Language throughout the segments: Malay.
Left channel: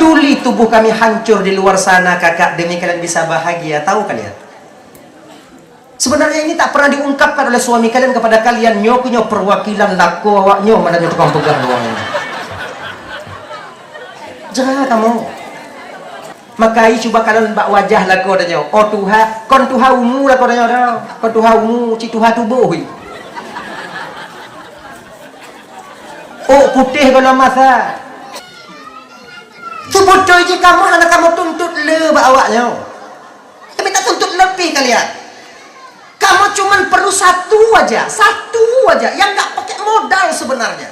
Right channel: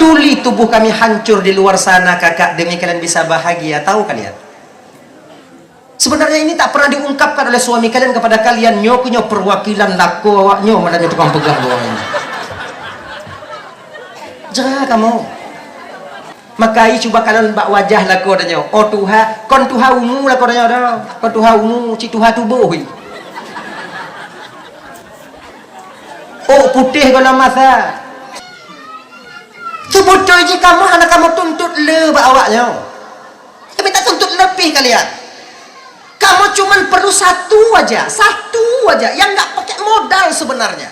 peduli tubuh kami hancur di luar sana kakak demi kalian bisa bahagia. Tahu kalian? Sebenarnya ini tak pernah diungkapkan oleh suami kalian kepada kalian. Nyo punya perwakilan laku awak nyo mana tukang pegang nyo. Jangan kamu. Makai coba kalian bak wajah laku adanya. Oh Tuhan, kon Tuhan ungu laku adanya. Kon Tuhan ungu, ci Tuhan tubuh. Oh putih kena masa. Tu bodoh je kamu, anak kamu tuntut le bak awaknya. Tapi tak tuntut lebih kalian. Kamu cuman perlu satu aja yang nggak pakai modal sebenarnya.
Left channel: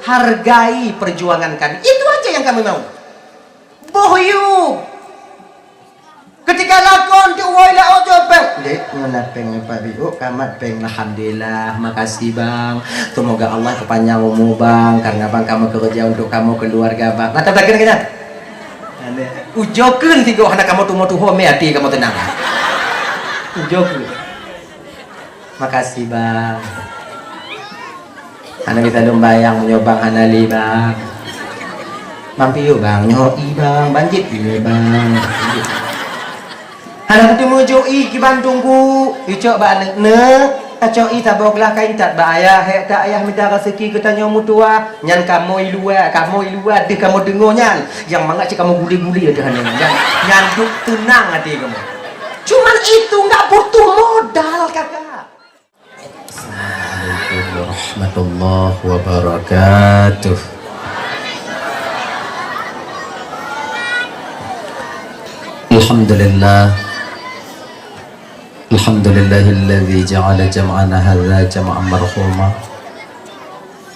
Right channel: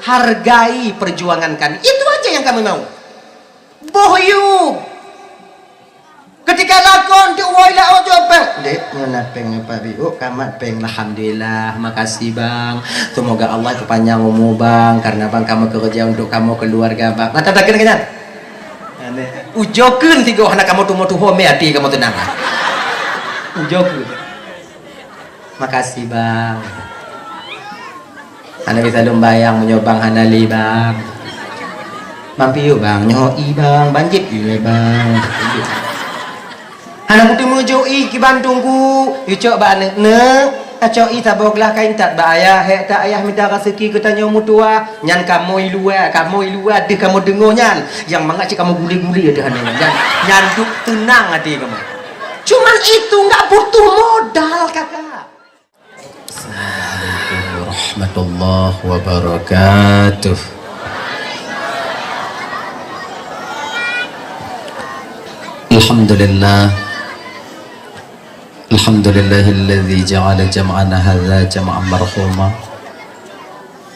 Hargai perjuangan kami. Itu aja yang kami mau. Bohyu. Ketika lakon tu wala ojo bang. Dek, nyola peng apa biu? Kamat peng alhamdulillah. Makasih bang. Semoga Allah kepanjang umur bang. Karena bang kamu kerja untuk kamu keluarga bang. Mata belakang kena. Ujokeun tiga anak kamu tuh home hati kamu tenang. Ujokeun. Makasih bang. Anda bisa dombayang menyobang hanali bang. Mampi yuk bang, nyoi bang, banjit yuk bang. Anak tu mujui ki Bandungku, icok ba ne, acoi taboglah kain tak ba ayah, tak ayah minta rezeki kita nyomu tua, nyan kamu ilua, de kamu dengar nyan, yang mangak cik kamu guli-guli ada hanya nyan tenang hati kamu. Cuman itu nggak butuh modal kakak. Assalamualaikum warahmatullahi wabarakatuh. Alhamdulillahilladzi ja'ala jam'ana hadza jam'an marhuma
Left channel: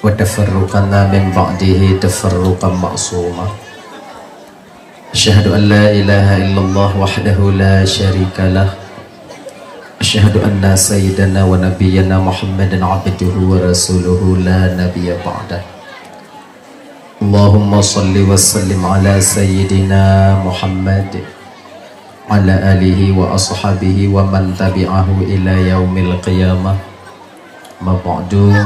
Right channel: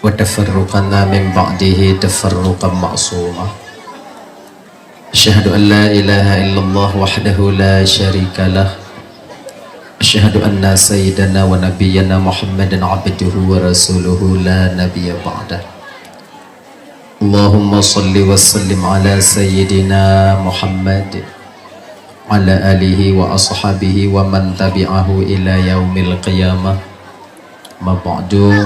wa tafarruqana min ba'dihi tafarruqan ma'suma. Asyhadu an la ilaha illallah wahdahu la syarika lah. Asyhadu anna sayyidana wa nabiyyana Muhammadan abduhu wa rasuluhu la nabiyya ba'dah. Allahumma salli wa sallim ala sayyidina Muhammad ala alihi wa ashabihi wa man tabi'ahu ila yaumil qiyamah. Ma ba'du.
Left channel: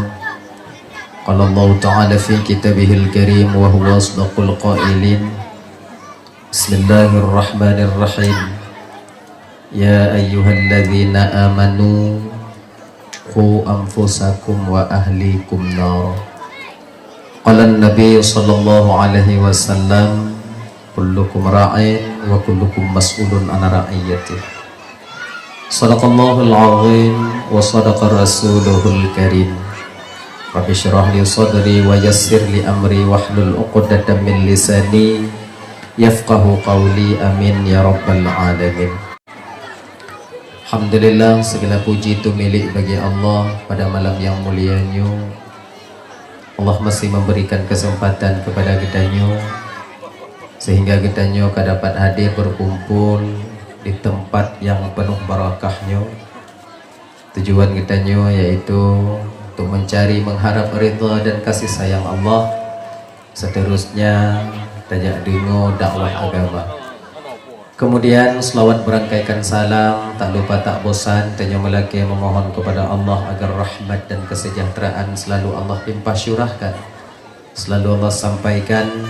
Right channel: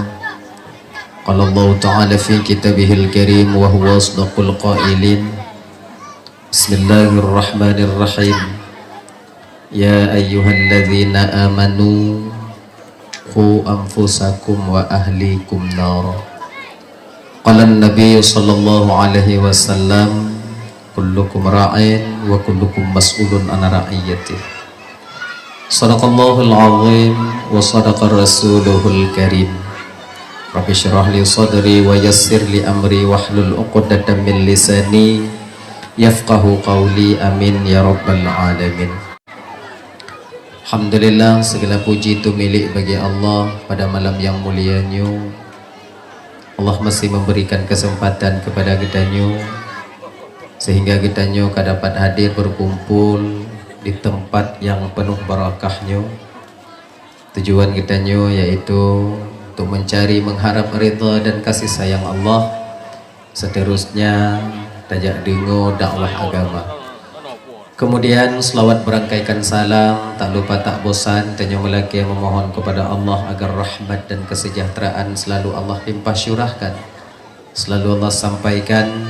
Qala Allah ta'ala fi kitabihil karim wa huwa asdaqul qailin. Bismillahirrahmanirrahim. Ya ayyuhalladzina amanu qu anfusakum wa ahlikum nar. Qala an-nabiy sallallahu alaihi wasallam kullukum ra'in wa kullukum mas'ulun an ra'iyatih. Sadaqallahul azim wa sadaqa rasuluhul karim. Rabbi syrah li sadri wa yassir li amri wahlul 'uqdatam min lisani yafqahu qawli amin ya rabbal alamin. Alhamdulillah, segala puji itu milik bagi Allah. Pada malam yang mulianya Allah masih memberikan kesempatan kepada kitanya sehingga kitanya dapat hadir berkumpul di tempat yang penuh barakahnya. Tujuan kitanya yaitu untuk mencari mengharap ridha dan kasih sayang Allah. Seterusnya tajak dengar dakwah agama. Kemudian selawat berangkaikan salam, tak lupa tak bosan tanya melaki memohon kepada Allah agar rahmat dan kesejahteraan selalu Allah limpah syurahkan, selalu Allah sampaikan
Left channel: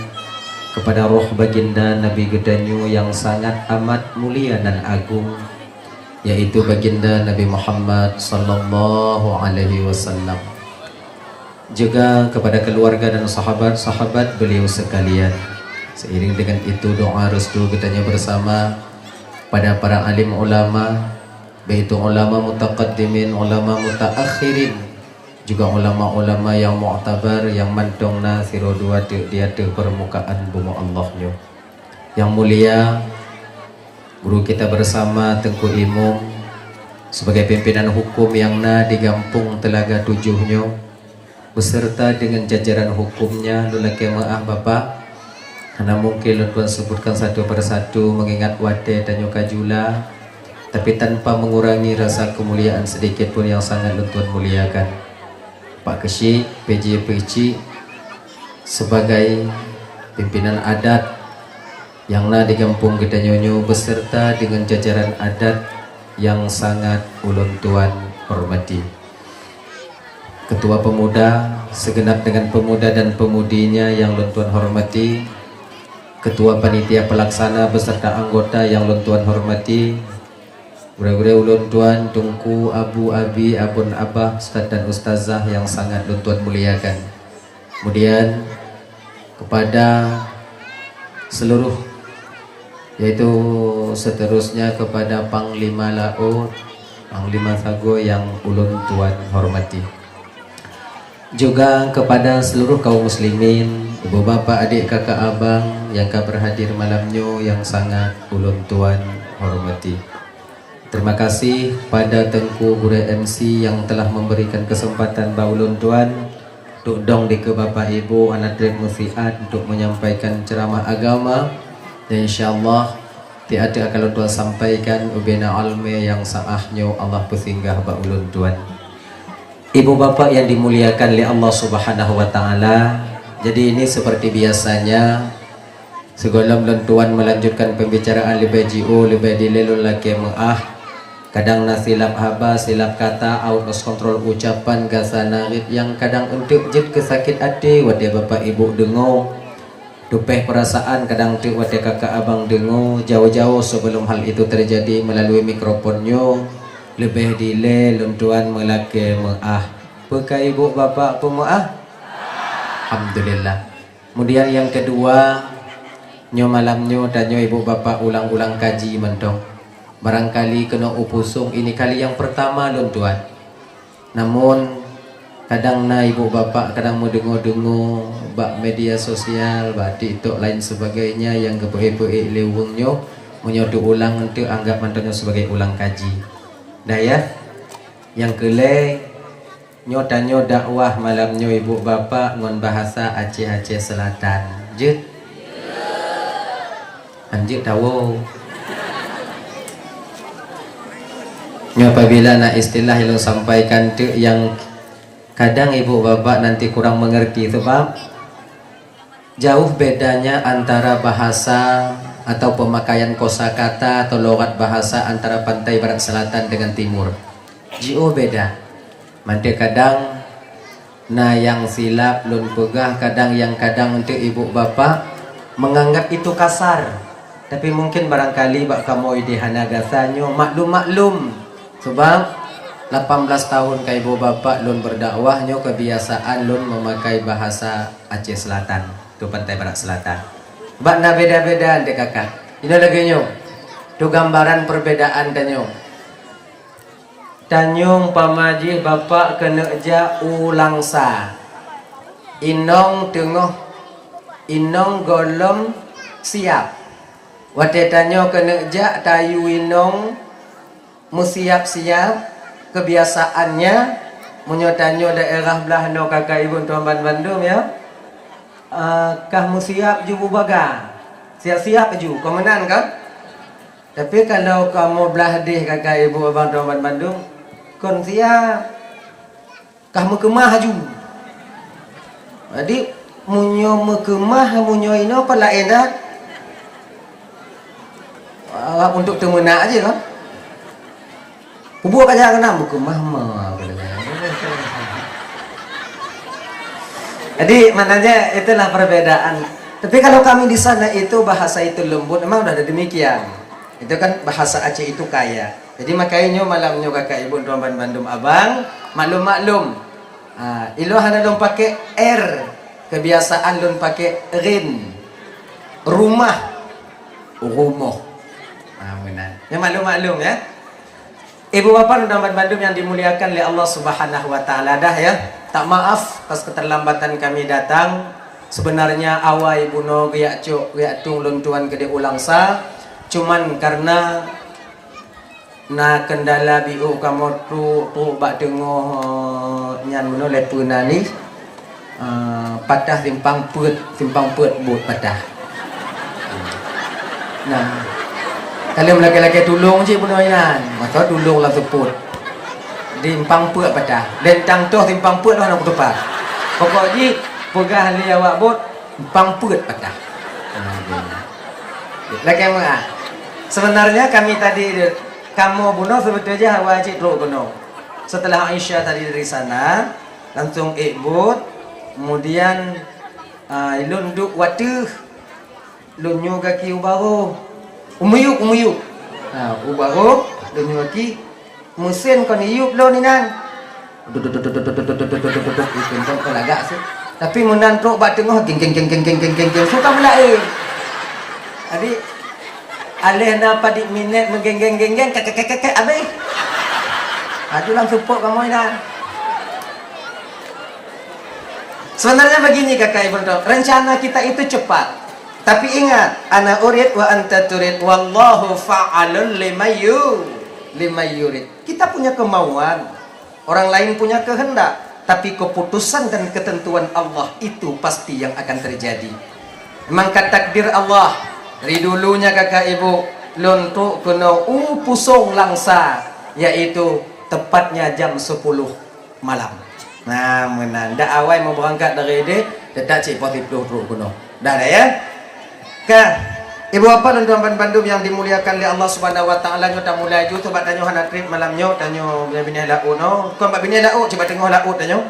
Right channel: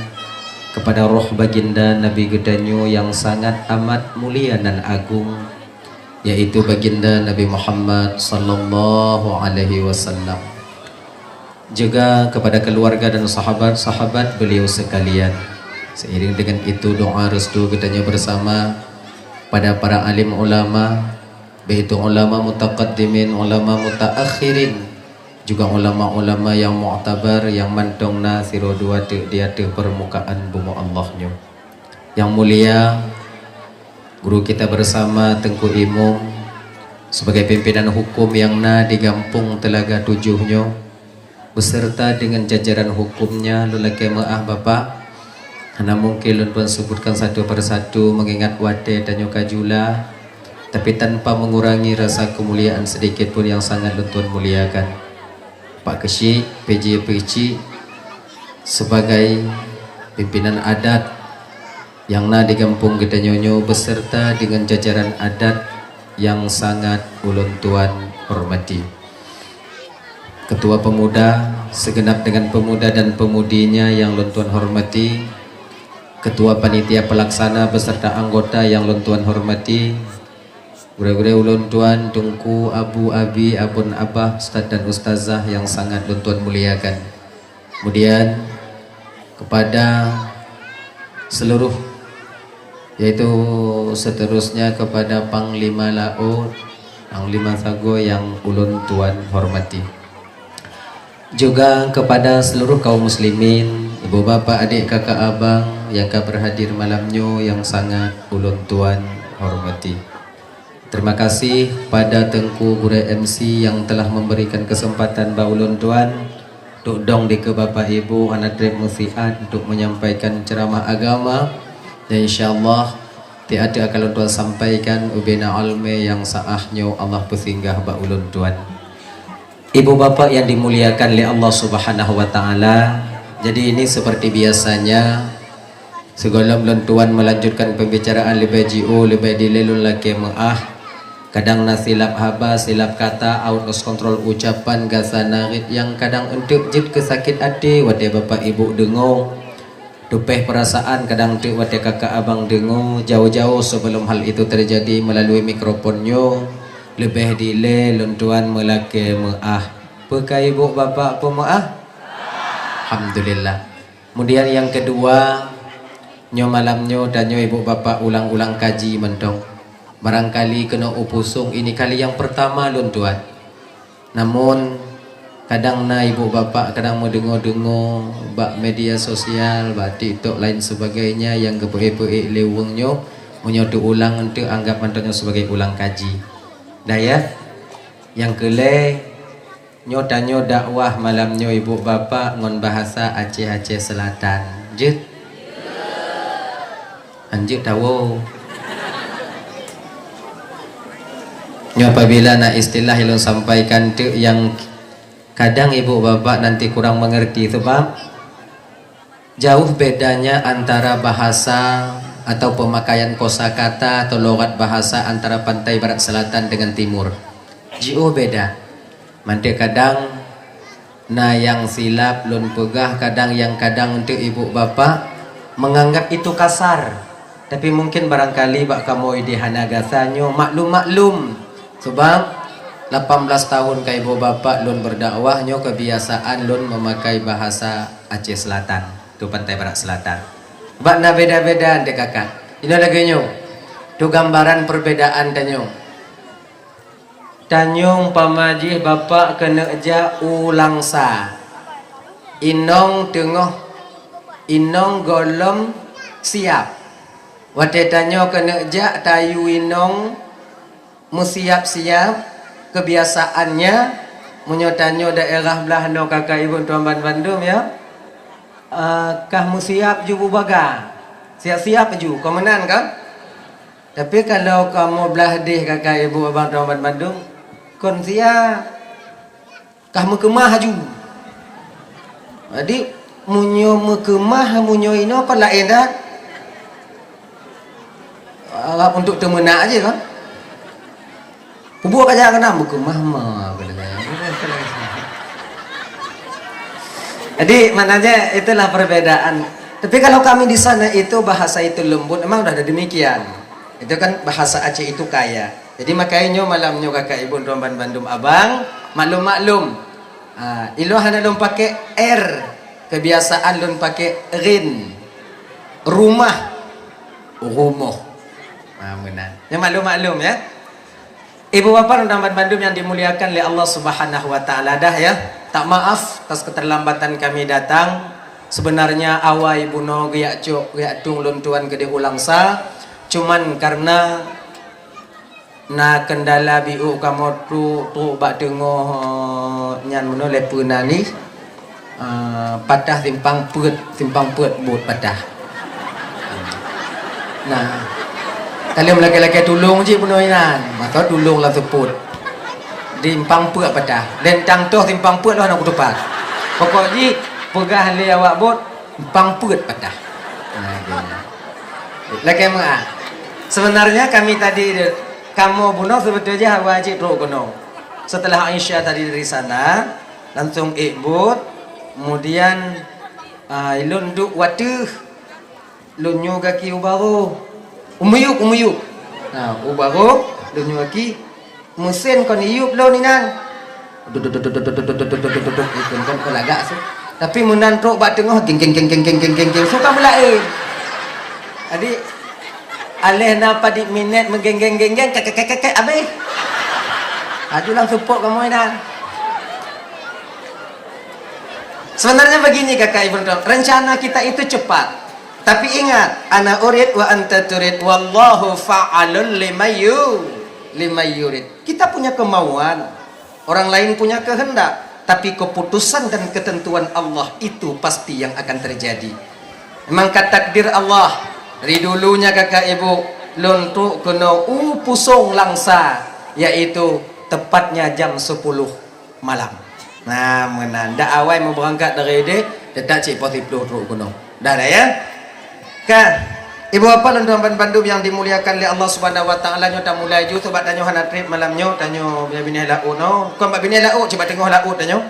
kepada roh baginda Nabi Gedanyu yang sangat amat mulia dan agung, yaitu baginda Nabi Muhammad sallallahu alaihi wasallam, juga kepada keluarga dan sahabat-sahabat beliau sekalian. Seiring dengan itu doa restu Gedanyu bersama pada para alim ulama, baik itu ulama mutaqaddimin, ulama mutaakhirin, juga ulama-ulama yang mu'tabar, yang mantongna sirodua dia di permukaan bumi Allahnya. Yang mulia guru kita bersama Tengku Imung sebagai pimpinan hukum yang di Gampung Telaga Tujuhnya, beserta dengan jajaran hukumnya. Lulaki maaf Bapak, karena mungkin lupa sebutkan satu persatu mengingat wade dan nyokajula, tapi tanpa mengurangi rasa kemuliaan sedikit pun yang sangat luntun muliakan. Pak Kesyik, PJ Perici sebagai pimpinan adat yang di Kampung kita Nyonyo beserta dengan jajaran adat yang sangat ulun tuan hormati. Ketua Pemuda segenap dengan pemuda dan pemudinya yang ulun tuan hormati, Ketua Panitia Pelaksana beserta anggota yang ulun tuan hormati, gure-gure ulun tuan, tungku, abu, abi, abun, abah, ustaz dan ustazah yang sangat ulun tuan muliakan. Kemudian kepada seluruh, yaitu seterusnya kepada Panglima Laut, Panglima Sago yang ulun tuan hormati, juga kepada seluruh kaum muslimin, ibu bapak, adik, kakak, abang yang berhadir malamnya yang sangat ulun tuan hormati. Terima kasih pada Tengku Gure MC yang telah memberikan kesempatan ba ulun tuan untuk dong ke bapak ibu anak drep musiat untuk menyampaikan ceramah agama, dan insyaallah tiada akan tuan sampaikan ubena alme yang saahnya Allah pesinggah ba ulun tuan. Ibu bapak yang dimuliakan oleh Allah Subhanahu wa taala, jadi ini seperti biasanya segala ulun tuan melanjutkan pembicaraan lebih jiu lebih dilelun laki maah. Kadang nasilap haba, silap kata, out kontrol ucapan gasanangit yang kadang untuk jid kesakit hati wate bapak ibu dengo, dupeh perasaan kadang untuk wate kakak abang dengo jauh-jauh sebelum hal itu terjadi melalui mikrofonnya lebih dile luntuan melake maah. Pekai ibu bapak pemaah? Alhamdulillah. Kemudian yang kedua, nyo malamnyo dan nyo ibu bapak ulang-ulang kaji mentong. Barangkali kena upusung ini kali yang pertama lun tuan. Namun kadang na ibu bapak kadang mau dengo-dengo bak media sosial, bak TikTok lain sebagainya yang kepoe-poe lewungnya menyodu ulang untuk anggap mantannya sebagai ulang kaji. Dah ya. Yang kele nyodanyo dakwah malamnyo ibu bapak ngon bahasa Aceh Selatan. Jut. Anjir tahu. Apabila nak istilah yang sampaikan tu yang kadang ibu bapak nanti kurang mengerti, sebab jauh bedanya antara bahasa atau pemakaian kosakata atau logat bahasa antara pantai barat selatan dengan timur. Jauh beda. Manti kadang nah yang silap lun pegah, kadang yang kadang untuk ibu bapak menganggap itu kasar. Tapi mungkin barangkali bak kamu idihana gasanyo maklum. Sebab 18 tahun ke ibu bapak lun berdakwahnya kebiasaan lun memakai bahasa Aceh Selatan, ke pantai barat selatan. Bakna beda-beda dek kakak. Ini lagi nyo. Tu gambaran perbedaan danyo. Tanyung pamaji bapak kena ja ulang sa. Inong tengah, inong golom siap. Wate tanyo kena ja tayu inong musiap-siap. Kebiasaannya menyotanyo daerah belah no kakak ibu tuan Bandung ya. Kah musiap ju bubaga. Siap-siap ju kemenan kan? Tapi kalau kamu belah deh kakak ibu abang tuan Bandung, kon siap kah mekemah ju. Jadi munyo mekemah munyo ino apa lain dah. Untuk temenak aja kan. Kubuat aja kena mekemah mah. Jadi maknanya itulah perbedaan. Tapi kalau kami di sana itu bahasa itu lembut, memang udah ada demikian. Itu kan bahasa Aceh itu kaya. Jadi makanya malamnya kakak ibu tuan Bandung abang maklum. Ilo hana dong pakai R, kebiasaan dong pakai rin. Rumah. Benar. Yang maklum ya. Ibu bapak dan Bandung yang dimuliakan oleh Allah Subhanahu wa taala, dah ya. Tak maaf atas keterlambatan kami datang. Sebenarnya awal ibu no giak tung lun tuan gede ulang sa. Cuman karena na kendala biu kamu tu bak dengoh nyan meno lepuna ni patah simpang put but patah. Nah, kalian laki-laki tulung je punoyan, atau tulung lah teput. Timpang put patah. Dan tang toh timpang put lah nak tepat. Pokok ji pegah li awak bot timpang put patah. Laki mana? Sebenarnya kami tadi kamu bunuh sebetulnya wajib roh bunuh. Setelah Aisyah tadi dari sana langsung ikut, kemudian ilun duk watuh lunyo gaki ubaro. Umuyuk. Nah, ubaro lunyo gaki mesin kon iup lo ni nan. Duduk kan pelagak tu. Tapi menan truk bak tengah geng suka mulai. Adik aleh napa di minit menggeng kakek habis. Adulah support kamu dah. Sebenarnya begini kakak ibu, rencana kita itu cepat. Tapi ingat, ana urid wa anta turid wallahu fa'alun lima yurid. Kita punya kemauan, orang lain punya kehendak, tapi keputusan dan ketentuan Allah itu pasti yang akan terjadi. Memang takdir Allah. Dari dulunya kakak ibu lontok kena pusong langsa, yaitu tepatnya jam 10 malam. Nah, menanda awal mau berangkat dari dia, tetap cik poti peluh kena. Dah ya. Kah, ibu bapa dan tuan Bandung yang dimuliakan oleh Allah Subhanahu wa taala, nyo tak mulai ju tu bak tanyo hana trip malam nyo, tanyo biar bini lau no. Kau bak bini lau coba tengok lau tanyo.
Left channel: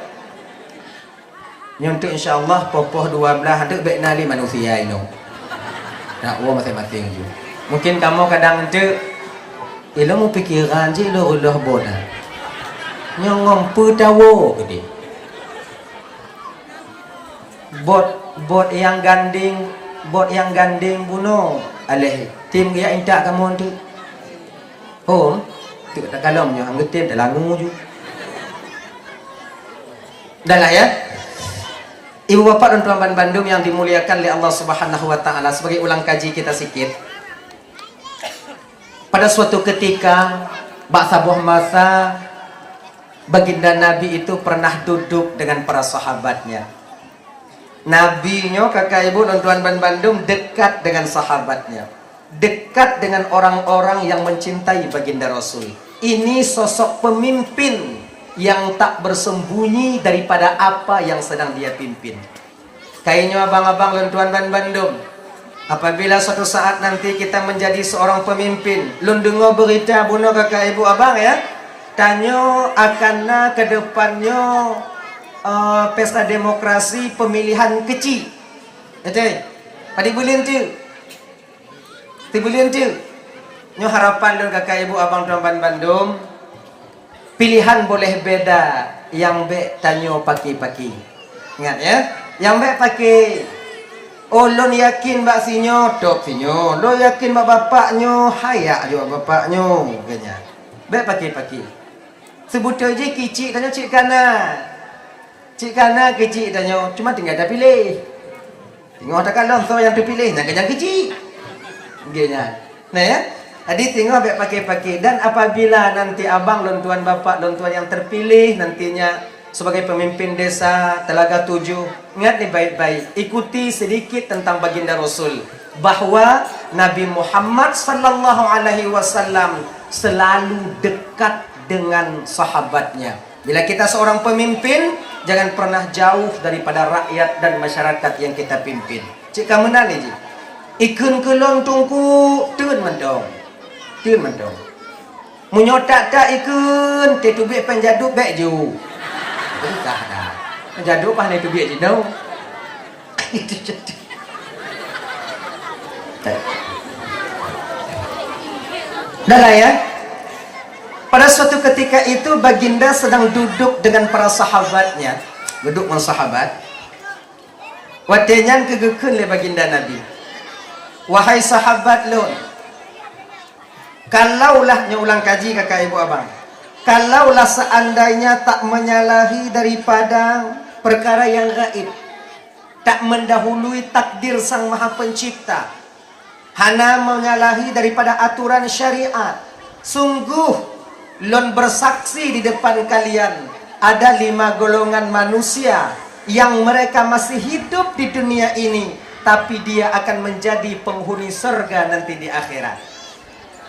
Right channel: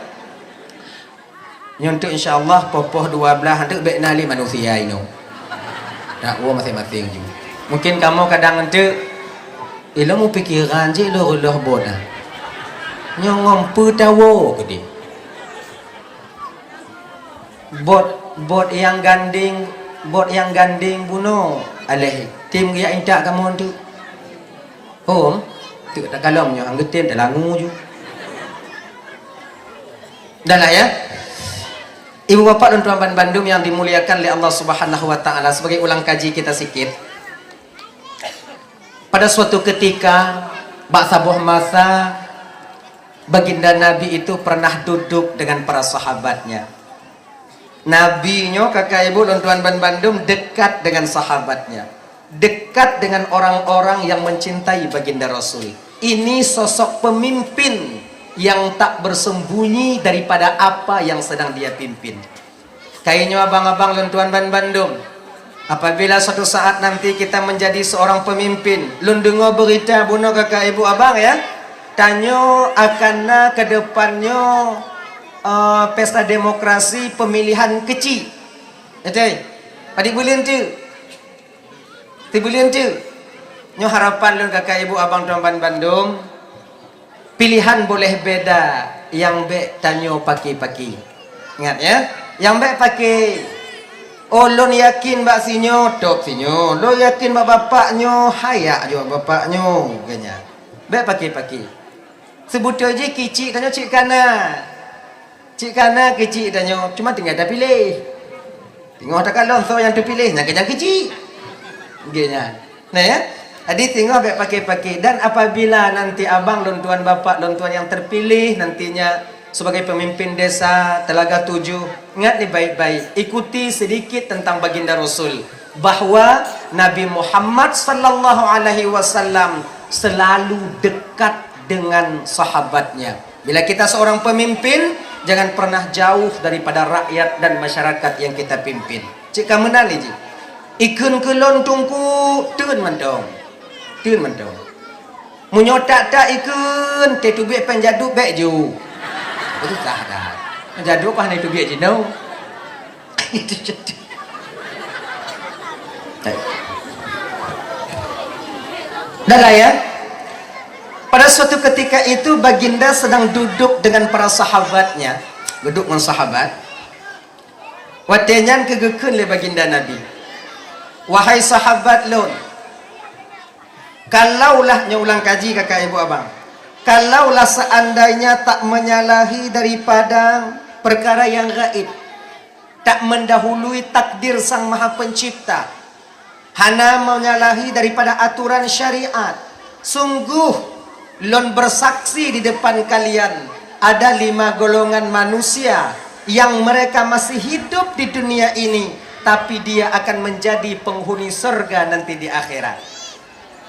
Nyo tu insya-Allah popoh 12 hendak baik nali manusia ino. Nak uang masing-masing ju. Mungkin kamu kadang ente ilmu pikiran je lo boda. Nyo ngompu tawo gede. Bot yang ganding bunuh alih tim dia intak kamu tu home tu tak kalomnya angge tim dah langu ju dah lah ya. Ibu bapa dan tuan Bandung yang dimuliakan oleh Allah Subhanahu wa taala, sebagai ulang kaji kita sikit. Pada suatu ketika sebuah masa baginda Nabi itu pernah duduk dengan para sahabatnya. Nabi-nyo kakak ibu dan tuan Bandung dekat dengan sahabatnya, dekat dengan orang-orang yang mencintai baginda Rasul. Ini sosok pemimpin yang tak bersembunyi daripada apa yang sedang dia pimpin. Kayaknya abang-abang dan tuan Bandung, apabila suatu saat nanti kita menjadi seorang pemimpin, lun dengar berita bunuh kakak ibu abang ya, tanyo akan ke depannya pesta demokrasi pemilihan kecil. Betul? Adik bulan tu. Nyo harapan lu kakak ibu abang tuan Bandung, pilihan boleh beda, yang baik tanyo paki. Ingat ya, yang baik pakai. Oh, lon yakin bak sinyo, tok sinyo. Lo yakin bak bapaknyo, hayak juga bapaknyo. Kayaknya. Baik paki. Sebut aja kicik tanyo cik kanan. Cik kanan kecil tanya, cuma tinggal dah pilih. Tengok tak kalau so yang terpilih, nak yang kecil. Gini. Nah ya. Jadi tengok baik pakai. Dan apabila nanti abang dan tuan bapak dan tuan yang terpilih nantinya sebagai pemimpin desa Telaga 7, ingat nih baik-baik. Ikuti sedikit tentang baginda Rasul, bahwa Nabi Muhammad sallallahu alaihi wasallam selalu dekat dengan sahabatnya. Bila kita seorang pemimpin, jangan pernah jauh daripada rakyat dan masyarakat yang kita pimpin. Cik kamu nali je. Ikun kelon tungku tun mendong. Munyotak tak ikun te tu biak penjadu bek ju. Itu tak ada. Penjadu apa ni tu biak je no. Itu jadi. Dah lah ya. Pada suatu ketika itu baginda sedang duduk dengan para sahabatnya, duduk dengan sahabat. Watenyan kegekeun le baginda Nabi. Wahai sahabat lon, kalaulah ulang kaji kakak ibu abang, kalaulah seandainya tak menyalahi daripada perkara yang gaib, tak mendahului takdir Sang Maha Pencipta, hana menyalahi daripada aturan syariat, sungguh lon bersaksi di depan kalian ada 5 golongan manusia yang mereka masih hidup di dunia ini, tapi dia akan menjadi penghuni surga nanti di akhirat.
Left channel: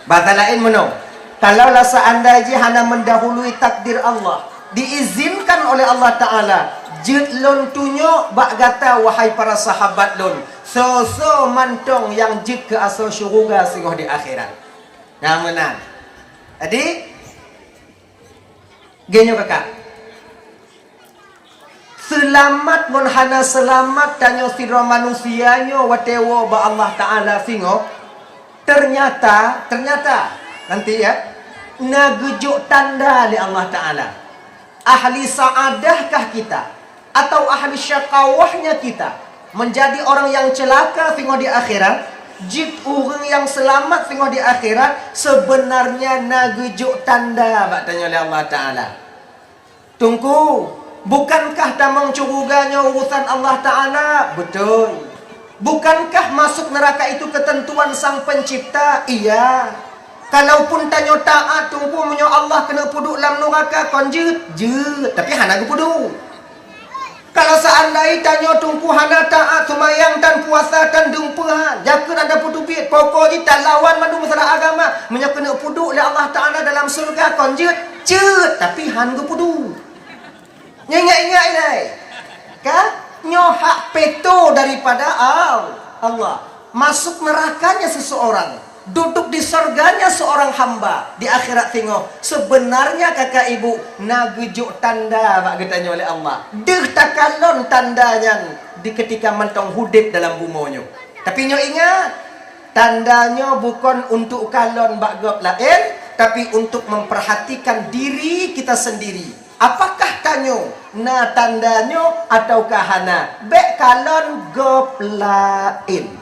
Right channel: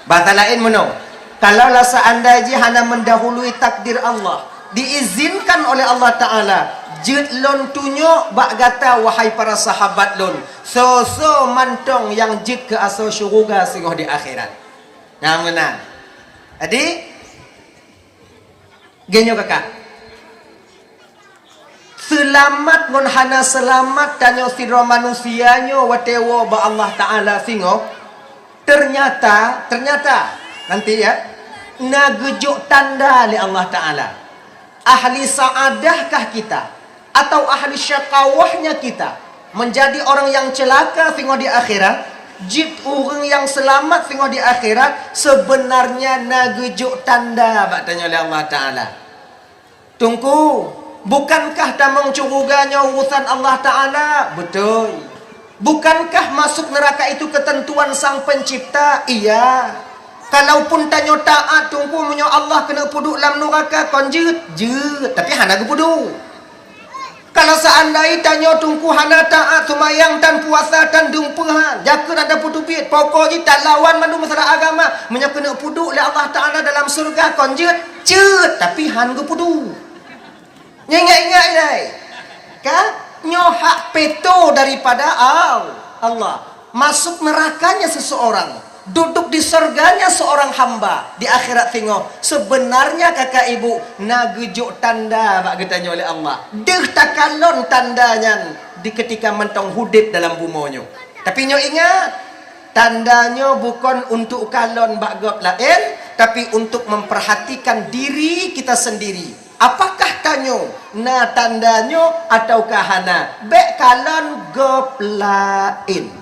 Bahasa lain meno, kalaulah seandainya hana mendahului takdir Allah, diizinkan oleh Allah Ta'ala, jut lon tunyo bak gata wahai para sahabat lon, so mantong yang jut ke asal syurga singoh di akhirat. Nah menang. Jadi genyo kakak, Selamat ngon hana selamat tanyo sira manusianyo watewo ba Allah Taala singo. Ternyata nanti ya nagejuk tanda li Allah Taala. Ahli saadahkah kita atau ahli syakawahnya kita menjadi orang yang celaka singo di akhirat? Jid orang yang selamat singo di akhirat sebenarnya nagejuk tanda bak tanya oleh Allah Taala. Tunggu, bukankah damang curuganya urusan Allah Ta'ala? Betul. Bukankah masuk neraka itu ketentuan sang pencipta? Iya. Kalaupun tanya taat, tunggu menyo Allah kena puduk dalam neraka, kon jut. Tapi hana ke puduk. Kalau seandainya tanya tunggu hana taat, semayang dan puasa dan dumpuhan, jakun ada puduk bit, pokoknya tak lawan mandu masalah agama, menyo kena puduk oleh Allah Ta'ala dalam surga, kon jut. Tapi hana ke puduk. Ingat-ingat ini kan? Nyohak peto daripada Allah. Masuk nerakanya seseorang, duduk di surganya seorang hamba. Di akhirat tengok, sebenarnya kakak ibu nagejuk tanda bak getanya oleh Allah. Deh takalon tandanya di ketika mentong hudib dalam bumonyo. Tapi nyo ingat, tandanya bukan untuk kalon bak gop lain, tapi untuk memperhatikan diri kita sendiri. Apakah tanyo na tandanya ataukah hana? Bek kalon gop lain.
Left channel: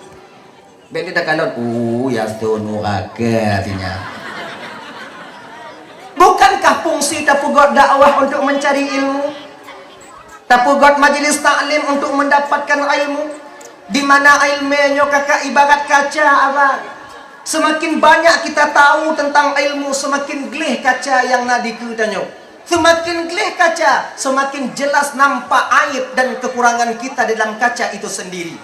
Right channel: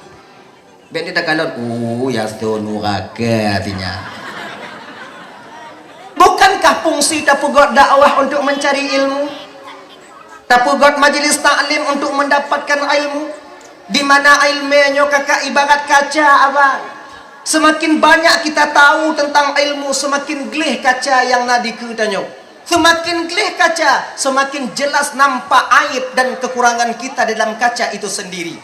Bek ni dah kalon. Ya sunu raga artinya. Bukankah fungsi tapugot dakwah untuk mencari ilmu? Tapugot majlis taklim untuk mendapatkan ilmu? Di mana ilmunya kakak ibarat kaca abang. Semakin banyak kita tahu tentang ilmu, semakin gelih kaca yang nadiku tanyo. Semakin gelih kaca, semakin jelas nampak aib dan kekurangan kita dalam kaca itu sendiri.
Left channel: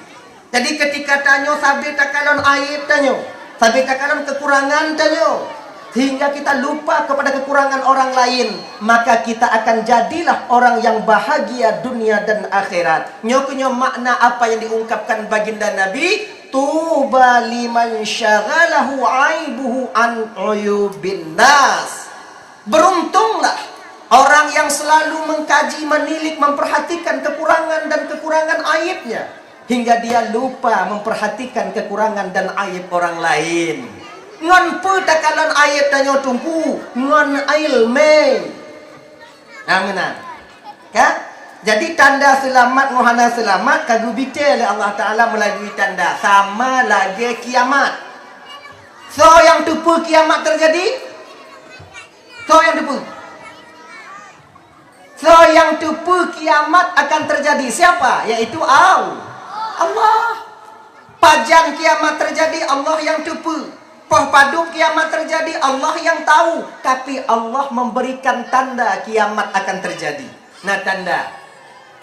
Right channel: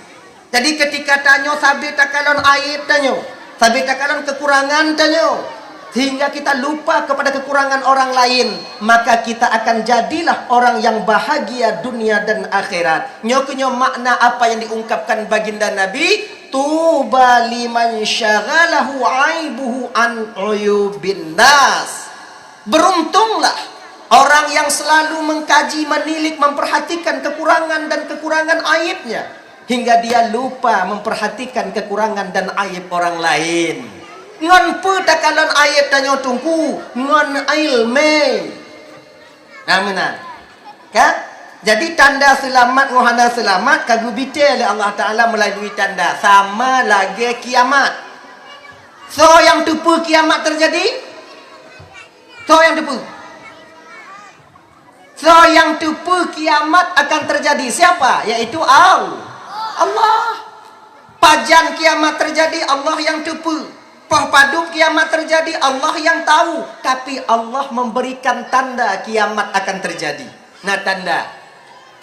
Jadi ketika tanyo sabit takalon aib tanyo, sabit takalon kekurangan tanyo, hingga kita lupa kepada kekurangan orang lain, maka kita akan jadilah orang yang bahagia dunia dan akhirat. Nyokunyo makna apa yang diungkapkan baginda Nabi, tuba liman syaghalahu aibuhu an uyubin nas. Beruntunglah orang yang selalu mengkaji, menilik, memperhatikan kekurangan dan kekurangan aibnya, hingga dia lupa memperhatikan kekurangan dan aib orang lain. Ngon petakalon aib tanyo tungku, ngon ilme. Amin. Kan? Jadi tanda selamat ngohana selamat kagu bite oleh Allah Taala melalui tanda sama lagi kiamat. So yang tupu kiamat terjadi? So yang tupu. So yang tupu kiamat akan terjadi siapa? Yaitu Allah. Pajan kiamat terjadi Allah yang tupu. Pahpadu kiamat terjadi Allah yang tahu. Tapi Allah memberikan tanda kiamat akan terjadi. Nah tanda,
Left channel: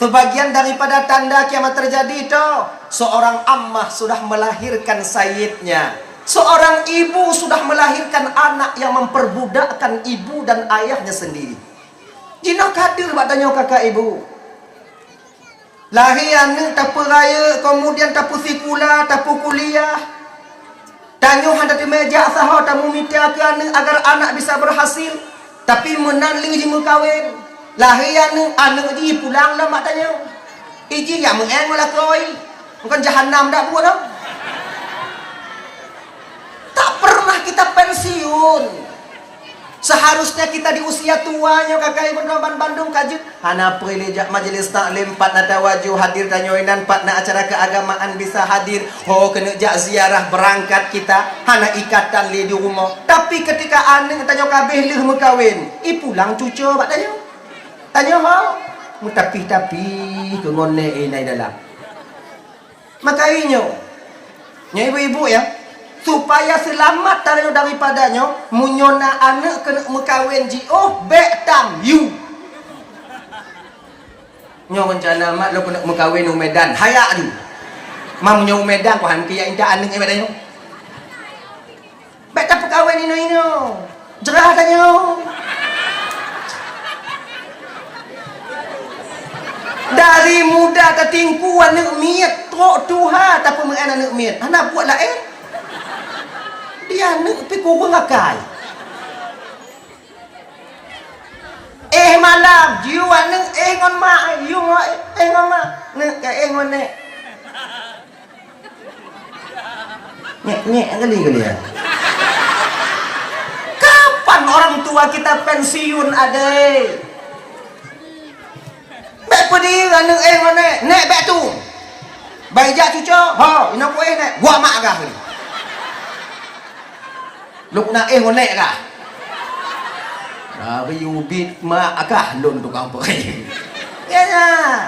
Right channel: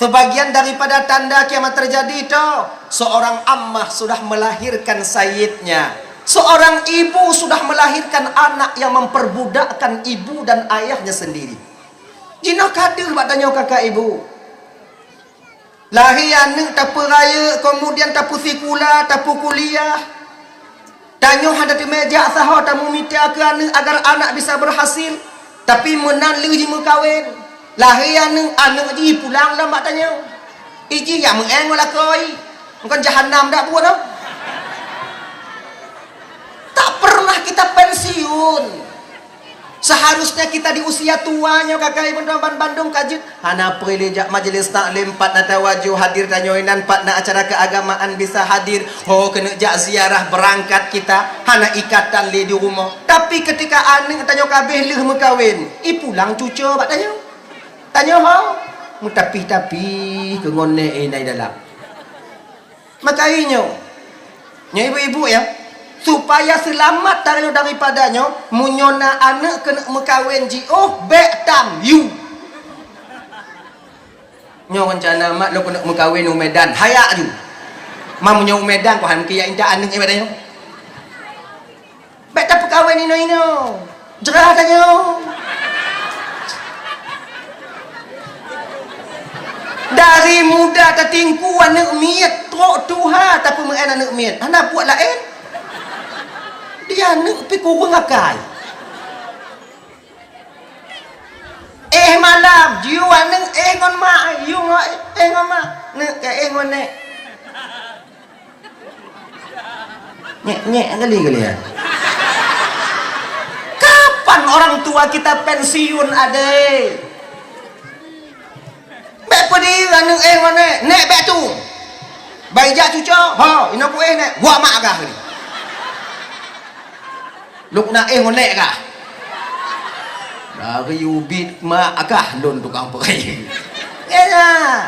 sebagian daripada tanda kiamat terjadi itu, seorang ammah sudah melahirkan sayyidnya. Seorang ibu sudah melahirkan anak yang memperbudakkan ibu dan ayahnya sendiri. Jino kader batanya kakak ibu. Lahir anak tapu raya, kemudian tapu sikula, tapu kuliah. Tanyo ada di meja sahau tamu minta ke anak agar anak bisa berhasil. Tapi menan lu jimu kawin. Lahir anak ji pulang lah batanya. Iji yang mengeng wala koi. Bukan jahanam dak buat dah. Tak pernah kita pensiun. Seharusnya kita di usia tuanya kakak ibu Noban Bandung kajut. Hana prilijak majlis taklim 4 na tawaju hadir tanyoinan 4 na acara keagamaan bisa hadir. Oh kena jak ziarah berangkat kita. Hana ikatan li di rumah. Tapi ketika anak tanyo kabeh lih mekawin, pulang cucu bak tanyo. Tanyo ha. Tapi kemone inai dalam. Makainya. Nya ibu-ibu ya. Supaya selamat daripadanya, munyona anak kena mekawin ji. Oh, bek tam you. Nyo rencana mak lo kena mekawin u Medan. Hayak ju. Mam nyo Medan ko han kiya inta anak ibadanya. Bek tam pekawin ino. Jerah tanyo. Dari muda tertingku anak miat, trok tuha tapi mengen anak miat. Hana buat lain. Dia nak pergi kurang akai. malam jiwa neng ngon mak you ngon mak neng ke ngon nek nyek kali ya. Kapan orang tua kita pensiun ade? Bek pedi neng ngon nek bek tu. Bai ja cuco, ha ina ko nek gua mak kah ni. Luk nak ngon nek kah? Bagi ubit mak akah lon tukang perai. Ya.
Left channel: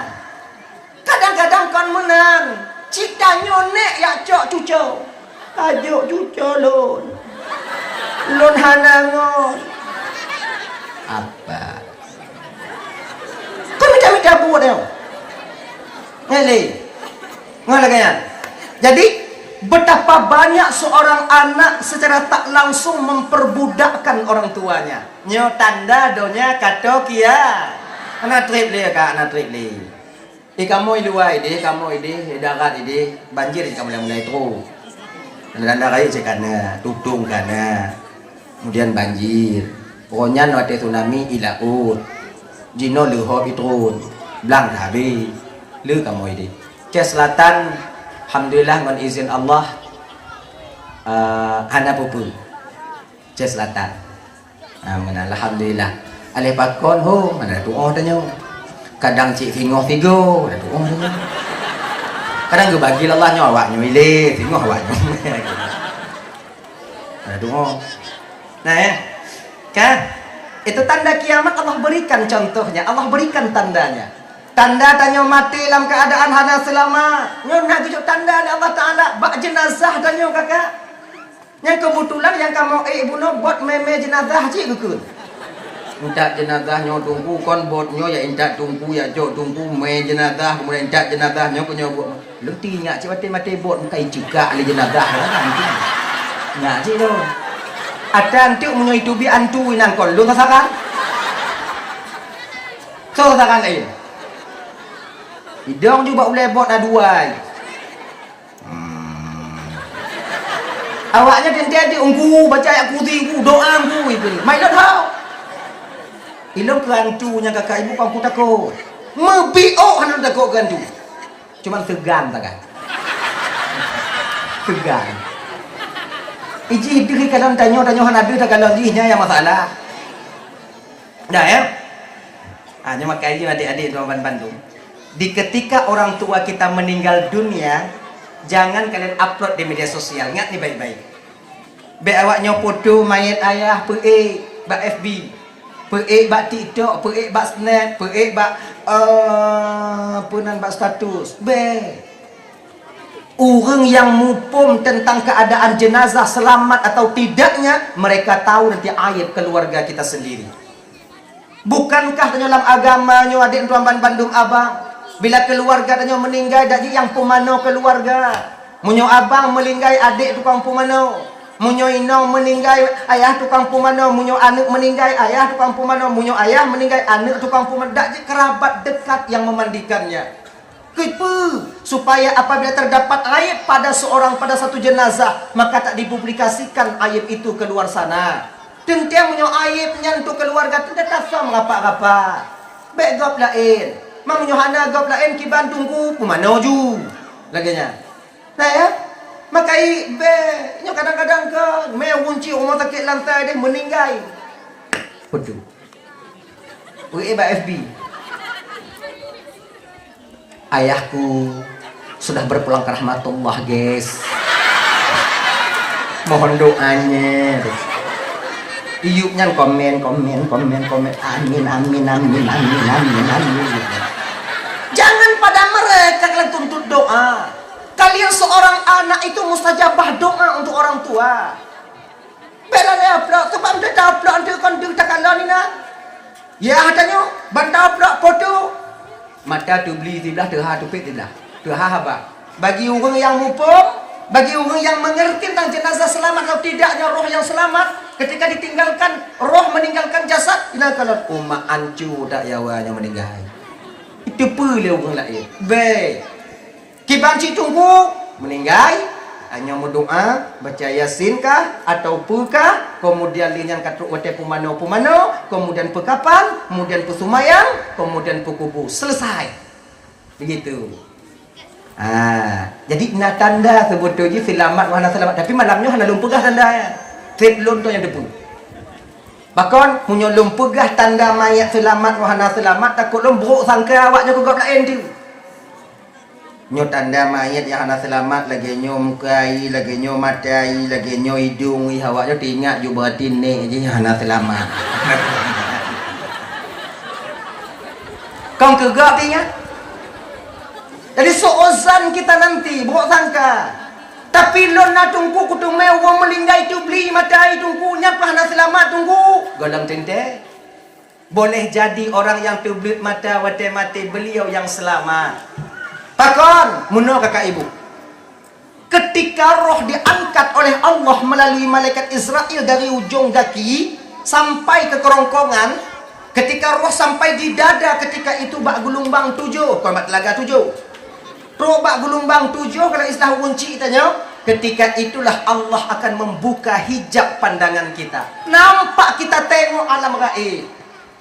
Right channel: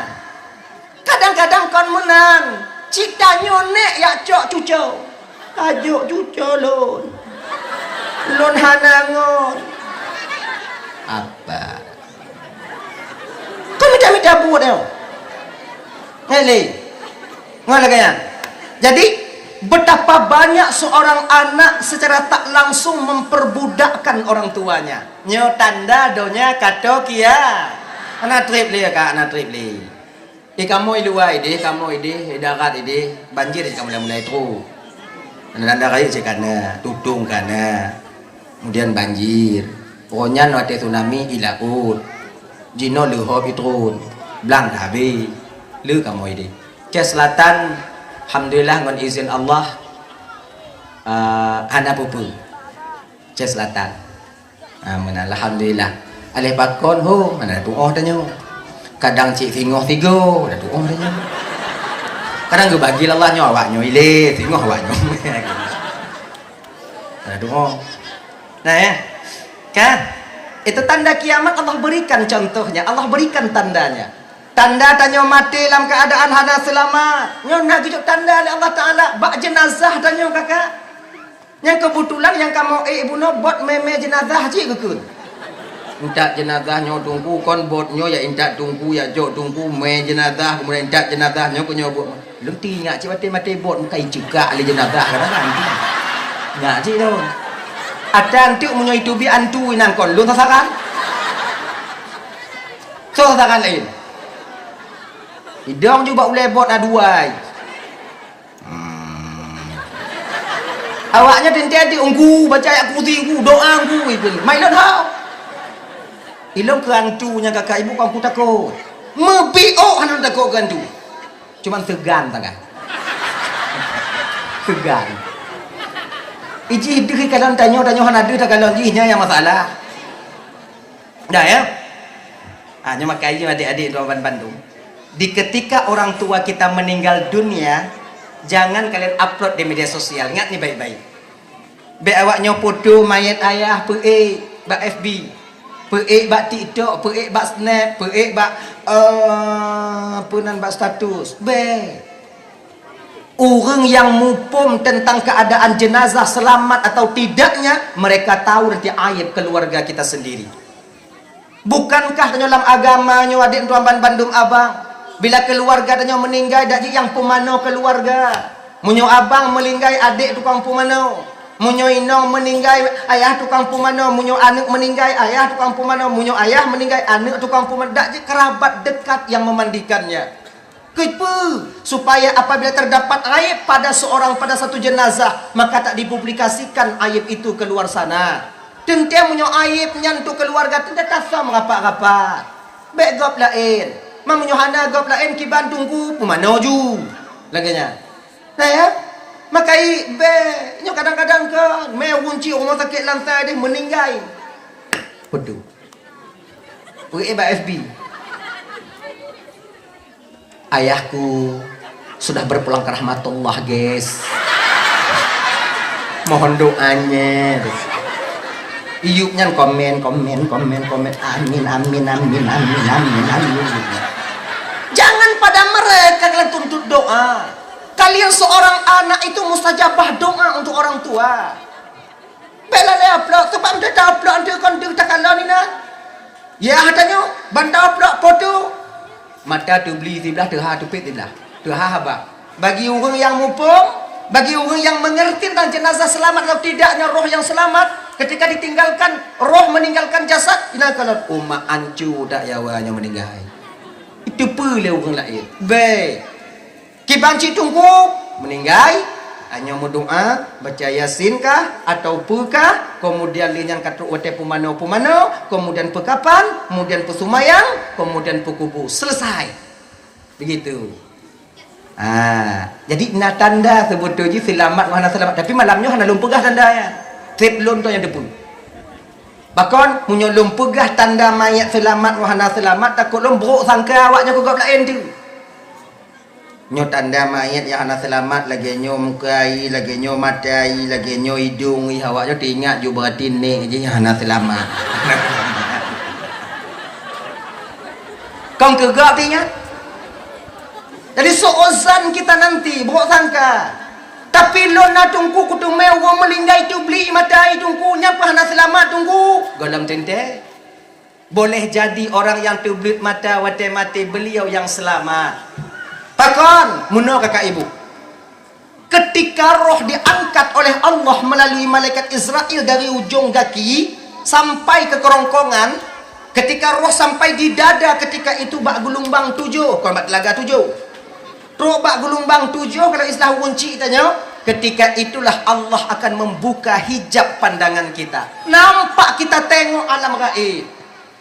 Kadang-kadang kon menang. Cita nyonek ya cok cuco. Ajuk cuco lon. Lon hanangon. Apa? Kau minta buat dah. Hei, ngono kaya. Jadi betapa banyak seorang anak secara tak langsung memperbudakkan orang tuanya. Nyo tanda donya kato kia. Anak trip le ka anak trip le. Kamu luai ide, kamu ide, darat ide, banjir kamu mulai tru. Nanda kai cekana, tutung kana. Kemudian banjir. Pokoknya wate tsunami ilaut. Jino luhop itu. Blang habis. Lu kamu ide. Ke selatan alhamdulillah dengan izin Allah hana pupu ke selatan. Alhamdulillah. Alih pakon ho mana doa tanya. Kadang cik fingoh figo ada doa tanya. Kadang gue bagi Allah nyawa nyuile fingoh awak nyuile. Ada doa. Nah ya. Kan? Itu tanda kiamat Allah berikan contohnya. Allah berikan tandanya. Tanda tanya mati dalam keadaan hana selamat. Nyo nak tunjuk tanda Allah Taala bak jenazah tanya kakak. Yang kebetulan yang kamu ibu no buat meme jenazah cik ke? Intak jenazah nyo tunggu kon bot nyo ya intak tunggu ya jok tunggu me jenazah kemudian intak jenazah nyo kunyo bot. Lu tingak cik mati bot mukai juga ali jenazah kan tu. Nyak cik tu. Ada antuk munyo itu bi antu nang kon lu sasakan. So sasakan lain. Hidang juga boleh bot aduai. Awaknya tenti ungku baca ayat kursi doa ungku itu. Mai dah tahu. Ilmu keantunya kakak ibu kau takut. Mebio kan takut gantu. Cuman segan tak kan? Segan. Iji diri kalau tanya hana ada tak kalau nya yang masalah. Dah ya? Hanya makai je adik-adik tuan Bandung. Di ketika orang tua kita meninggal dunia, jangan kalian upload di media sosial. Ingat nih baik-baik. Be awaknya foto mayat ayah bak FB, bak TikTok, bak Snap, bak punan bak status. Orang yang mupum tentang keadaan jenazah selamat atau tidaknya, mereka tahu nanti aib keluarga kita sendiri. Bukankah dalam agamanya adik tuan Bandung abang? Bila keluarga tanya meninggal dak yang pemano keluarga. Munyo abang meninggal adik tukang pemano. Munyo inong meninggal ayah tukang pemano, munyo anak meninggal ayah tukang pemano, munyo ayah meninggal anak tukang pemano. Dak kerabat dekat yang memandikannya. Kenapa? Supaya apabila terdapat aib pada satu jenazah, maka tak dipublikasikan aib itu keluar sana. Tentu munyo aib nyantu keluarga tentu tak sama apa-apa. Begop lain. Mam Yohana gop lain ki Bandung ku pemano ju laginya. Nah ya, makai be nya kadang-kadang ke me wunci rumah sakit lantai dia meninggal. Betul. Pergi FB. Ayahku sudah berpulang ke rahmatullah, guys. Mohon doanya. Iyupnya komen. Amin. Jangan pada mereka kalian tuntut doa. Kalian seorang anak itu mustajabah doa untuk orang tua. Bela dia upload, sebab dia dah upload dia kan dia tak kalah ni nak. Ya katanya, banda upload foto. Mata tu beli sebelah terha tu pet sebelah. Terha apa? Bagi orang yang mupung, bagi orang yang mengerti tentang jenazah selamat atau tidaknya roh yang selamat, ketika ditinggalkan roh meninggalkan jasad, ina kalau umat ancu dak yawanya meninggal. Itu pula orang lain. Baik. Kibanci tunggu meninggal hanya berdoa baca yasin kah atau pukah kemudian linyan katruk wate pumano, kemudian pekapan, kemudian pesumayang, kemudian pukubu. Selesai. Begitu. Jadi na tanda sebetulnya selamat wahana selamat, tapi malamnya hana lumpegah tanda ya. Trip lon tu yang depu. Bahkan munyo lumpegah tanda mayat selamat wahana selamat, takut lom buruk sangka awaknya kau lain tu. Nyo tanda mayat yang hana selamat lagi nyo mukai, lagi nyo matai, lagi nyo hidung, awaknya teringat ju berarti nek je hana selamat. Kau kegak teringat? Jadi seozan kita nanti buruk sangka. Tapi lo nak tunggu kutung mewah melinggai tu beli matai tunggunya apa nak selamat tunggu. Galam tente. Boleh jadi orang yang tublit mata wate mati beliau yang selamat. Takkan muno kakak ibu. Ketika roh diangkat oleh Allah melalui malaikat Israel dari ujung kaki sampai ke kerongkongan, ketika roh sampai di dada, ketika itu bak gelombang 7, kormat telaga 7. Robak gelombang 7 kalau istilah kunci tanya. Ketika itulah Allah akan membuka hijab pandangan kita. Nampak kita tengok alam gaib.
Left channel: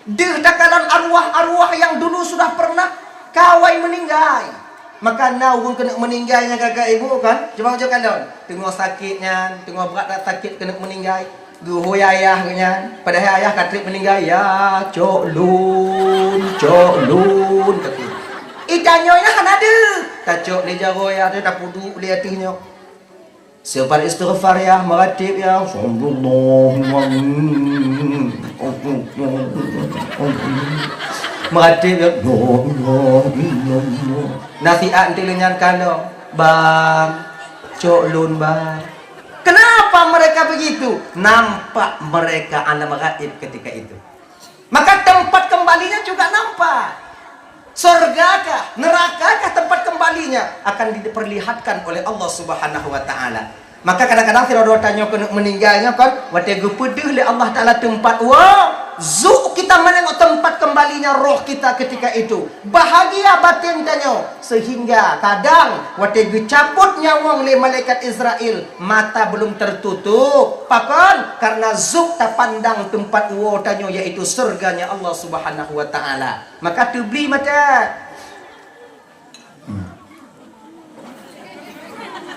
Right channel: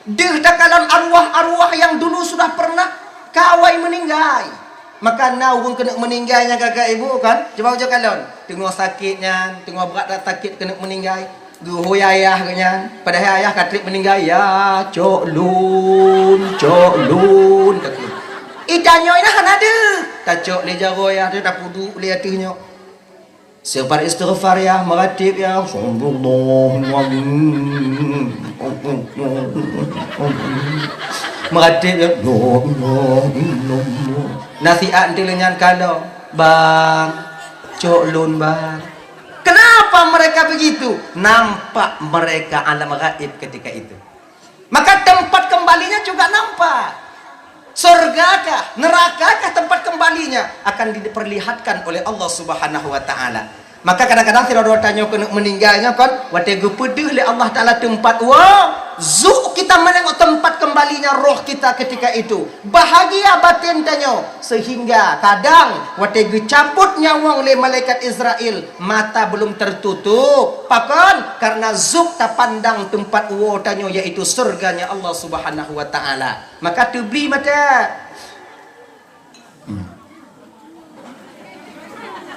Dahkalan arwah-arwah yang dulu sudah pernah kawai meninggal. Maka naung kena meninggalnya kakak ibu kan. Coba kalon. Tengok sakitnya, tengok berat sakit kena meninggal. Guho ayah kanya. Padahal ayah katrik meninggal. Ya cok lun. Ikannya ini kan ada. Tacok li jago ya tu dah puduk li atuhnya. Sifar istighfar ya, meratib ya. Meratib ya. Nasihat nanti lenyan kano. Bang, cok lun bang. Kenapa mereka begitu? Nampak mereka alam gaib ketika itu. Maka tempat kembalinya juga nampak. Surgakah, nerakakah tempat kembalinya akan diperlihatkan oleh Allah Subhanahu wa taala. Maka kadang-kadang tidak ada tanya kena meninggalnya kan, wate gepedih oleh Allah taala tempat zuk kita menengok tempat kembalinya roh kita ketika itu. Bahagia batin tanya sehingga kadang wate gecabut nyawang oleh malaikat Israel, mata belum tertutup. Pakan karena zuk ta pandang tempat tanya yaitu surganya Allah Subhanahu wa taala. Maka tu beli mata.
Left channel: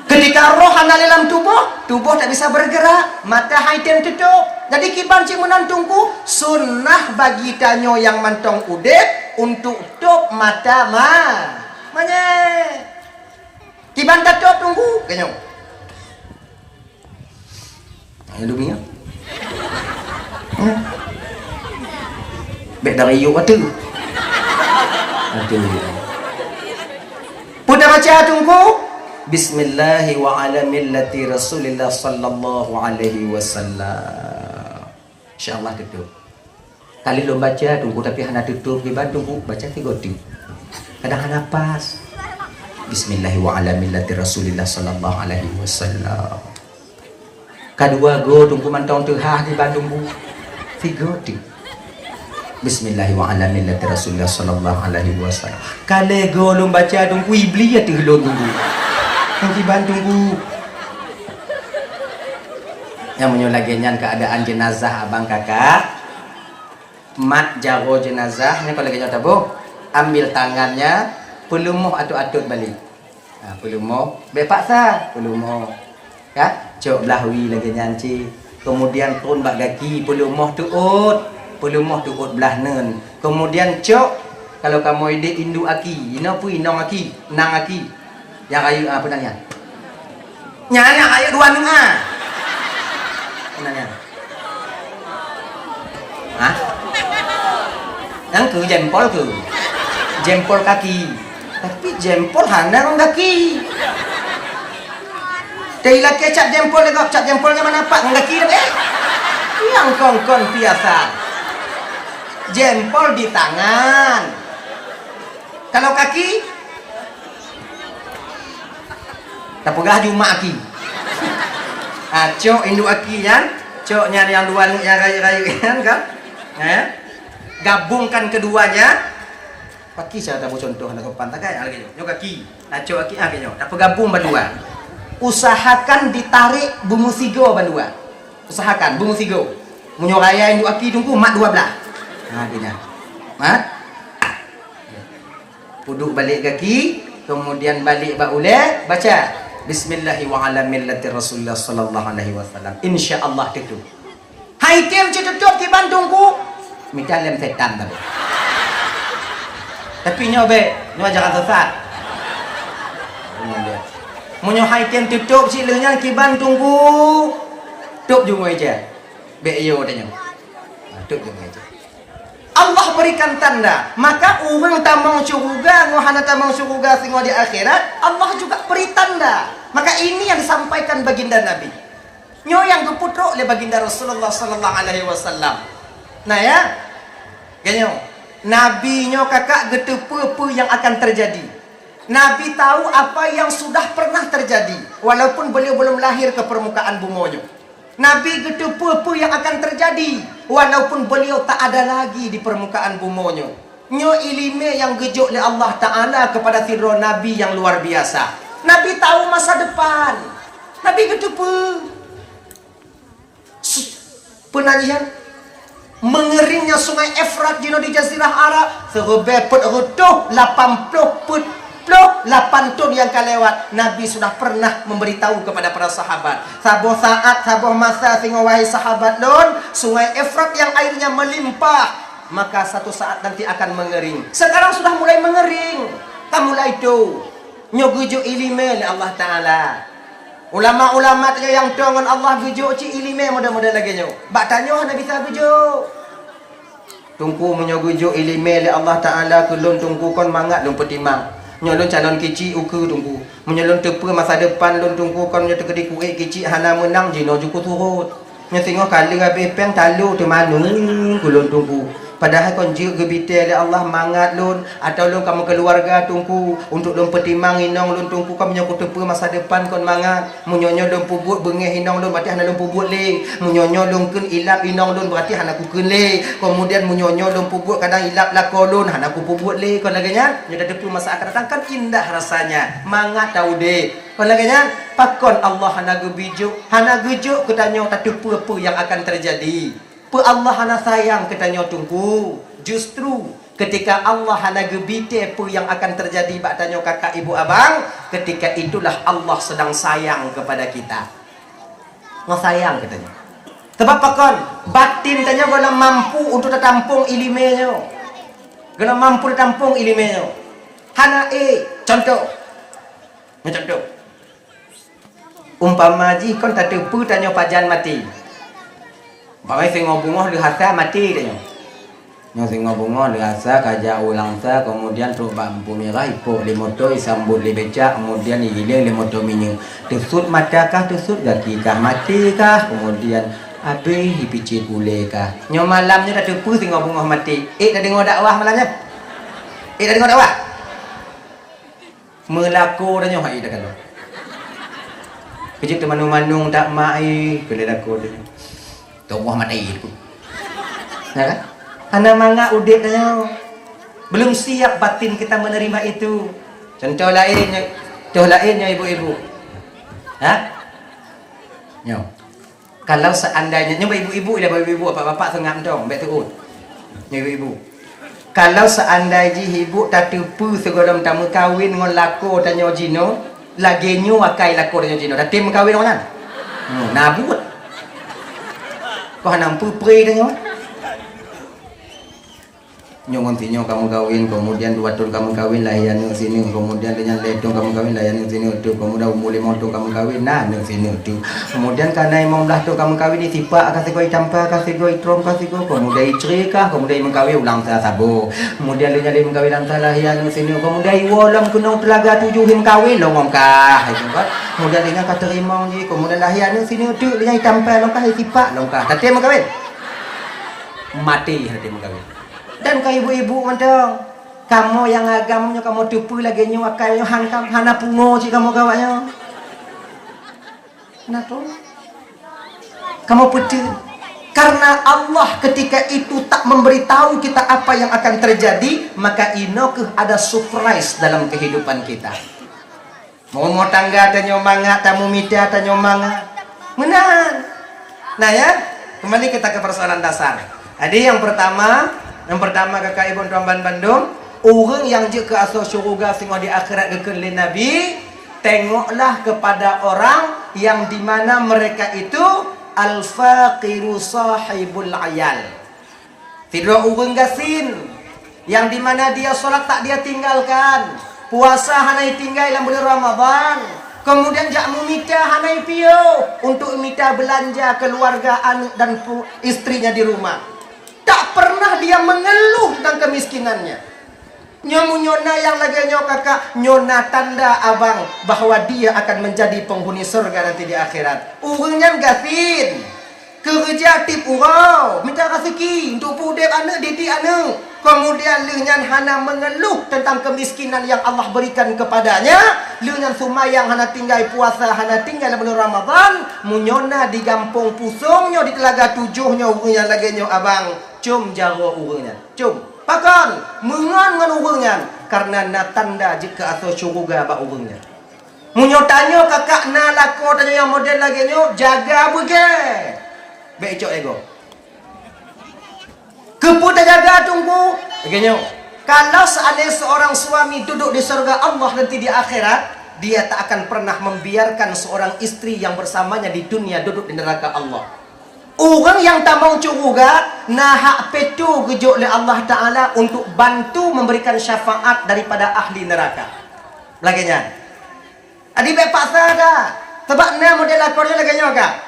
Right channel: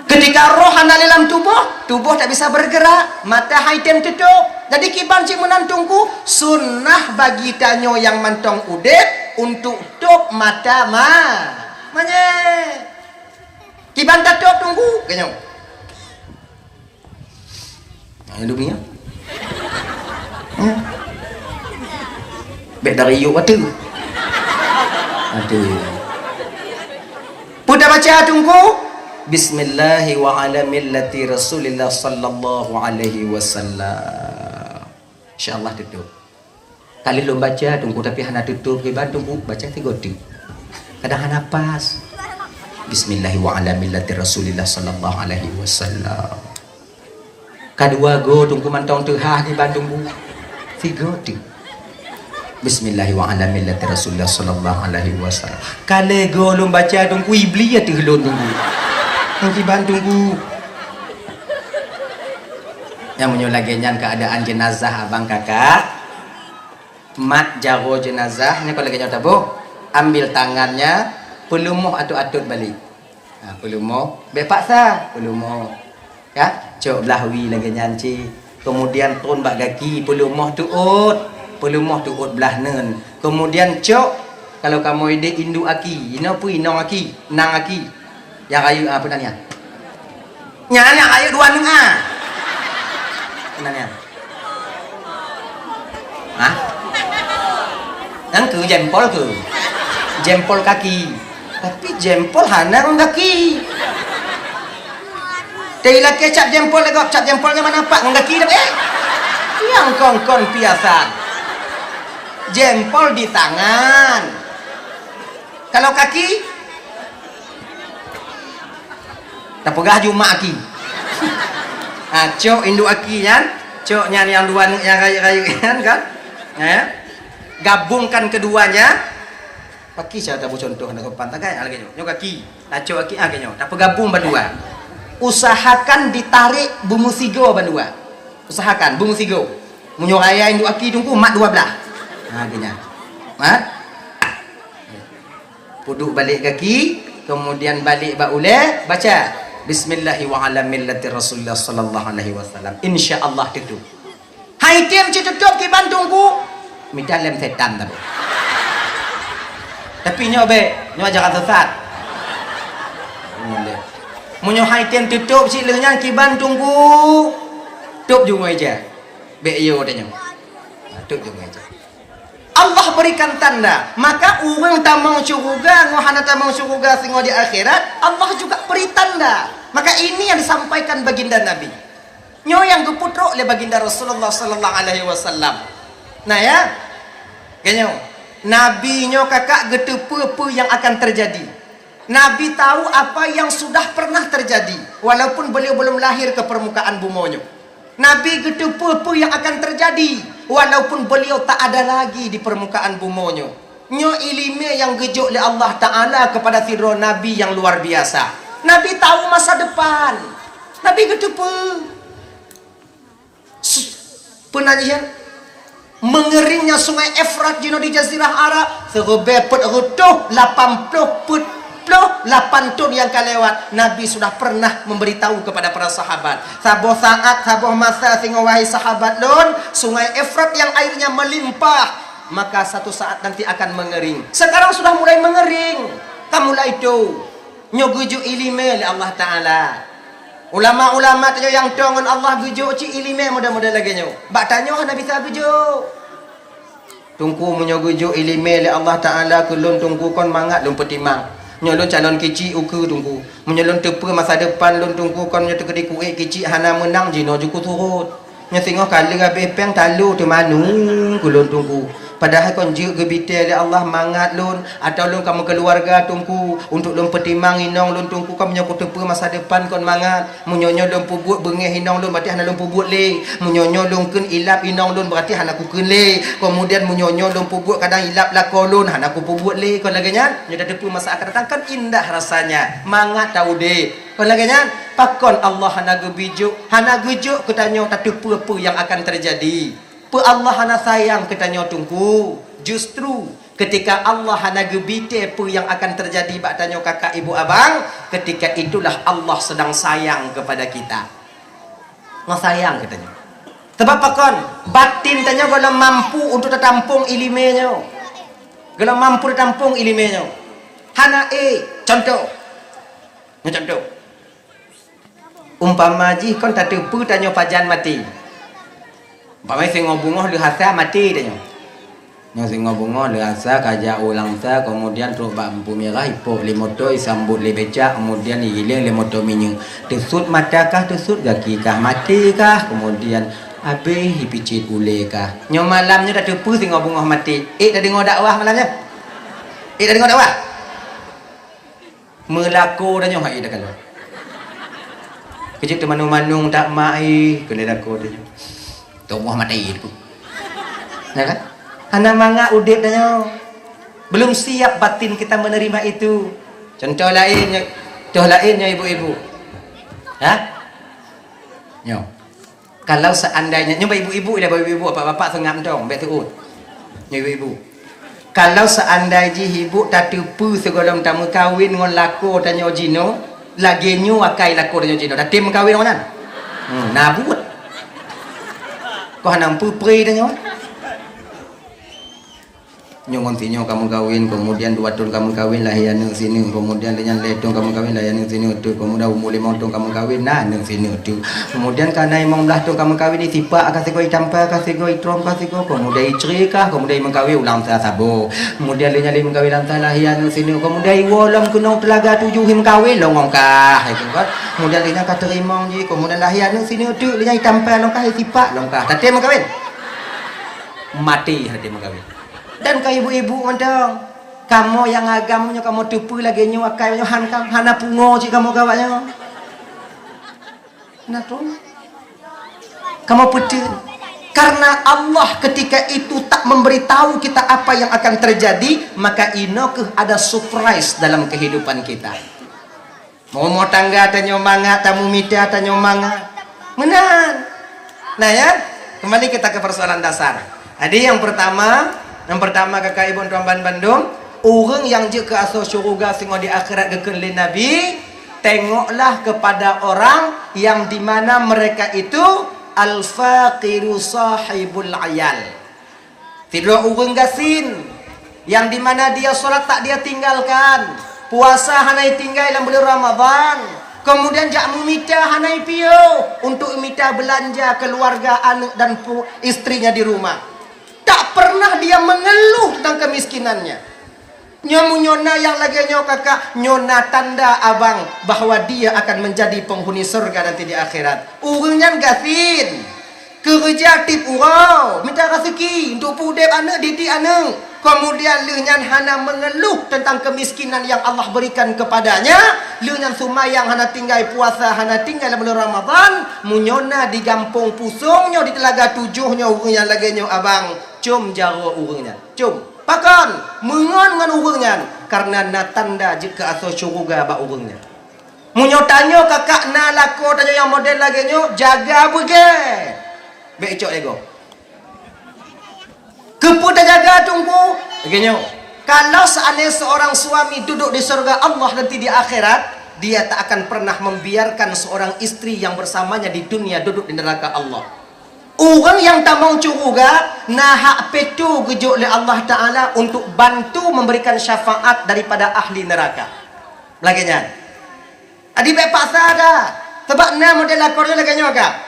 Ketika roh ada dalam tubuh tak bisa bergerak, mata haitan tutup. Jadi kiban cik menantungku, sunnah bagi tanyo yang mantong udep untuk tutup mata Manya. Kiban tutup tunggu, kenyo. Ayo dunia. Bek dari yuk waktu. Aduh. Pudah baca tunggu. Bismillahi wa ala millati Rasulillah sallallahu alaihi wasallam. Insyaallah tutup. Kali lo baca tunggu tapi hana tutup kiban tunggu baca 3 tu. Kadang hana pas. Bismillahi wa ala millati Rasulillah sallallahu alaihi wasallam. Kedua go tunggu mantong tuha kiban tunggu 3 tu. Bismillahi wa ala millati Rasulillah sallallahu alaihi wasallam. Kali go lo baca tunggu iblis ya tu lo tunggu. Nanti tunggu. Yang menyulaginya keadaan jenazah abang kakak. Mat jago jenazah. Ini kalau lagi tahu, ambil tangannya, pelumuh atut-atut balik. Pelumuh, bepaksa, pelumuh. Ya, cok lahwi lagi nyanci. Kemudian turun bak kaki, pelumuh tuut belah nen. Kemudian cok, kalau kamu ide indu aki, ina pu inong aki, nang aki. Yang kayu apa nanya? Nyana kayu 2 nengah. Nanya. Hah? Yang ke jempol kaki. Tapi jempol hana orang kaki. Dari laki cap jempol lagi, cap jempolnya mana nampak orang kaki dah. Yang kong biasa. Jempol di tangan. Kalau kaki tapugah juma aki. Cok induk aki kan? Coknya yang 2 yang kayu kan? Gabungkan keduanya. Kaki saya tahu contoh nak pantai kan lagi nyo kaki. Cok aki nyo. Tak gabung berdua. Usahakan ditarik bumu sigo berdua. Usahakan bungu sigo. Munyo raya induk aki tungku mak 12. Dia. Mat. Puduk balik kaki, kemudian balik bak uleh, baca Bismillahi wa ala millati Rasulullah sallallahu alaihi wasallam. Insya-Allah tutup. Hai tiam tutup ki bantungku. Minta lem setan tu. Tapi nyobe, nyobe jangan sesat. Munyo hai tiam tutup silahnya ki bantungku. Tutup juga aja. Be yo tanya. Tutup juga aja. Allah berikan tanda, maka orang tamang syurga, ngohana tamang syurga singo di akhirat, Allah juga beri tanda. Maka ini yang disampaikan baginda Nabi. Nyo yang keputro oleh baginda Rasulullah sallallahu alaihi wasallam. Nah ya, ganyo. Nabi nyo kakak getepe apa yang akan terjadi. Nabi tahu apa yang sudah pernah terjadi, walaupun beliau belum lahir ke permukaan bumi nyo. Nabi getepe apa yang akan terjadi, walaupun beliau tak ada lagi di permukaan bumi nyo. Nyo ilmu yang gejuk oleh Allah Ta'ala kepada sirro Nabi yang luar biasa. Nabi tahu masa depan. Nabi getepe. Penanyian mengeringnya sungai Efrat di Jazirah Arab serebepet rutuh 80 put 8 ton yang kelewat. Nabi sudah pernah memberitahu kepada para sahabat, sabuh saat sabuh masa sehingga wahai sahabat lon, sungai Efrat yang airnya melimpah, maka satu saat nanti akan mengering. Sekarang sudah mulai mengering. Kamu lah itu nyogujuk ilmu oleh Allah Ta'ala. Ulama-ulama tanya yang dengan Allah gujuk cik ilmu mudah-mudah lagi nyo. Bak tanya hana bisa gujuk. Tungku menyogujuk ilmu oleh Allah Ta'ala kulun tungku kon mangat lun petimang. Nyolong calon kecil ukur tunggu. Menyolong tepa masa depan lon tunggu kon nyo tegedi kuih kecil hana menang jino juku turut. Nya tengok kali habis peng talu tu manu kulun tunggu. Padahal kon jiu gebite oleh Allah mangat lon atau lon kamu keluarga tungku untuk lon petimang inong lon tungku kamu nyokot tepa masa depan kon mangat. Munyonyo lon pubut bengeh inong lon berarti hana lon pubut le. Munyonyo lon kun ilap inong lon berarti hana ku kun le. Kemudian munyonyo lon pubut kadang ilap lako lon hana ku pubut le. Kon laganya nyoda tepa masa akan datang kan indah rasanya. Mangat tahu de. Kon laganya pakon Allah hana gebijuk, hana gejuk ketanyo tak tepa apa yang akan terjadi. Pa Allah hana sayang ketanya tunggu. Justru ketika Allah hana gebite apa yang akan terjadi bak tanya kakak ibu abang, ketika itulah Allah sedang sayang kepada kita. Allah sayang katanya. Sebab pakon batin tanya kalau mampu untuk tertampung ilimenya. Kalau mampu tertampung ilimenya. Hana contoh. Contoh. Umpama ji kon tak tepu tanya pajan mati. Pamai singo bungoh lihasa mati dia. Yang singo bungoh lihasa kaja ulang sa, kemudian truk bambu merah ipop limoto isambut lebeca, kemudian igiling limoto minyu. Tesut mata kah, tesut kaki kah, mati kah, kemudian habis dipicit ule kah. Nyo malamnya dah tepu singo bungoh mati. Dah dengar dakwah malamnya. Dah dengar dakwah. Melaku dah nyo hai dah kalau. Kejut tu manung-manung tak mai kelelaku dia. Tunggu mati itu. Ya kan? Hana manga udip tanya. Belum siap batin kita menerima itu. Contoh lainnya ibu-ibu. Ha? Yo. Kalau seandainya nyoba ibu-ibu dah ibu-ibu bapak-bapak sengap dong, bet tu. Ibu-ibu. Kalau seandainya ibu tak tipu segolong tamu kawin ngon lako tanya jino, lagi nyu akai lako tanya jino. Dah tim kawin orang. Nabut. Kau hanam pupri dah nyo. Nyongon tinyo kamu kawin, kemudian 2 tahun kamu kawin lahian nang sini, kemudian dengan letong kamu kawin lahian nang sini tu, kemudian umur 5 tahun kamu kawin nah nang sini tu. Kemudian karena 15 tahun kamu kawin di tipak kasih kau tampar kasih kau trom kasih kau, kemudian istri kah, kemudian mengkawin ulang sa sabo. Kemudian linya lim kawin lantar lahian nang sini, kemudian wolong kuno telaga 7 him kawin longong kah itu kan. Kemudian linya kata rimong ni, kemudian lahian nang sini tu linya tampar long kah tipak long kah. Tadi mengkawin. Mati hati mengkawin. Dan kau ibu-ibu mandang, kamu yang agamanya kamu tupu lagi nyu akai hana pungo si kamu kawanya. Kenapa? Kamu putih. Karena Allah ketika itu tak memberitahu kita apa yang akan terjadi, maka ino ada surprise dalam kehidupan kita. Mau tangga tanya manga, tamu mita tanya manga. Menan. Nah ya, kembali kita ke persoalan dasar. Jadi yang pertama kakak ibu tuan Bandung, orang yang je ke asal syurga sehingga di akhirat kekelin Nabi, tengoklah kepada orang yang dimana mereka itu al-faqiru sahibul ayal. Tidak orang gasin yang dimana dia solat tak dia tinggalkan, puasa hanai tinggal dalam bulan Ramadan, kemudian jak memita hanai pio untuk minta belanja keluarga anak dan istrinya di rumah. Tak pernah dia mengeluh tentang kemiskinannya. Nyamu nyona yang lagi kakak, nyona tanda abang bahwa dia akan menjadi penghuni surga nanti di akhirat. Urangnya gasin, kerja tip urau, minta rezeki untuk pudek anak, didik anak. Kemudian lenyan hana mengeluh tentang kemiskinan yang Allah berikan kepadanya. Lenyan sumayang hana tinggal puasa, hana tinggal bulan Ramadan. Munyona di gampung pusungnya, di telaga tujuhnya urangnya lagi abang. Cum jaro urangnya, cum. Pakan mengan urangnya karena na tanda jika asal syurga ba urangnya. Munyo tanyo kakak na lako tanyo yang model lagi nyo jaga bege. Becok ego. Kepudah jaga tunggu. Begini, kalau seandainya seorang suami duduk di surga Allah nanti di akhirat, dia tak akan pernah membiarkan seorang istri yang bersamanya di dunia duduk di neraka Allah. Orang yang tak mau curuga, nahak petu gejuk oleh Allah Ta'ala untuk bantu memberikan syafaat daripada ahli neraka. Laginya. Adi baik paksa kah? Sebab na model lakornya laginya kah?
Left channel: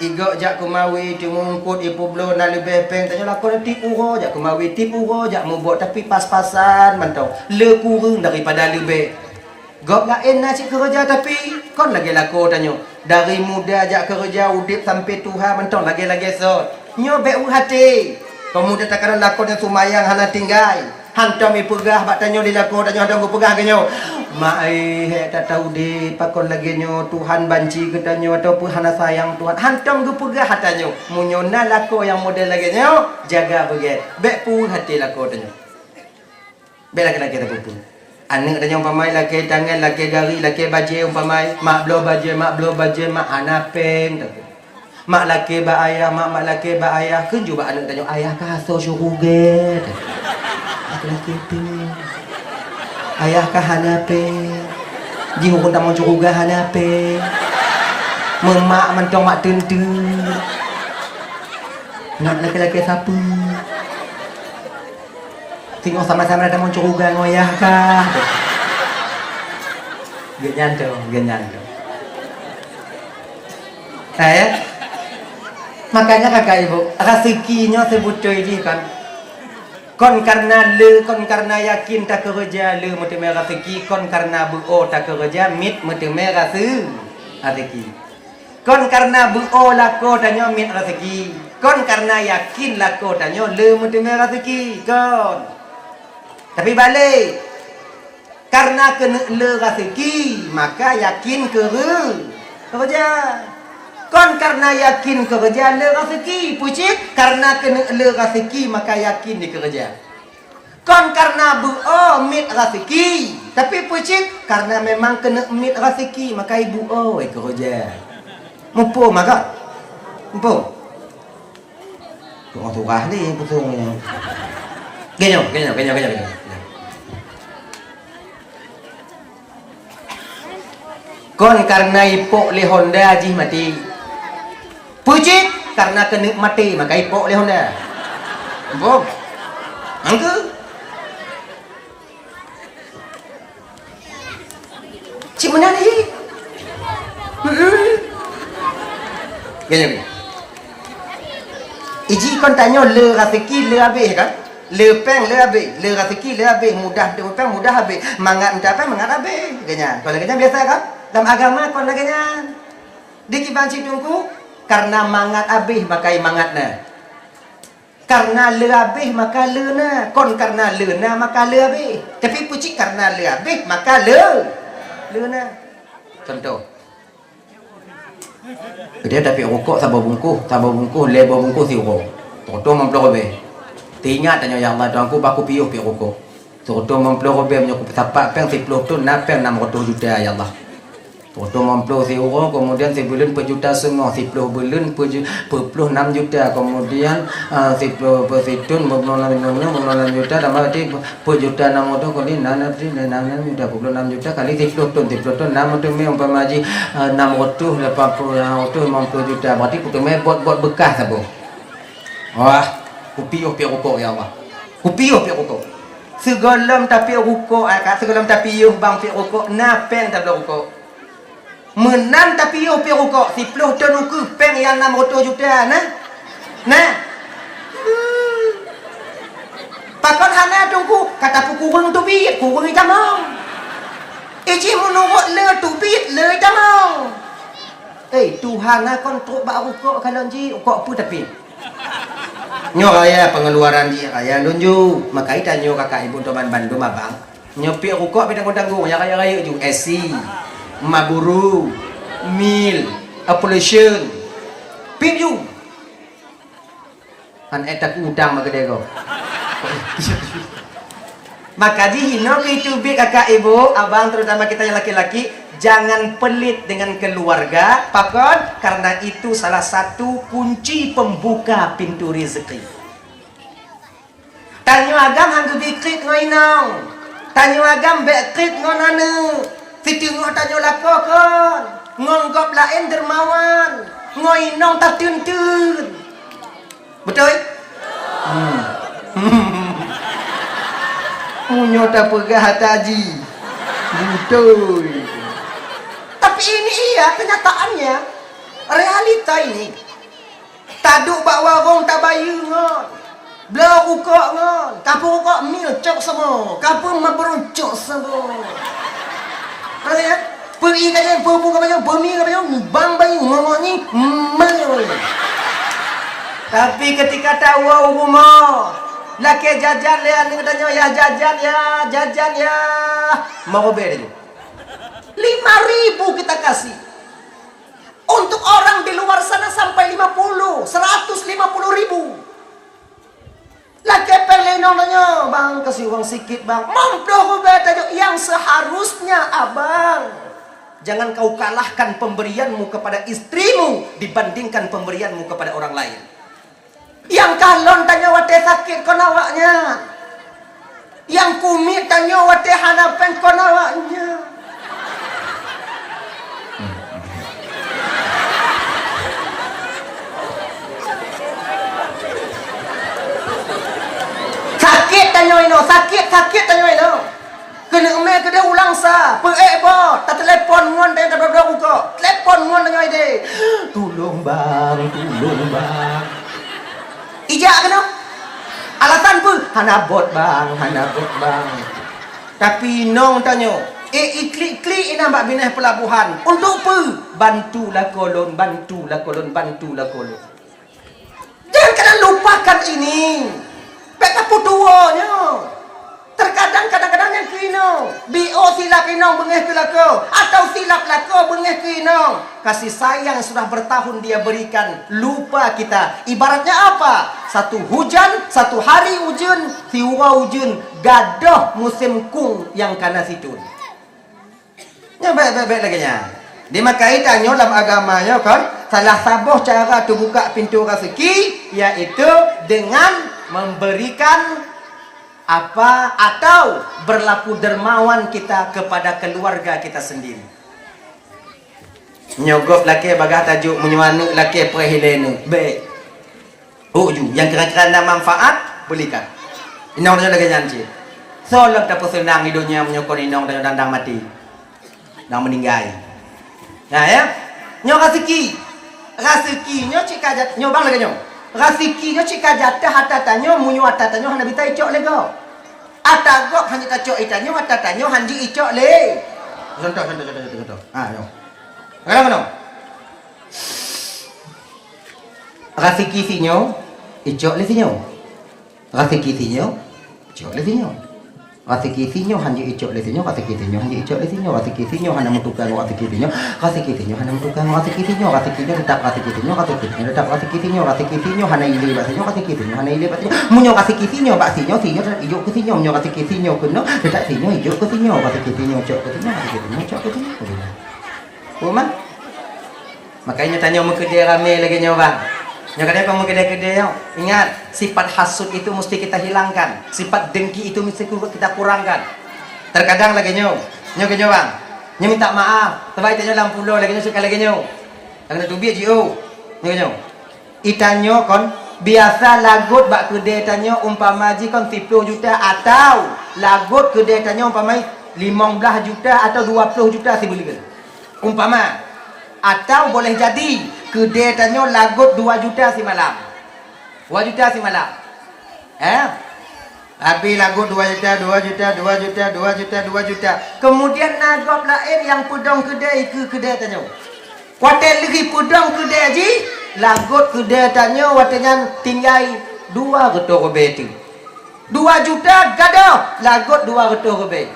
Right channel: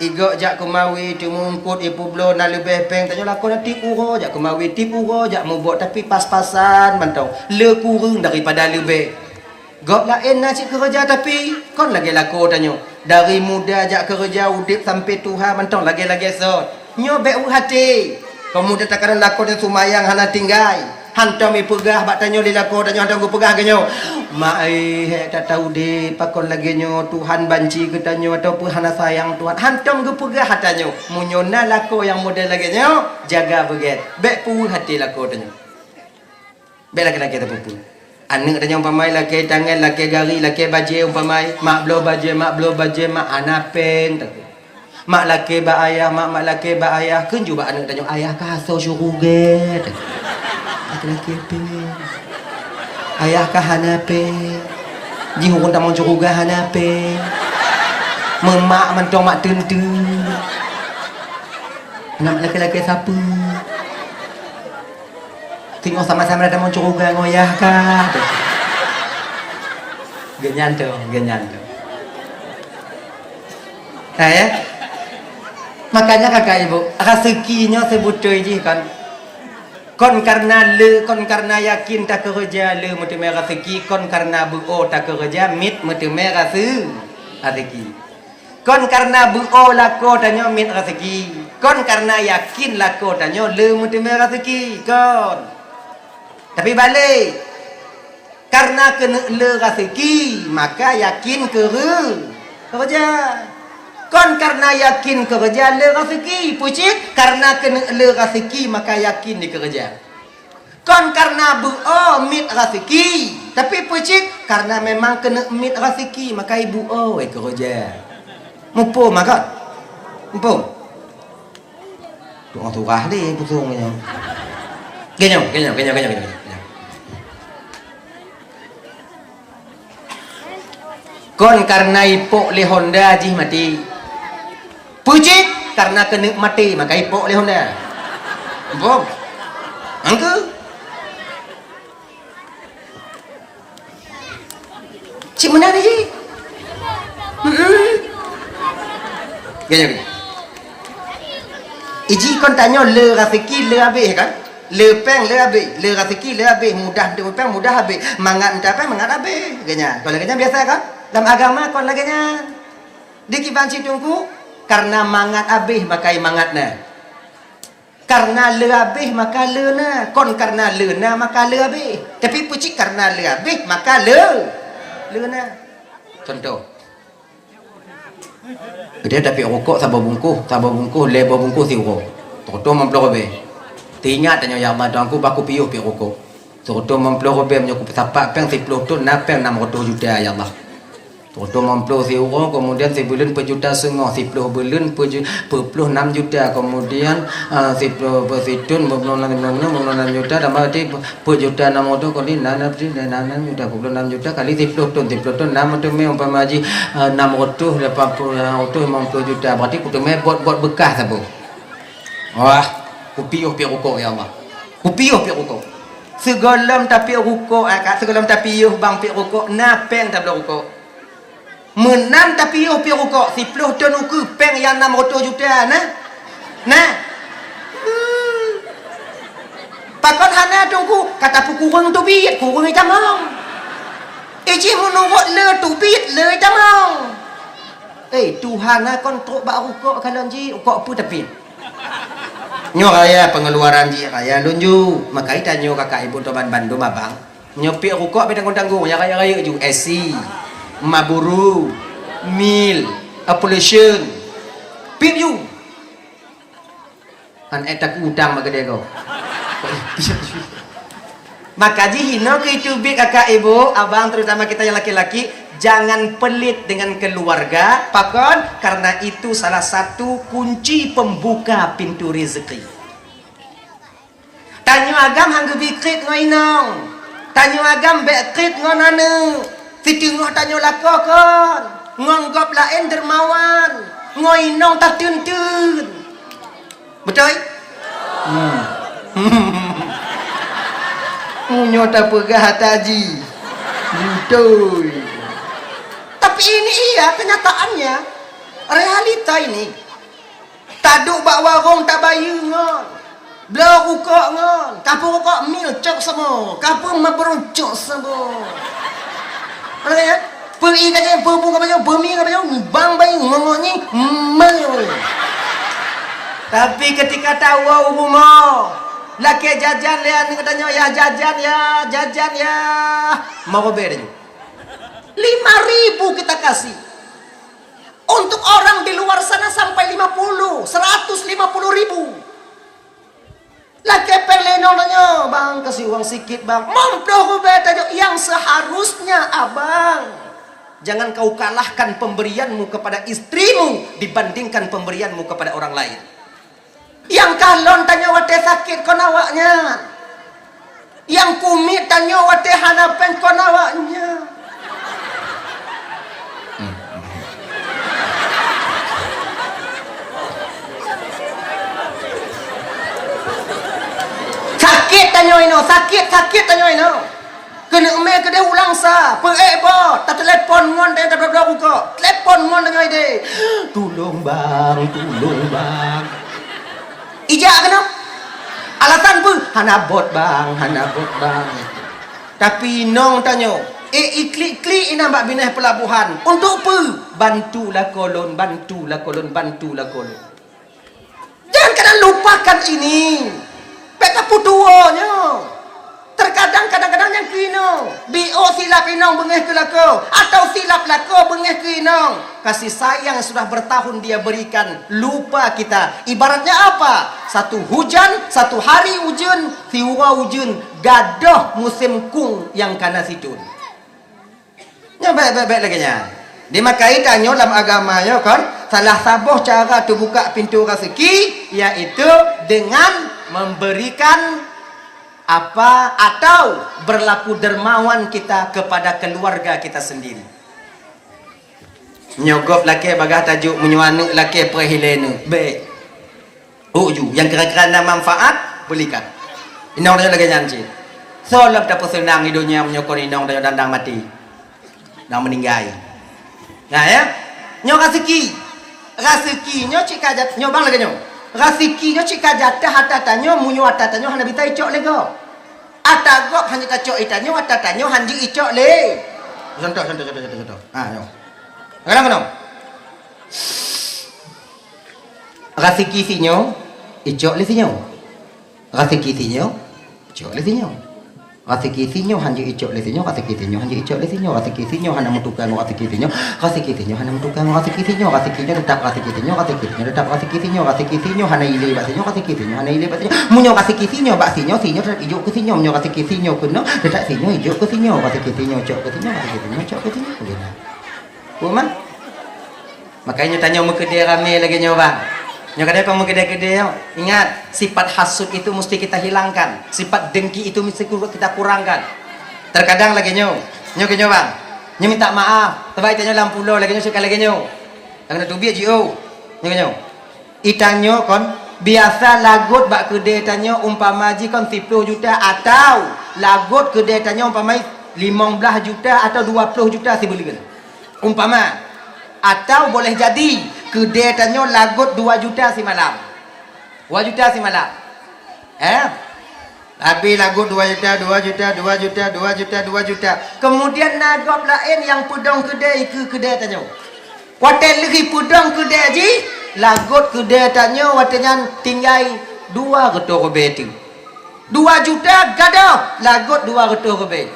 Igo jak kumawi cumungkut ipu blo na lebih peng tanya lakon tip uro jak kumawi tip uro jak mau buat tapi pas-pasan mantau le kurang daripada lebih gok lain nak cik kerja tapi kon lagi lako tanya dari muda jak kerja udip sampai Tuhan mantau lagi-lagi so nyo be hati pemuda takaran lakon yang sumayang hana tinggal hantam i pegah bak tanyo di lako tanya hantam ku pegah ganyo mak tak tahu di pakon lagi nyo Tuhan banci ke tanyo ataupun hana sayang Tuhan hantam ke pegah hatanyo munyona lako yang model lagi nyo jaga beget bek pu hati lako tanyo bek laki-laki terpupu anak tanyo umpamai laki tangan laki gari laki baje umpamai mak blo baje mak anapen mak laki ba ayah mak laki ba ayah kenju ba anak tanyo ayah ka so syuruget laki pe ayah kah hanape jihukun tak mau cukuga hanape memak mentong mak tentu nak laki-laki siapa tengok sama-sama ada mau cukuga ngoyah kah genyan makanya kakak ibu rezekinya sebutoy je kan kon karena yakin tak kerja le mutu merah rezeki kon karena buo tak kerja mit mutu merah rezeki kon karena buo lako tanyo mit rezeki kon karena yakin lako tanyo le mutu merah rezeki kon tapi balik karena kena le rezeki maka yakin kerja kon karena yakin kerja le rezeki pucik karena kena le rezeki maka yakin dikerja kon karena buo mit rezeki tapi pucik karena memang kena mit rezeki maka ibu kerja mupo maka mupo tunggu turah deh pusungnya genyong kon karena ipok le Honda jih mati puji karena kena mati maka ipok le Honda bom angku cik mana ni gini iji kon tanya le rezeki le habis kan le peng le habis le rezeki le habis mudah de peng mudah habis mangat entah apa mangat habis ganya kalau ganya biasa kan dalam agama kon laganya dikibanci tungku karena mangat habis maka mangatna karena le habis maka leuna kon karena leuna maka le habis tapi pucik karena le habis maka leuna contoh dia tapi rokok sabar bungkus lebar bungkus si rokok contoh mempelor be tingat tanya ya Allah aku baku piuh pi rokok contoh mempelor be menyakup sapak peng 10 tu na peng 600 juta ya Allah Potong mamplo si orang, kemudian si bulan per juta semua, si puluh bulan per 6 juta, kemudian si puluh per situn 26 juta, dan berarti per juta 6 juta, kali 6 juta, 26 juta kali si puluh ton 6 juta, umpama haji 600, 80, 50 juta, berarti putus buat bekas apa? Wah, kupiuh pi rokok ya Allah. Kupiuh pi rokok. Segolam tapi rokok, segolam tapi yuh bang pi rokok, napeng tak boleh rokok. Menan tapi yo pi rokok 10 ton uku peng yang 600 juta nah. Takon hana tunggu kata kurang tu bit kurang itu mau. Iji menurut le tu bit le itu mau. Tuhan kon truk bak rokok kalau ji rokok apa tapi. Nyo raya pengeluaran ji raya lunju makai tanyo kakak ibu teman Bandung abang. Nyo pi rokok pi tanggung-tanggung ya raya ju SC. Maburu, mil, appellation, pinju. Han etak udang magede kau. Maka jihino itu bi kakak ibu, abang terutama kita yang laki-laki, jangan pelit dengan keluarga, pakon karena itu salah satu kunci pembuka pintu rezeki. Tanyo agam hanggu bikrit ngoinong. Tanyo agam bekrit ngonanu. Si tengok tanya lakon, ngonggop lain dermawan, ngoinong tak tuntun. Betul? Munyo tak pegah taji. Betul. Tapi ini iya kenyataannya. Realita ini. Taduk bak warung tak bayu ngon. Belah rukuk ngon. Kapung rukuk mil cok semua. Kapung maberucuk semua. Ada pergi kaje perbu kaje bumi kaje bang bayi ngomongnya tapi ketika tahu rumah laki jajan ya ni katanya ya jajan ya mau beri 5.000 kita kasih untuk orang di luar sana sampai 150.000 laki peleno nanya bang kasih uang sikit bang mampu aku beta yang seharusnya abang jangan kau kalahkan pemberianmu kepada istrimu dibandingkan pemberianmu kepada orang lain yang kalon tanya wate sakit konawaknya yang kumit tanya wate hanapen konawaknya sakit tanya ino kena me kena ulang sa pe bo tak telepon ngon dia tak berdoa buka telepon ngon tanya ide tolong bang ijak kena alasan pun hana bot bang tapi nong tanya iklik ina mbak binah pelabuhan untuk apa bantulah kolon jangan kena lupakan ini peta putuanya. Kadang-kadang yang kino. BO silap inong bengeh ke lako. Atau silap lako bengeh ke inong. Kasih sayang yang sudah bertahun dia berikan. Lupa kita. Ibaratnya apa? Satu hujan, satu hari hujan, tiwa hujan. Gadoh musim kung yang kana situn. Ya baik-baik lagi nya. Dimakai tanyo dalam agamanya kan. Salah sabuh cara tu buka pintu rezeki. Yaitu dengan memberikan apa atau berlaku dermawan kita kepada keluarga kita sendiri. Nyogop laki bagah tajuk menyuanu laki perhilenu. Baik. Uju yang kira-kira manfaat belikan. Inong dia lagi janji. Solop tak senang hidupnya menyokong inong dan dandang mati. Dan meninggal. Nah ya. Nyo rezekinya cik kajat nyo bang lagi nyo. Rezekinya cik kajatah hatatanyo munyo hatatanyo hana bita icok lego. Atagok hanya kacok itanyo hatatanyo hanji icok le. Contoh. Yo. Kadang-kadang. Rezeki sinyo icok le sinyo. Rezeki sinyo icok le sinyo. Rezeki sinyo hanji icok le sinyo, rezeki sinyo hanji icok le sinyo, rezeki sinyo hana mutukang rezeki sinyo, rezeki sinyo hana mutukang rezeki sinyo, rezeki sinyo tetap rezeki sinyo, rezeki sinyo tetap rezeki sinyo hana ile bak sinyo, rezeki sinyo hana ile bak sinyo. Munyo rezeki sinyo bak sinyo tetap ijo ke sinyo, munyo rezeki sinyo kuno tetap sinyo ijo ke sinyo, rezeki sinyo cok ke sinyo, rezeki sinyo cok ke sinyo. Rumah. Makanya tanya muka dia ramai lagi nyoba. Yang kadang kamu kedai-kedai, ingat sifat hasud itu mesti kita hilangkan, sifat dengki itu mesti kita kurangkan. Terkadang lagi nyoba, nyoba, minta maaf, tapi itanya dalam pulau lagi nyoba sekali lagi nyoba. Karena tu biar jio, nyoba. Itanyo kon biasa lagut bak kedai tanyo umpama ji kon 10 juta atau lagut kedai tanyo umpama 15 juta atau 20 juta si boleh kan. Umpama atau boleh jadi kedai tanyo lagut 2 juta si malam. 2 juta si malam. Habis lagut 2 juta, 2 juta, 2 juta, 2 juta, 2 juta. Kemudian lagut lain yang pudong kedai ke kedai tanyo. Hotel lagi pudong kedai ji, lagut kedai tanyo watanya tinggal 2 getor beti. 2 juta gadoh, lagut 2 getor beti.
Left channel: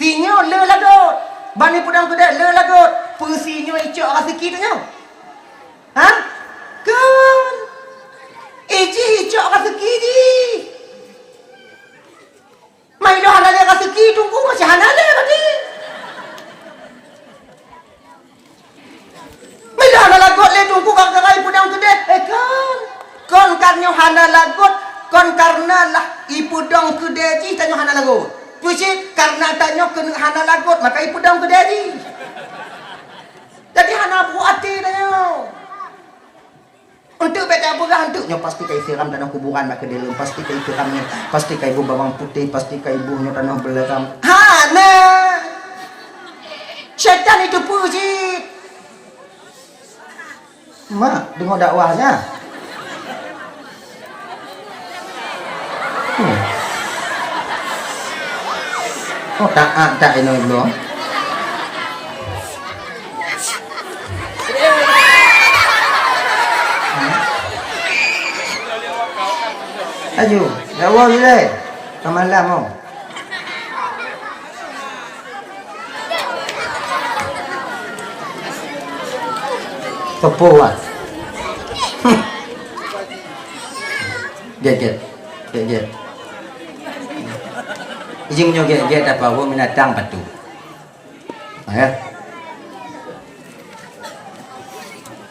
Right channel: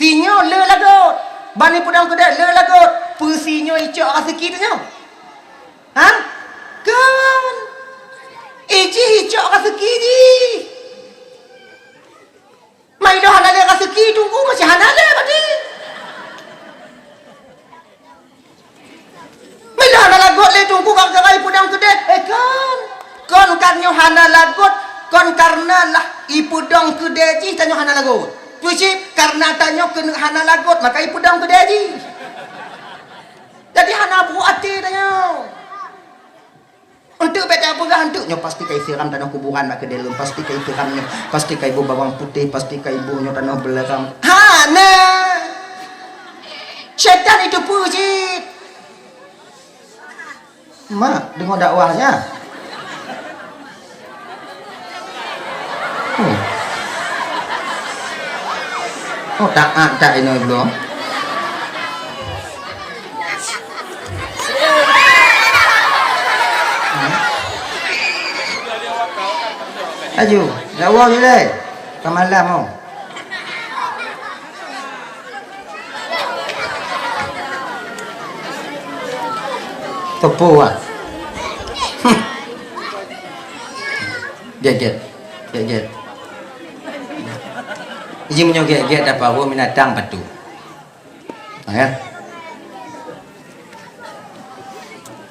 Sinyo le lagut. Bani pudong kedai le lagut. Pusinyo icok rezeki tanyo. Ha? Kan. Eji icok rezeki ni. Mai dah halal rezeki tunggu masih halal berarti. Mai dah halal lagut le tunggu kau serai pudong kedai. Kan. Kon kanyo halal lagut, kon karena lah ipudong kedai ji tanyo halal lagut. Puisi karena tanyo kena halal lagut maka ipudong kedai ji. Jadi hana buat hati tanya. Untuk beda bulan untuknya pasti kai siram tanah kuburan mak kedelem, pasti kai siramnya, pasti kai ibu bawang putih, pasti kai ibunya tanah belerang. Hana. Syaitan itu puji. Mak, dengar dakwahnya. Oh tak ini belum. Aju, dakwah boleh. Kamalah mau. Tepu ah. Get. Iji menyo get dapat bawa binatang patu. Ya.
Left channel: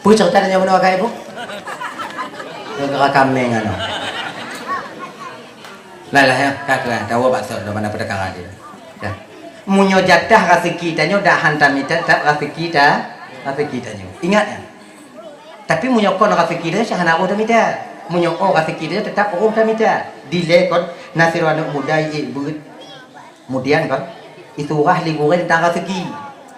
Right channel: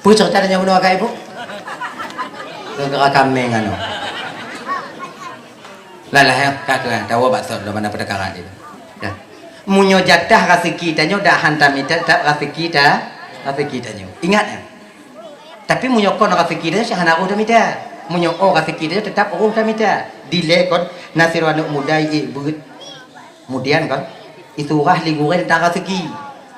Pu cerita tanya benda kai bu. Gerak kami ngano. Lah ya kakak tahu bakso dah mana perkara dia. Ya. Munyo jatah rezeki tanyo dah hantam ita tak rezeki tanyo. Ingat ya. Tapi munyo kon rezeki dia syahana orang mita. Munyo rezeki dia tetap orang mita. Delay kon nasir wanu muda begut. Kemudian kan itu ahli goreng tentang rezeki.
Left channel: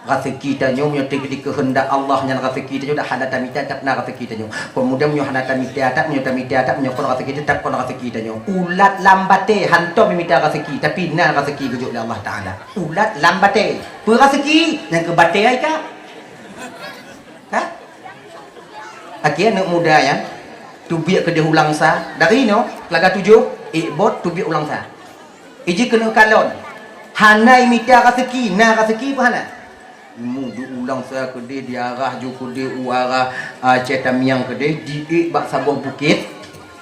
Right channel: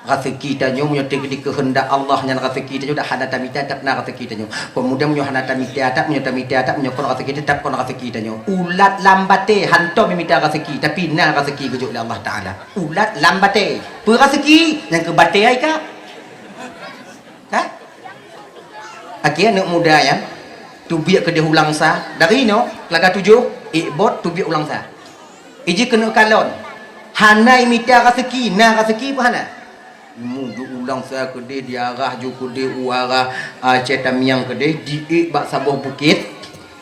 Rezeki tanyo munyo tegedi kehendak Allah nya rezeki tanyo dah hana tamita tak na rezeki tanyo. Kemudian munyo hana tamita tak munyo kon rezeki tak kon rezeki tanyo. Ulat lambate hanto minta rezeki tapi na rezeki gejuk oleh Allah Taala. Ulat lambate. Pu rezeki yang ke bate ai ka? Ha? Akhirnya anak muda ya. Tu biak ke dia ulang sa. Dari no laga 7 bot tu biak ulang sa. Iji kena kalon. Hana minta rezeki, na rezeki pun hana. Mudu ulang saya kedai diarah ju kedai uarah cetamiang kedai diik bak sabuh bukit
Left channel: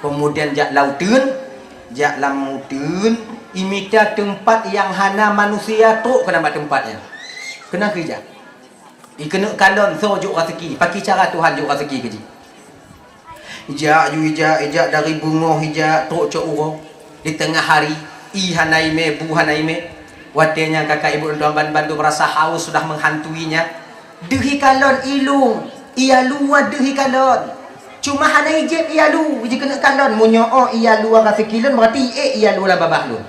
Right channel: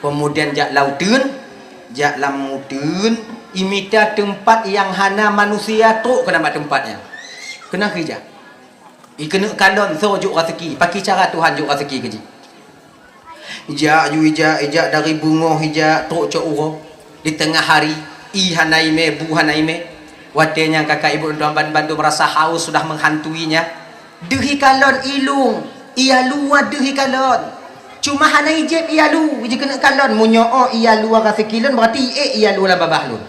kemudian jak lautun jak lamutun imita tempat yang hana manusia tu kena buat tempatnya kena kerja kena kalon so juk rezeki pakai cara Tuhan juk rezeki kerja ijak dari bunga hijak tu cok urang di tengah hari hanaime bu hanaime. Watenya kakak ibu dan tuan bandu merasa haus sudah menghantuinya. Dehi kalon ilung, ia luar dehi kalon. Cuma hana ijib ia lu, ije kena kalon munyo ia luar rasa kilon berarti ia luar babah lu.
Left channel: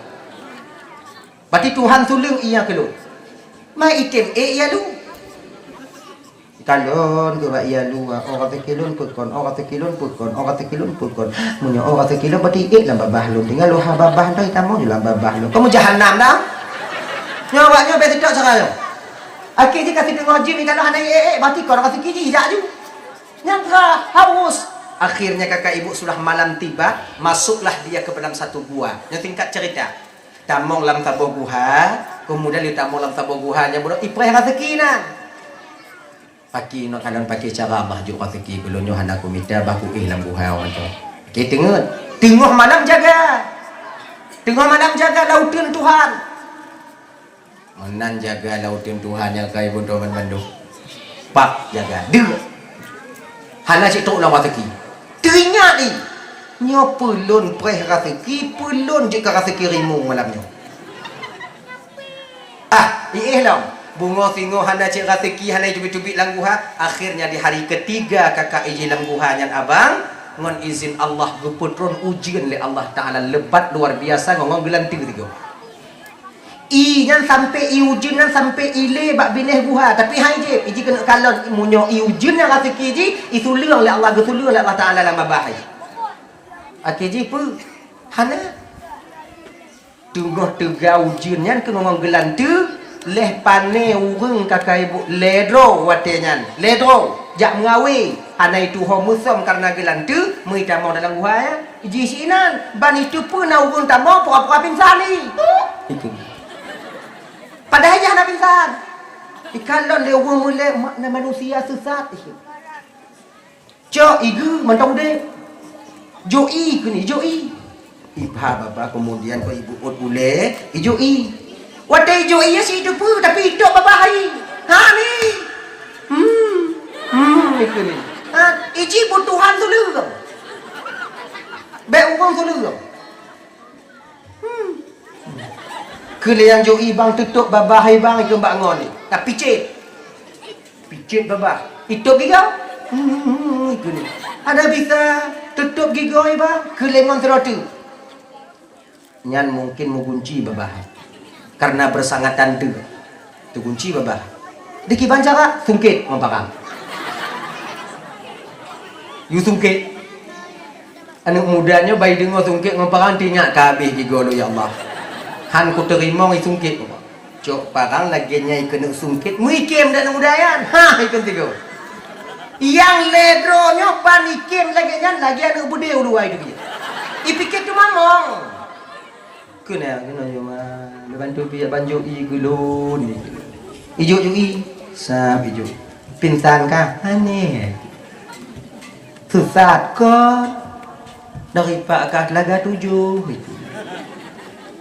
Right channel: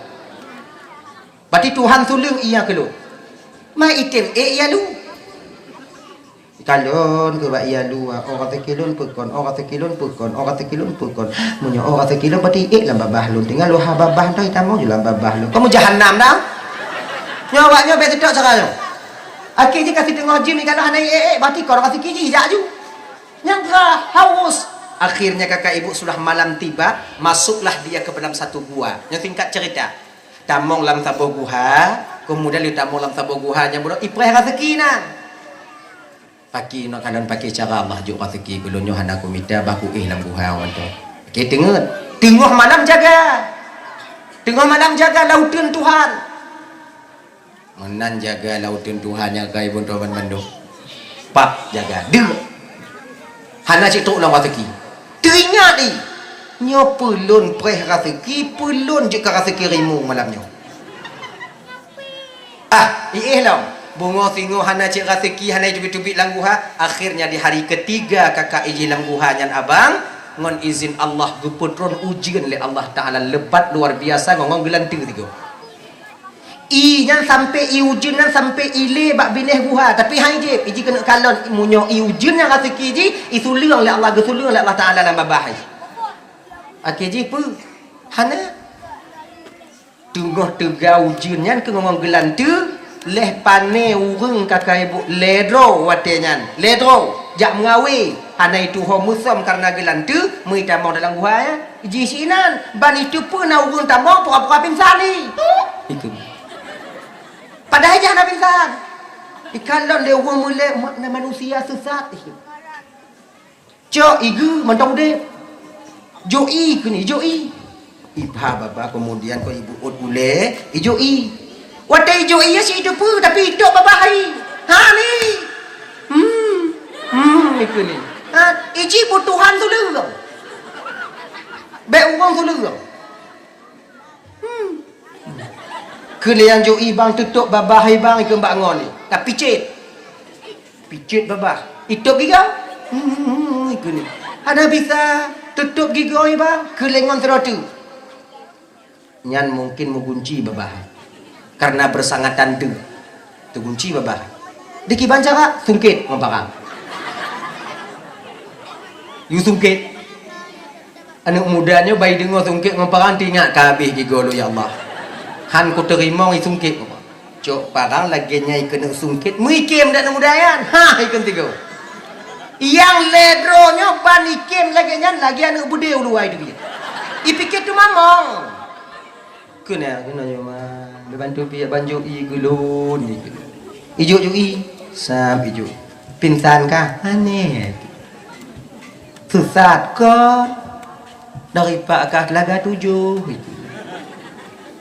Berarti Tuhan sulung ia kelu. Mai item ia lu. Kalon ke ba ia lu, rasa kilon pukon, rasa kilon pukon, rasa kilon pukon. Munyo rasa kilon berarti lah babah lu. Tinggal lu ha babah tu tamu je lah babah lu. Kamu jahanam dah. Nyawaknya betul tak caranya. Akhirnya kasih tengok jim ni kalau hanai berarti kau kasih kiji jak ju. Yang haus. Akhirnya kakak ibu sudah malam tiba, masuklah dia ke dalam satu gua. Yang singkat cerita. Tamong lam sabo guha, kemudian dia tamong lam sabo guha nya budak ipreh rezeki nah. Paki no kanan pakai cara Allah ju rezeki belonyo hana ku minta baku lam guha wan tu. Okey tengok malam jaga. Tengok malam jaga lautan Tuhan. Menan jaga lautan Tuhan yang kai pun Tuhan Bandung. jaga dia. Hana cik tok lang rezeki. Teringat ni. Nyo pelun preh rezeki, pelun je ke rezeki rimu malamnya. Lah. Bunga singo hana cik rezeki, hana cubit-cubit langguha. Akhirnya di hari ketiga kakak iji langguha nyan abang. Ngon izin Allah guputron ujian oleh Allah Ta'ala. Lebat luar biasa ngomong gelanting tiga. Nyan sampai ujian nyan sampai ile bak bineh guha. Tapi hai je, iji kena kalon munyo ujian yang rezeki ji, isuliang oleh Allah, gesuliang oleh Allah Ta'ala lama bahai. Ji pun hana tunggu tega ujian nyan ke ngomong gelanting. Leh pane urung kakak ibu ledro watenyan ledro jak mengawi hana itu homusam karena gelantu mui tamau dalam gua ya iji sinan ban itu pun na urung tamau pura-pura pingsan ni itu padahal jangan nak pingsan ikalon le urung mule makna manusia sesat itu cok igu mentong de joi kini joi ibha baba kemudian ko ibu ut ule joi wadai jo iya si hidup tapi hidup berbahaya. Ni. Itu ni. Iji butuhan tu lu. Baik orang tu lu. Kalian jo bang tutup berbahaya bang ikut bangun ni. Tak picit. Picit babah. Hidup gigau. Itu ni. Ada bisa tutup gigau ni bang. Kelengon serotu. Nyan mungkin mengunci berbahaya. Karena bersangatan tu kunci babah diki bancara sungkit membarang you sungkit anak mudanya bayi dengar sungkit membarang tinggal kabeh juga lo ya Allah han ku terima ngi sungkit cok parang lagi nyai kena sungkit muikim dan mudayan ikan tiga yang ledronya panikim lagi nyan lagi anak bude uluai tu dia ipikir tu mamong kena mah bantu pia banjo gulun ni. Ijo sab ijo. Pinsan kah? Aneh. Sesat kau dari pak kah laga 7 itu.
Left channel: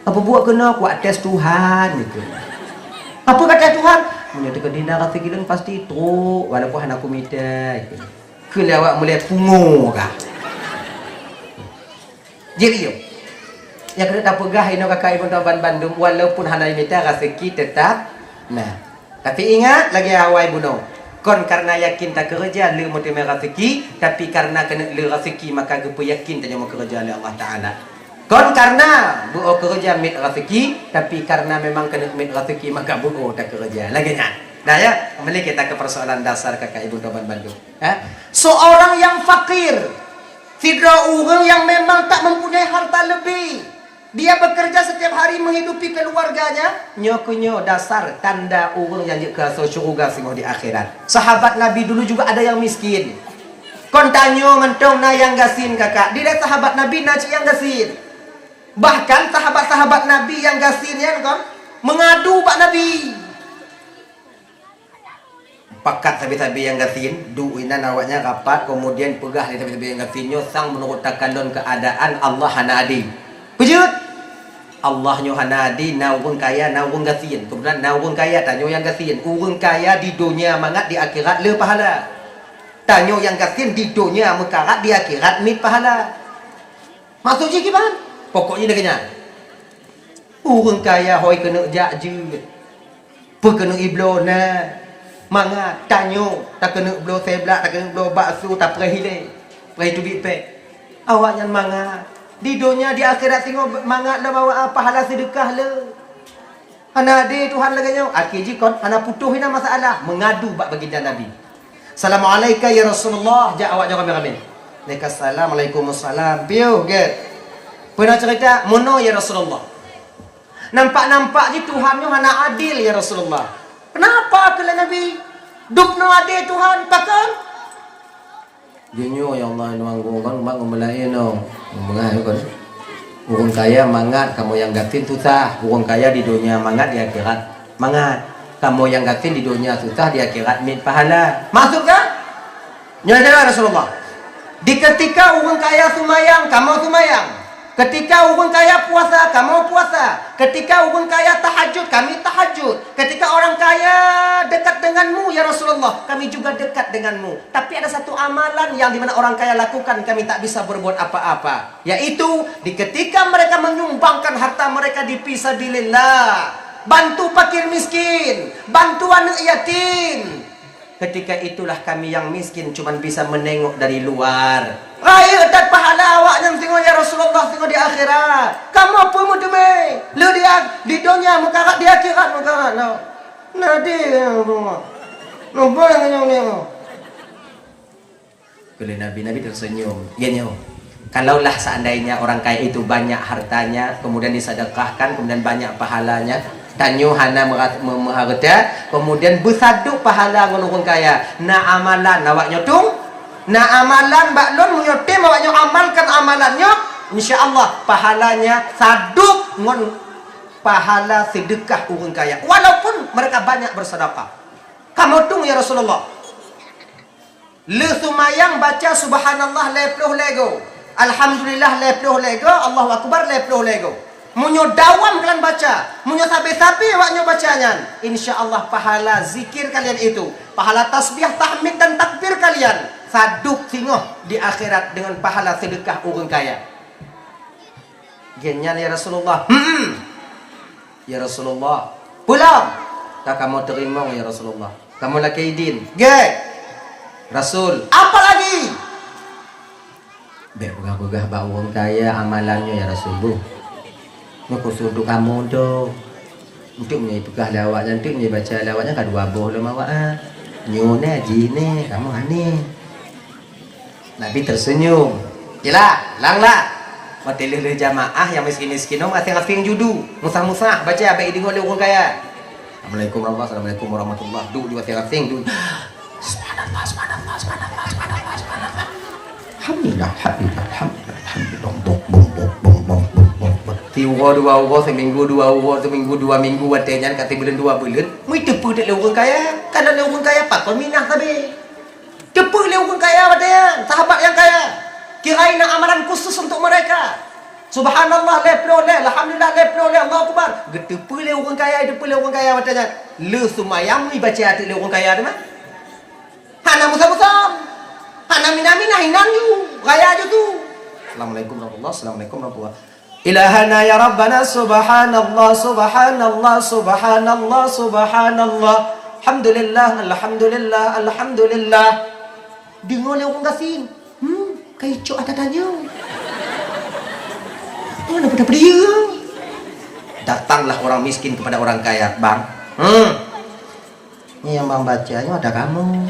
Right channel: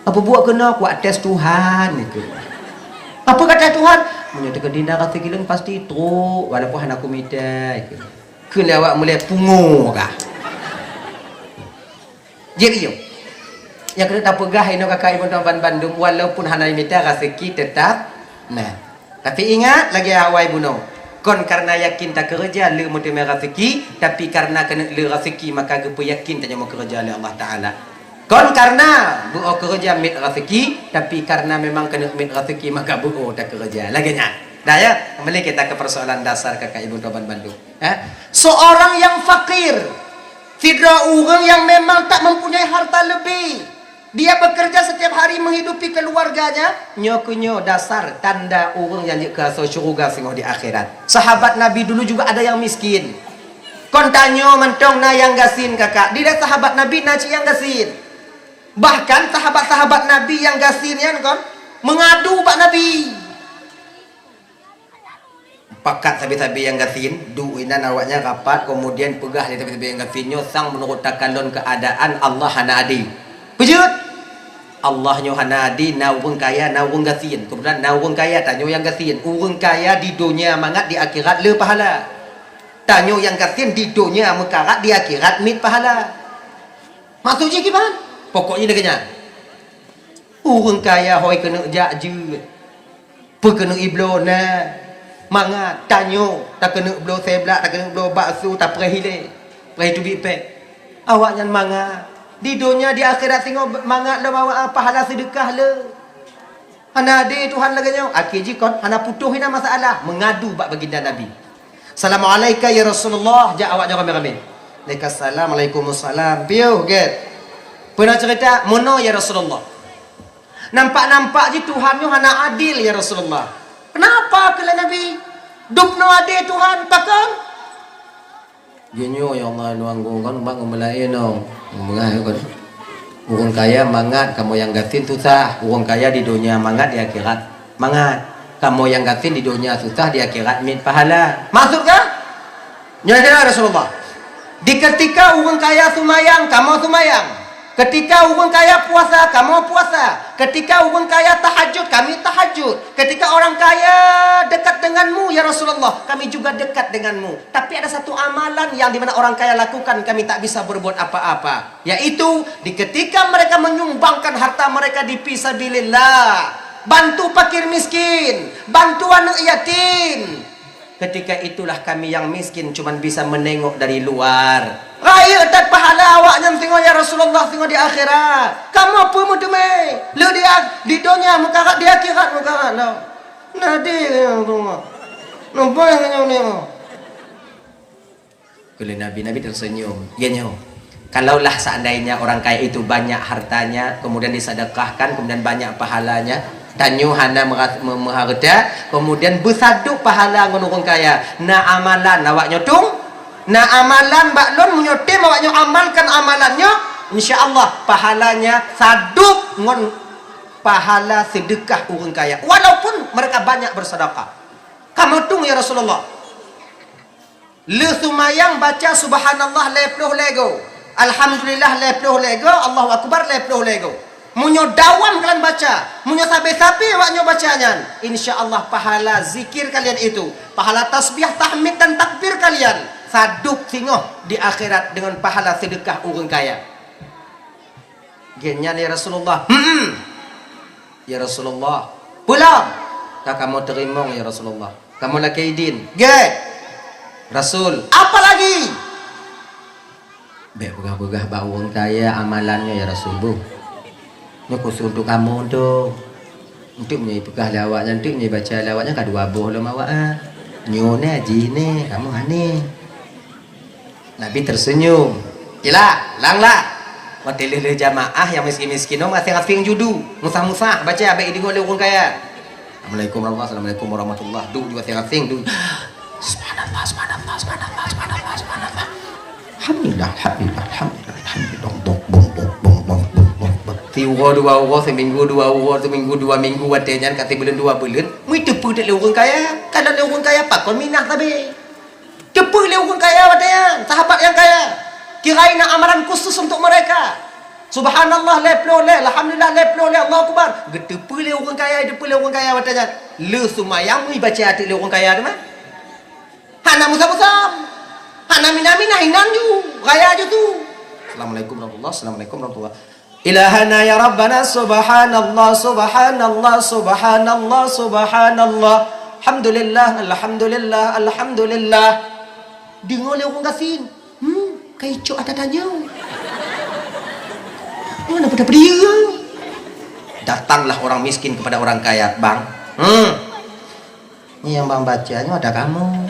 Apa buat kena ku atas Tuhan itu. Apa kata Tuhan? Menyata kedinda kata gilang pasti truk walaupun aku minta itu. Kena awak mulai pungu kah? Jadi yang kena tak pegah ino kakak ibu Tuan Bandung walaupun hana minta rezeki tetap nah tapi ingat lagi awal ibu no kon karena yakin tak kerja lu mau terima rezeki tapi karena kena lu rezeki maka gepu yakin tak mau kerja oleh Allah Ta'ala kon karena buo kerja mit rezeki tapi karena memang kena mit rezeki maka buo tak kerja lagi nya nah ya kembali kita ke persoalan dasar kakak ibu Tuan Bandung seorang yang fakir tidak orang yang memang tak mempunyai harta lebih. Dia bekerja setiap hari menghidupi keluarganya. Nyokunyo dasar tanda urung yang ke surga semua di akhirat. Sahabat Nabi dulu juga ada yang miskin. Kontanyo mentong na yang gasin kakak. Dia sahabat Nabi na yang gasin. Bahkan sahabat-sahabat Nabi yang gasinnya kan mengadu pak Nabi. Pakat sabi-sabi yang gasin, duinan awaknya rapat kemudian pegah di sabi-sabi yang gasinyo sang menurut takalon keadaan Allah hana adi. Kejut Allah nyo hanadi na urang kaya na urang gasin. Kemudian na urang kaya tanyo yang gasin. Urang kaya di dunia mangat di akhirat le pahala. Tanyo yang gasin di dunia mekarat di akhirat mit pahala. Maksudnya gimana? Pokoknya dekanya. Urang kaya hoi kena jakjut. Pekena iblona. Mangat tanyo tak kena iblo seblak tak kena iblo bakso tak prehile. Prehi tu bipe. Awak yang mangat di dunia di akhirat tengok mangat dah bawa pahala sedekah le. Hana ade Tuhan laganya. Akhir jikon hana putuh hina masalah mengadu bak baginda Nabi. Assalamualaikum ya Rasulullah. Jak awak jangan ramai. Waalaikumsalam. Piu get. Pernah cerita mono ya Rasulullah. Nampak-nampak je Tuhan ni hana adil ya Rasulullah. Kenapa kala Nabi? Dukno adil Tuhan takkan? Genyo ya Allah nuanggo kan mak ngemelain no. Mengah kan. Urang kaya mangat, kamu yang gatin susah. Urang kaya di dunia mangat di akhirat mangat. Kamu yang gatin di dunia susah di akhirat mit pahala. Maksud kan? Nyata Rasulullah. Di ketika urang kaya sumayang, kamu sumayang. Ketika orang kaya puasa, kamu puasa. Ketika orang kaya tahajud, kami tahajud. Ketika orang kaya dekat denganmu, ya Rasulullah, kami juga dekat denganmu. Tapi ada satu amalan yang dimana orang kaya lakukan, kami tak bisa berbuat apa-apa. Yaitu, ketika mereka menyumbangkan harta mereka di fisabilillah. Bantu fakir miskin, bantu anak yatim. Ketika itulah kami yang miskin cuma bisa menengok dari luar. Raya dan pahala awaknya tengok ya Rasulullah, tengok di akhirat. Kamu apa mu demi? Lu dia di dunia muka di akhirat muka no. Nadi no boleh ni. Kalau Nabi tersenyum. Ya nyo. Kalaulah seandainya orang kaya itu banyak hartanya, kemudian disedekahkan, kemudian banyak pahalanya, tanyo hana mengharga, kemudian bersaduk pahala ngon orang kaya. Na amalan awak nyotung, na amalan baklon menyotem awak nyo amalkan amalannya, insyaallah pahalanya saduk ngon pahala sedekah orang kaya. Walaupun mereka banyak bersedekah. Kamu tung ya Rasulullah. Le sumayang baca subhanallah leploh lego. Alhamdulillah leploh lego, Allahu akbar leploh lego. Munyo dawam kalian baca, munyo sabi-sabi awaknya bacanya. Insyaallah pahala zikir kalian itu, pahala tasbih, tahmid dan takbir kalian saduk singoh di akhirat dengan pahala sedekah orang kaya. Genya ya Rasulullah. Ya Rasulullah. Pulang. Tak kamu terima ya Rasulullah. Kamu laki idin. Rasul. Apa lagi? Begah-begah bau orang kaya amalannya ya Rasulullah. Ini khusus untuk kamu tu. Untuk menyai pekah lawaknya, untuk menyai baca lawaknya kadua boh lah mawak. Nyone haji ni, kamu ani. Nabi tersenyum. Yalah, langlah. Waktu lele jamaah yang miskin-miskin no masih ngafing judu. Musah-musah baca abai di oleh orang kaya. Assalamualaikum warahmatullahi wabarakatuh. Duk juga ngafing duk. Subhanallah, subhanallah, subhanallah, subhanallah, subhanallah. Alhamdulillah, alhamdulillah, alhamdulillah, alhamdulillah. Tiga dua orang seminggu dua orang seminggu dua minggu watenya kata bulan dua bulan. Mu tepu dak le orang kaya. Kan ada orang kaya pak kon minah tabe. Tepu le orang kaya watenya, sahabat yang kaya. Kirain amalan khusus untuk mereka. Subhanallah leplo le, alhamdulillah leplo le, Allahu akbar. Getepu le orang kaya, depu le orang kaya watenya. Le sumayang mu baca hati le orang kaya tu mah. Hana musam-musam. Hana minamina hinan ju, kaya ju tu. Assalamualaikum warahmatullahi wabarakatuh. Assalamualaikum warahmatullahi wabarakatuh. Ilahana ya Rabbana subhanallah subhanallah subhanallah subhanallah alhamdulillah alhamdulillah alhamdulillah. Dengar le orang gasin. Kaicok ada tanya. Mana pada dia? Datanglah orang miskin kepada orang kaya, Bang. Ini yang Bang bacanya ada kamu.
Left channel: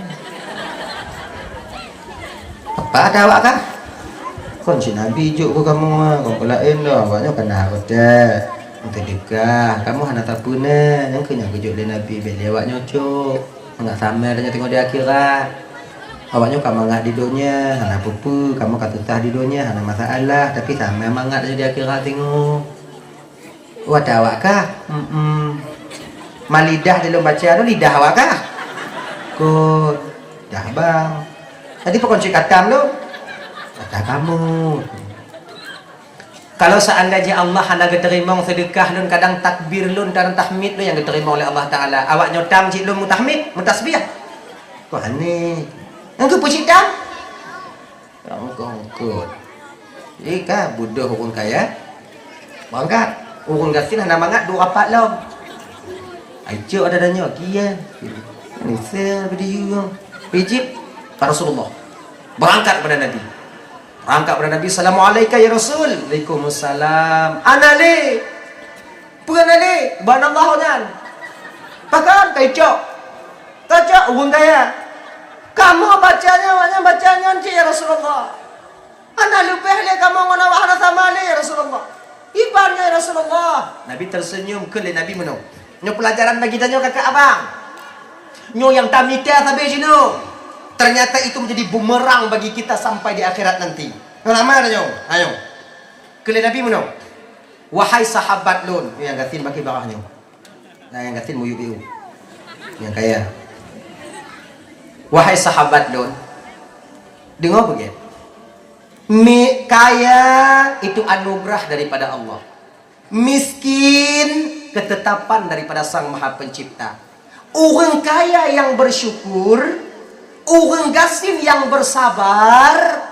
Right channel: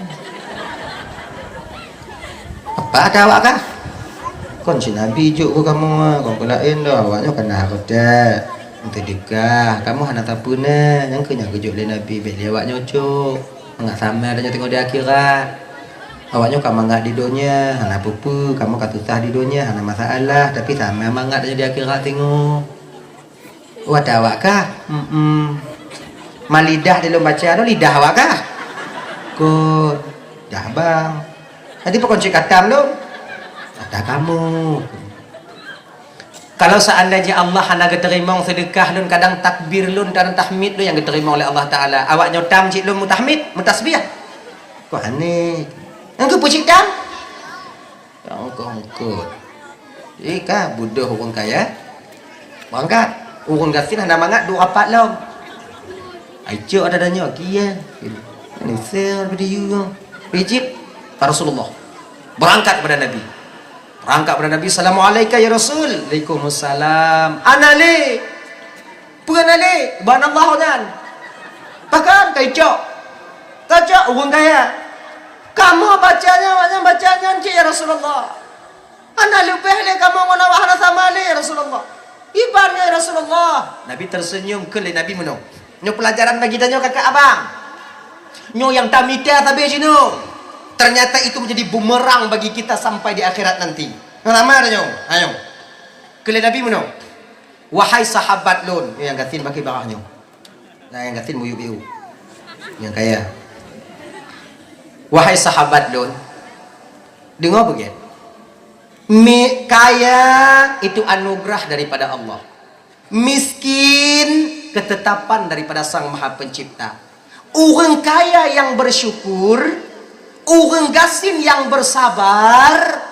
Apa ada awak kan? Kon si Nabi juk ke kamu, kon kelain dah awaknya kena kerja. Untuk dekah, kamu hana tapuna, yang kena kejuk le Nabi beli awaknya cuk. Enggak sama adanya tengok di akhirat. Awaknya kamu mangat di dunia, hana pupu, kamu katusah di dunia, hana masalah, tapi sama mangat di akhirat tengok. Wadah awak kah? Malidah dalam baca ada lidah awak kah? Kod, dah bang. Tadi pokok cakap kamu lo. Kata kamu. Kalau seandainya Allah hanya terima sedekah lun kadang takbir lun dan tahmid lun yang diterima oleh Allah Taala. Awak nyotang cik lun mutahmid, mutasbih. Kok aneh. Yang ke pucik dam? Yang kongkot. Ika budoh orang kaya. Wangkat. Orang gasin hana mangat dua rapat lah. Aisyah ada danya. Kia. Ini sel berdiri. Pijip. Rasulullah. Berangkat kepada Nabi. Berangkat kepada Nabi. Assalamualaikum ya Rasul. Waalaikumsalam. Anali. Bukan anali. Bukan Allah kan. Bahkan kaicok. Kaicok orang kaya. Kamu bacanya cik ya Rasulullah. Anda lupa le kamu ngono wahana sama le ya Rasulullah. Ibarnya ya Rasulullah. Nabi tersenyum ke le Nabi menung. Nyo pelajaran bagi danyo kakak abang. Nyo yang tamita sampai sini. Ternyata itu menjadi bumerang bagi kita sampai di akhirat nanti. Nama ada nyo. Ayo. Ke le Nabi menung. Wahai sahabat lun, yang gatin bagi barahnya. Nah yang gatin muyu-muyu. Yang kaya. Wahai sahabat lun, dengar begitu. Kaya itu anugerah daripada Allah. Miskin ketetapan daripada Sang Maha Pencipta. Orang kaya yang bersyukur, orang gasin yang bersabar,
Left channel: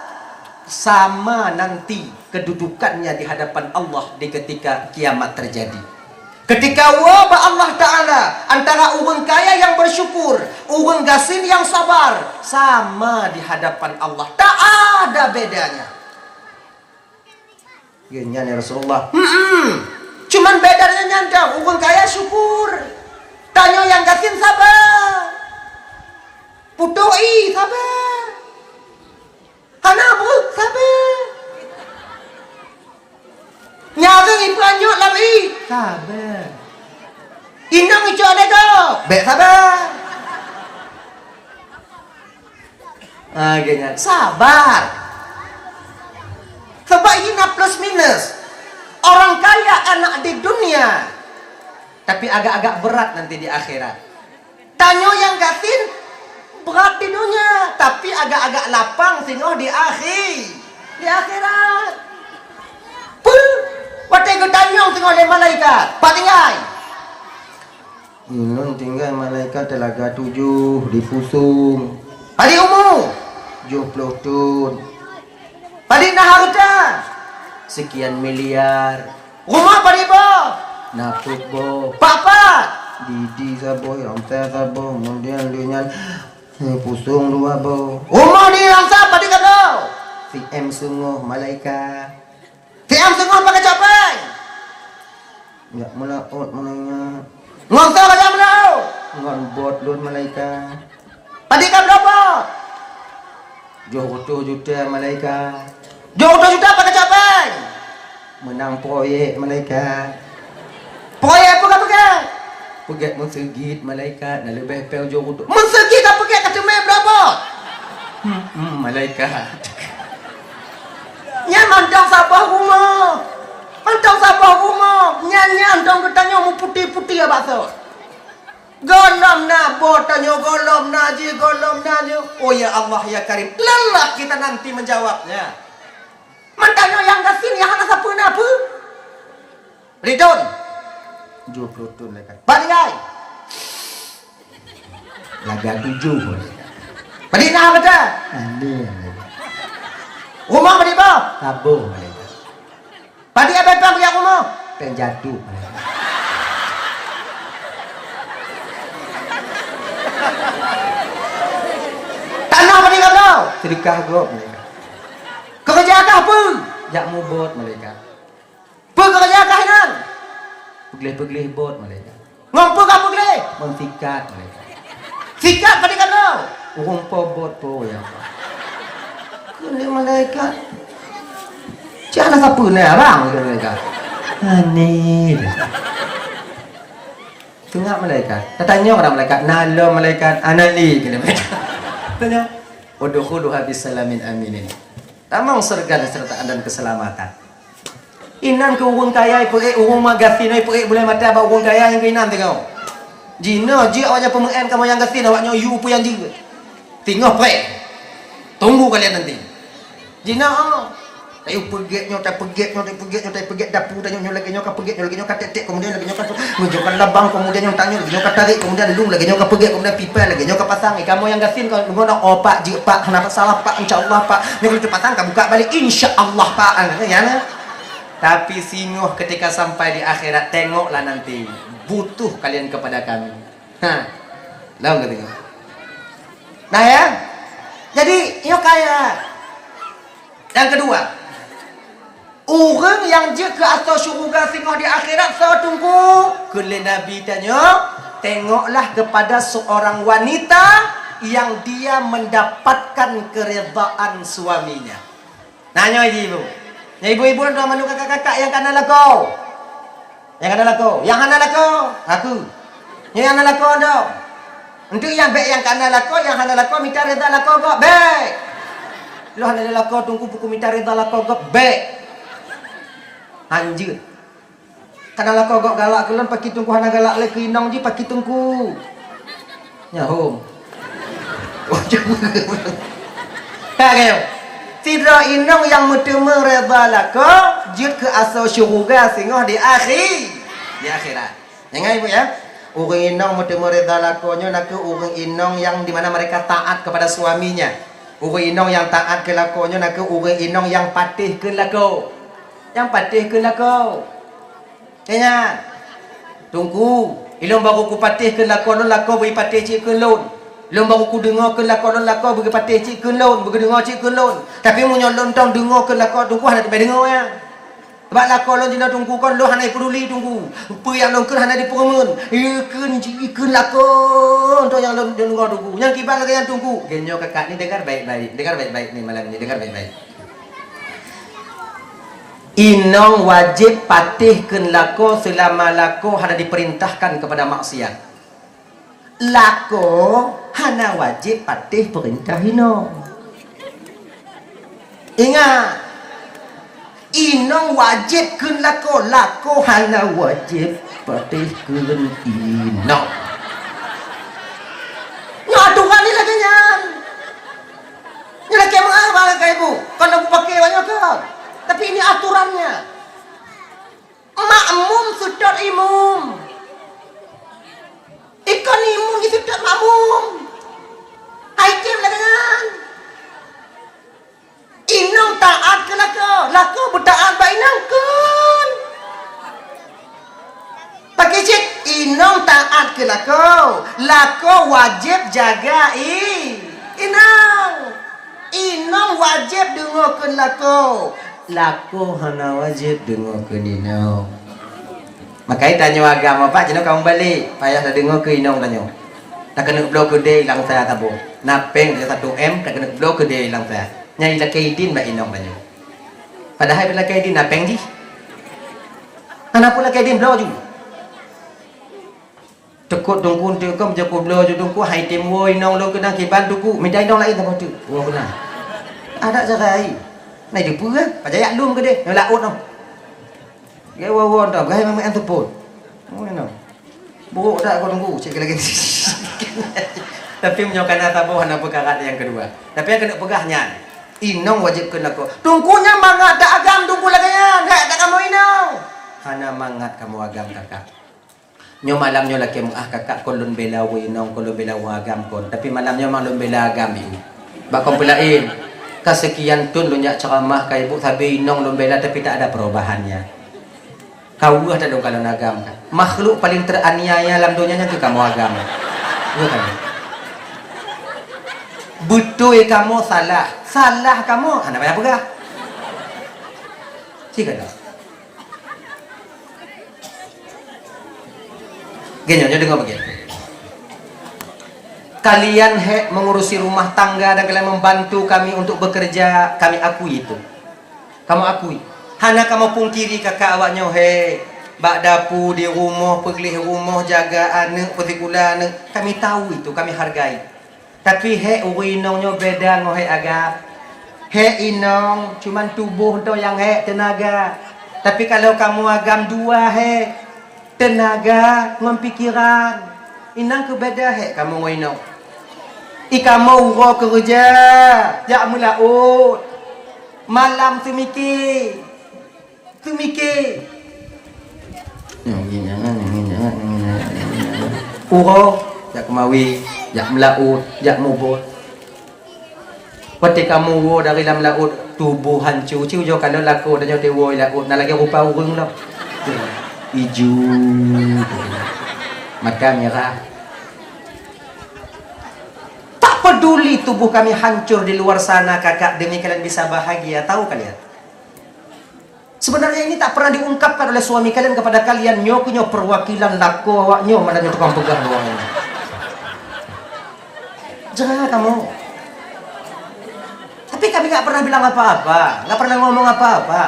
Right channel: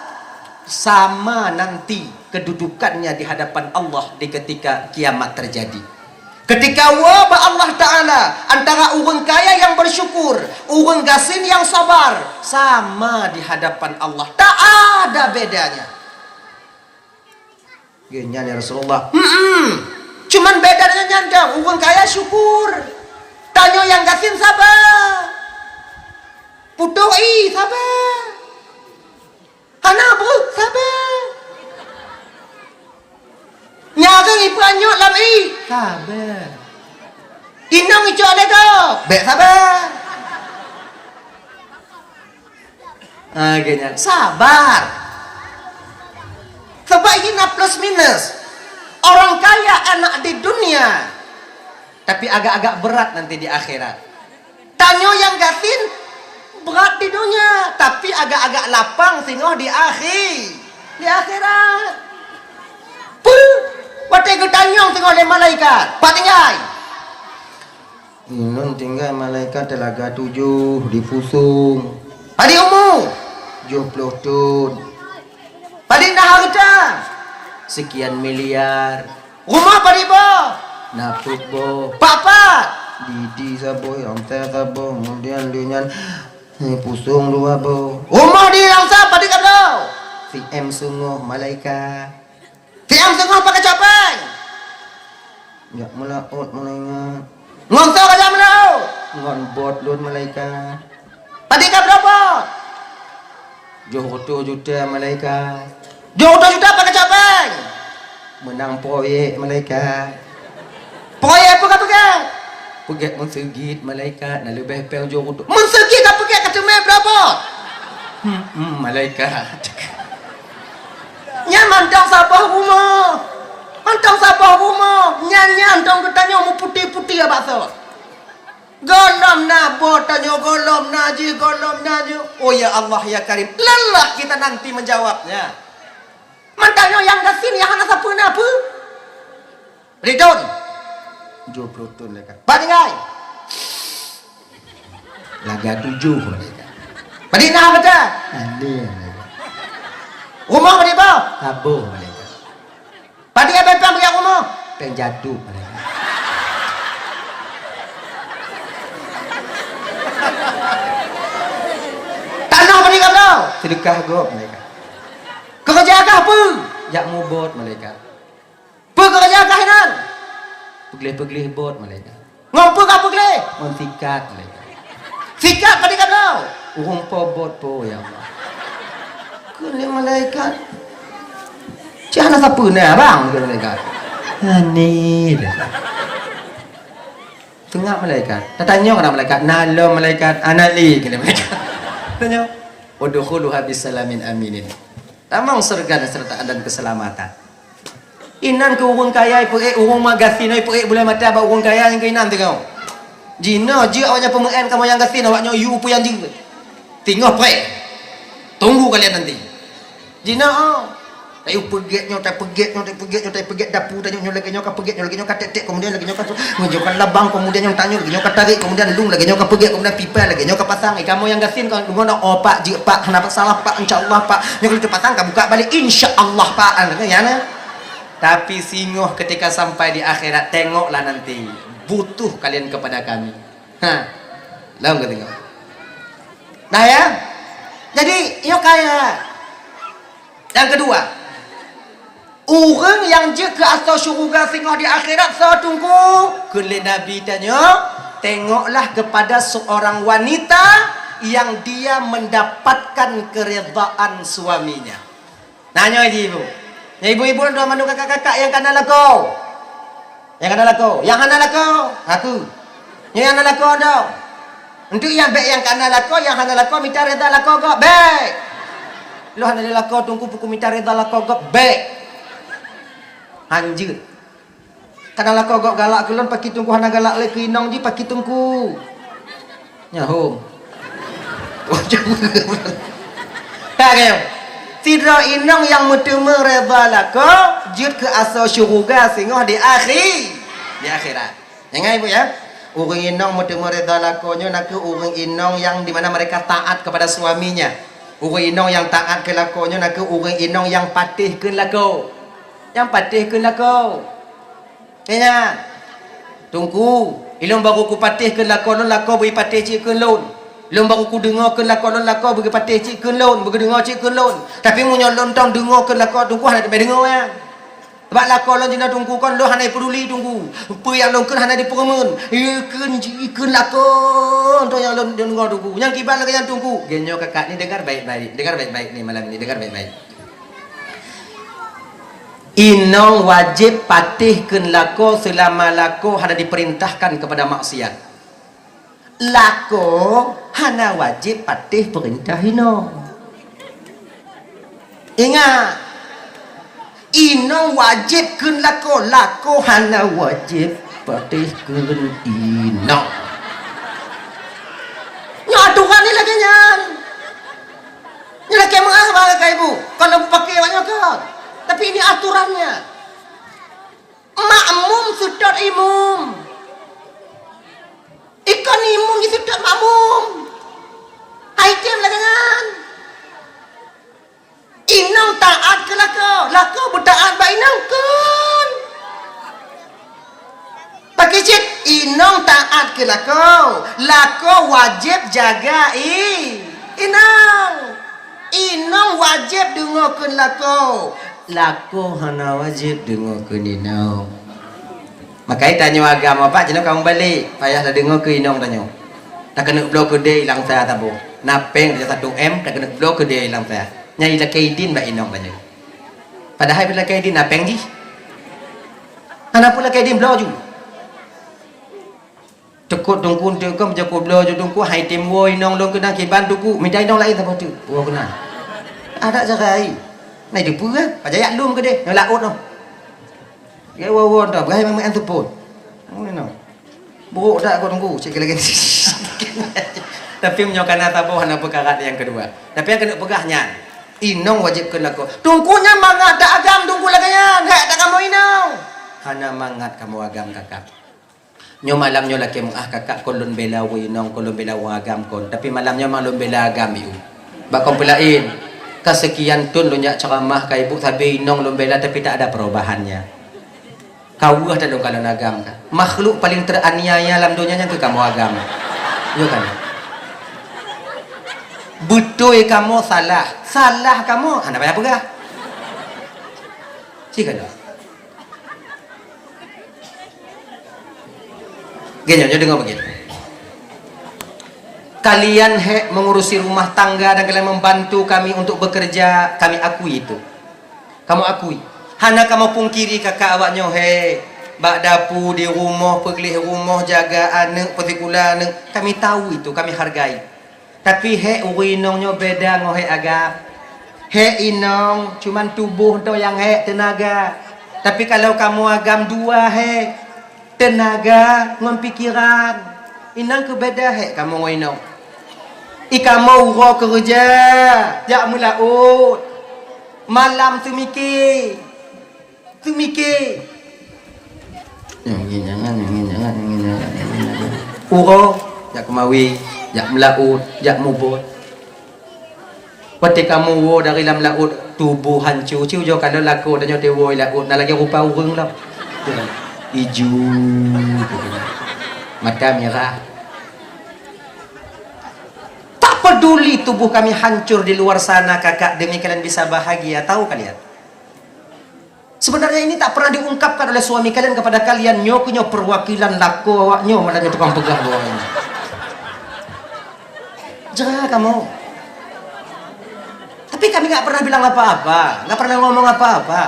sama nanti kedudukannya di hadapan Allah di ketika kiamat terjadi. Ketika wabah Allah Ta'ala antara orang kaya yang bersyukur, orang gasin yang sabar, sama di hadapan Allah. Tak ada bedanya. Gini ya Rasulullah. Cuman bedanya nyanda, orang kaya syukur, tanya yang gasin sabar. Putoi sabar. Karena bu sabar. Nyari ipanyo lami sabar. Inang ijo ada dah. Bek sabar. Gini sabar. Sebab ini plus minus. Orang kaya enak di dunia, tapi agak-agak berat nanti di akhirat. Tanyo yang gasin berat di dunia, tapi agak-agak lapang sinoh di akhirat. Puh, watai ke tanyong tengok oleh malaikat. Pak tinggal. Inun tinggal malaikat telaga 7 di Fusung. Padi umur 70 tun. Padi nah harta sekian miliar. Rumah padi bo. Naput bo. Papa. Didi sabo, yang sabo, kemudian dia ini Fusung 2 bo. Rumah di Rangsa padi kau. Si M sungguh malaikat. Tiang tengah pakai capek. Ya melaut menengah. Ngongsa aja melaut. Ngon bot lun malaikat. Tadi kan berapa? Jodoh juta malaikat. Jodoh juta pakai capek. Menang proyek malaikat. Proyek apa kau pakai? Pakai mensegit malaikat. Nak lebih pel jodoh. Mensegit apa pakai kacamata berapa? Malaikat. Nya mandang sabah rumah. Mandang sabah rumah. Nya andong bertanya mu putih-putih apa so? Golom na bo tanya golom naji. Oh ya Allah ya Karim. Lelah kita nanti menjawabnya. Mantanya yang gasin yang hana sapu apa? Ridon. 20 tun lekat. Paningai. Laga 7. Padina betul? Ada. Rumah beri apa? Tabuh mereka. Padi apa yang beri rumah? Penjatuh mereka. Tanah beri apa? Sedekah gop mereka. Kerja agak pun? Jak mubot mereka. Pekerja agak hinan? Pegelih-pegelih bot mereka. Ngompuk apa pegelih? Ngontikat mereka. Sikat beri apa? Urung pobot po ya. Ini malaikat. Jangan siapa nak bang gitu malaikat. Ani dah. Tengok malaikat. Tanya orang malaikat. Nalo malaikat anali gitu malaikat. Tanya. Udkhuluha bisalamin aminin. Tamang surga serta dan keselamatan. Inan ke urung kaya pergi urung magasin ai pergi boleh mata ba urung kaya yang keinan tengok. Jina ji awaknya pemen kamu yang gasin awaknya you pu yang ji. Tengok pre. Tunggu kalian nanti. Jina tayo pegeknya dapur tanya lagi nyoka pegek lagi nyoka tetek kemudian lagi nyoka menunjukkan labang kemudian yang tanya lagi nyoka tarik kemudian lung lagi nyoka pegek kemudian pipa lagi nyoka pasang kamu yang gasin kalau ngono oh pak ji pak kenapa salah pak insyaallah pak yang itu pasang kamu buka balik insyaallah pak ya nah. Tapi singoh ketika sampai di akhirat tengoklah nanti butuh kalian kepada kami. Tahu enggak tengok. Nah ya. Jadi yo kaya. Yang kedua, orang yang je ke asal syurga singoh di akhirat saya tunggu kele Nabi tanya, tengoklah kepada seorang wanita yang dia mendapatkan keredaan suaminya. Nanya ibu. Ya ibu-ibu dan manu kakak-kakak yang kana lako. Yang kana lako, aku. Yang kana lako dah. Untuk yang baik yang kana lako, yang kana lako minta reda lako gak baik. Lu hana lako tunggu buku minta reda lako gak baik. Anjir. Kana lako gak galak kulon paki tunggu hana galak le kinong ji paki tunggu. Nya hom. Kagak. Sidra inong yang mutuma reda lako jut ke asal syurga singoh di akhirat. Jangan ibu ya. Orang inong mutuma reda lakonya nak orang inong yang di mana mereka taat kepada suaminya. Orang inong yang taat ke lakonya nak orang inong yang patih ke lako. Yang patih ke lako. Tanya. Tunggu. Ilong baru ku patih ke lako beri patih cik ke lon. Lon baru ku dengar ke lako bagi patih cik ke lon, bagi dengar cik ke lon. Tapi munyo lon tong dengar ke lako tunggu hana sampai dengar ya. Sebab lako lon jina tunggu kan lon hana peduli tunggu. Apa yang lon kan hana diperemun. Ikun lako untuk yang lon dengar tunggu. Yang kibat lagi yang tunggu. Genyo kakak ni dengar baik-baik. Dengar baik-baik ni malam ni dengar baik-baik. Inau wajib patih ke lako selama lako hana diperintahkan kepada maksiat. Lako hana wajib patih perintah ino. Ingat, inong wajib ke lako hana wajib patih ke ino. Aturan ni lagi nyan. Ni lagi mengarah ke ibu. Kalau pakai banyak kan. Tapi ini aturannya. Makmum sudut imum. Ikan imun di sudut makmum. Haikir lah kan. Inang taat ke lako bertaat ba inang kun. Pakai cik inang taat ke lako wajib jaga inang wajib dengar ke lako hana wajib dengar ke inang. Makanya tanya agama pak, jangan kamu balik. Payah dah dengar ke inong tanya. Tak kena blok ke dia hilang saya tabu. Napeng dia 1M, tak kena blok ke dia hilang saya. Nyai lah kaidin mbak inong tanya. Padahal bila kaidin napeng di. Kenapa lah kaidin blok ju? Tekut dongku tekam jago blok ju dongku hai timbo inong lo kena kiban dongku. Midai inong lain tabu tu. Oh kena. Ada jagai. Nai di puran. Pajayak lum ke dia. Yang laut noh. Gaya wawan tak, gaya memang antepun. Mana? Buruk tak kau tunggu, cik lagi. Tapi menyokan tabu hana perkara yang kedua. Tapi yang kena pegahnya, inong wajib kena kau. Tunggunya mangat tak agam tunggu lagi ya, tak kamu inong. Hana mangat kamu agam kakak. Nyo malamnya laki mengah kakak kolon bela inong, kolon bela agam kon. Tapi malamnya malum bela agam itu. Bakon pelain. Kesekian tun lunyak ceramah kai ibu sabi inong lum bela tapi tak ada perubahannya. Kau ada dong kalau agama kan. Makhluk paling teraniaya dalam dunia yang kamu agama. Bukan. Betul kamu salah. Salah kamu. Anda banyak pegah. Cik kan? Gini aja dengar begini. Kalian mengurusi rumah tangga dan kalian membantu kami untuk bekerja, kami akui itu. Kamu akui. Hana kamu pungkiri kakak awaknya bak dapu di rumah, pergi rumah, jaga anak, pertikula anak. Kami tahu itu, kami hargai. Tapi urinongnya beda ngoh agak. Inong cuman tubuh tu yang tenaga. Tapi kalau kamu agam dua tenaga ngon pikiran. Inang ke beda kamu inong. Kamu uro kerja, jak melaut. Malam tu mikir. Yang jangan. Uro, jak kemawi, jak melaut, jak mubur. Ketika kamu uro dari dalam laut, tubuh hancur. Ciu jo kalau laku dan jo dewo laut, nak lagi rupa urung lah. Hijau, mata merah. Tak peduli tubuh kami hancur di luar sana kakak demi kalian bisa bahagia. Tahu kalian? Sebenarnya ini tak pernah diungkapkan oleh suami kalian kepada kalian. Nyo punya perwakilan laku awaknya mana dia tukang pegang doang. Jangan kamu. Tapi kami nggak pernah bilang apa-apa, nggak pernah ngomong apa-apa.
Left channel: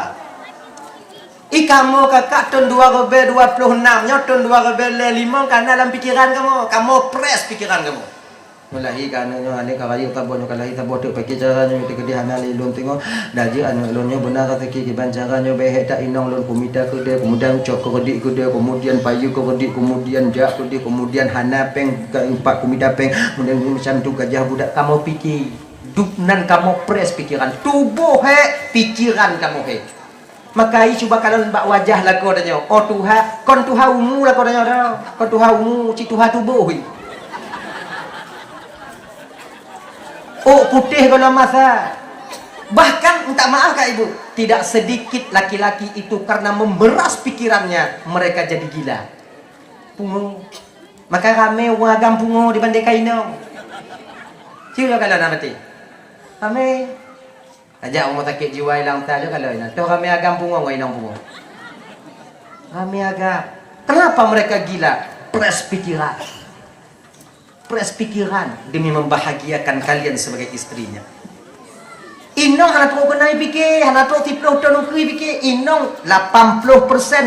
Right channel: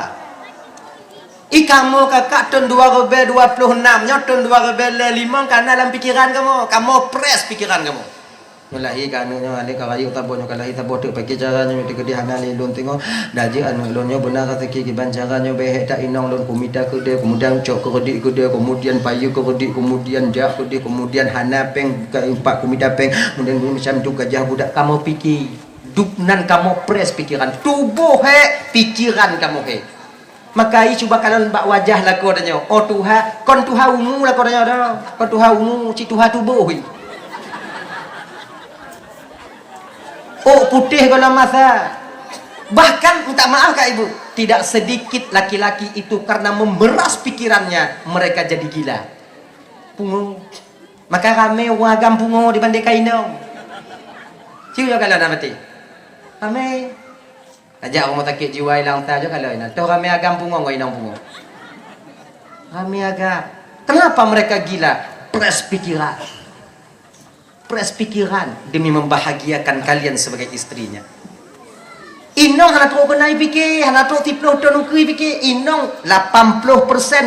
Kamu kakak tahun 2026 nya tahun 2005 karena dalam pikiran kamu press pikiran kamu. Mulai kanu ale karayu tabonyo kalai tabotu pakai caranya miti kedihanan ilun tengok daji anu ilunnya benar kata ki bancaranya behe tak inong lun pumita ke dia kemudian cok kedik ke dia kemudian payu ke kedik kemudian jak ke dia kemudian hanapeng ke impak kumita peng kemudian macam tu gajah budak kamu fikir dupnan kamu pres pikiran, tubuh pikiran kamu maka i cuba kalau mbak wajah lah kau tanya, oh Tuhan, kon Tuhan umu lah kau tanya dah, kon Tuhan umu, si Tuhan tubuh oh putih kalau masa. Bahkan minta maaf kak ibu, tidak sedikit laki-laki itu karena memeras pikirannya mereka jadi gila. Pungo. Maka kami wagam pungo dibanding kainong. Siapa kalau nak mati? Kami ajak kamu takik jiwa hilang saja kalau ini. Tahu kami agam pungo nggak inong pungo. Kami agak. Kenapa mereka gila? Pres pikiran. Pres pikiran demi membahagiakan kalian sebagai istrinya. Inong anak tua kenai fikir, anak tua 10 tahun ukui fikir, inong 80%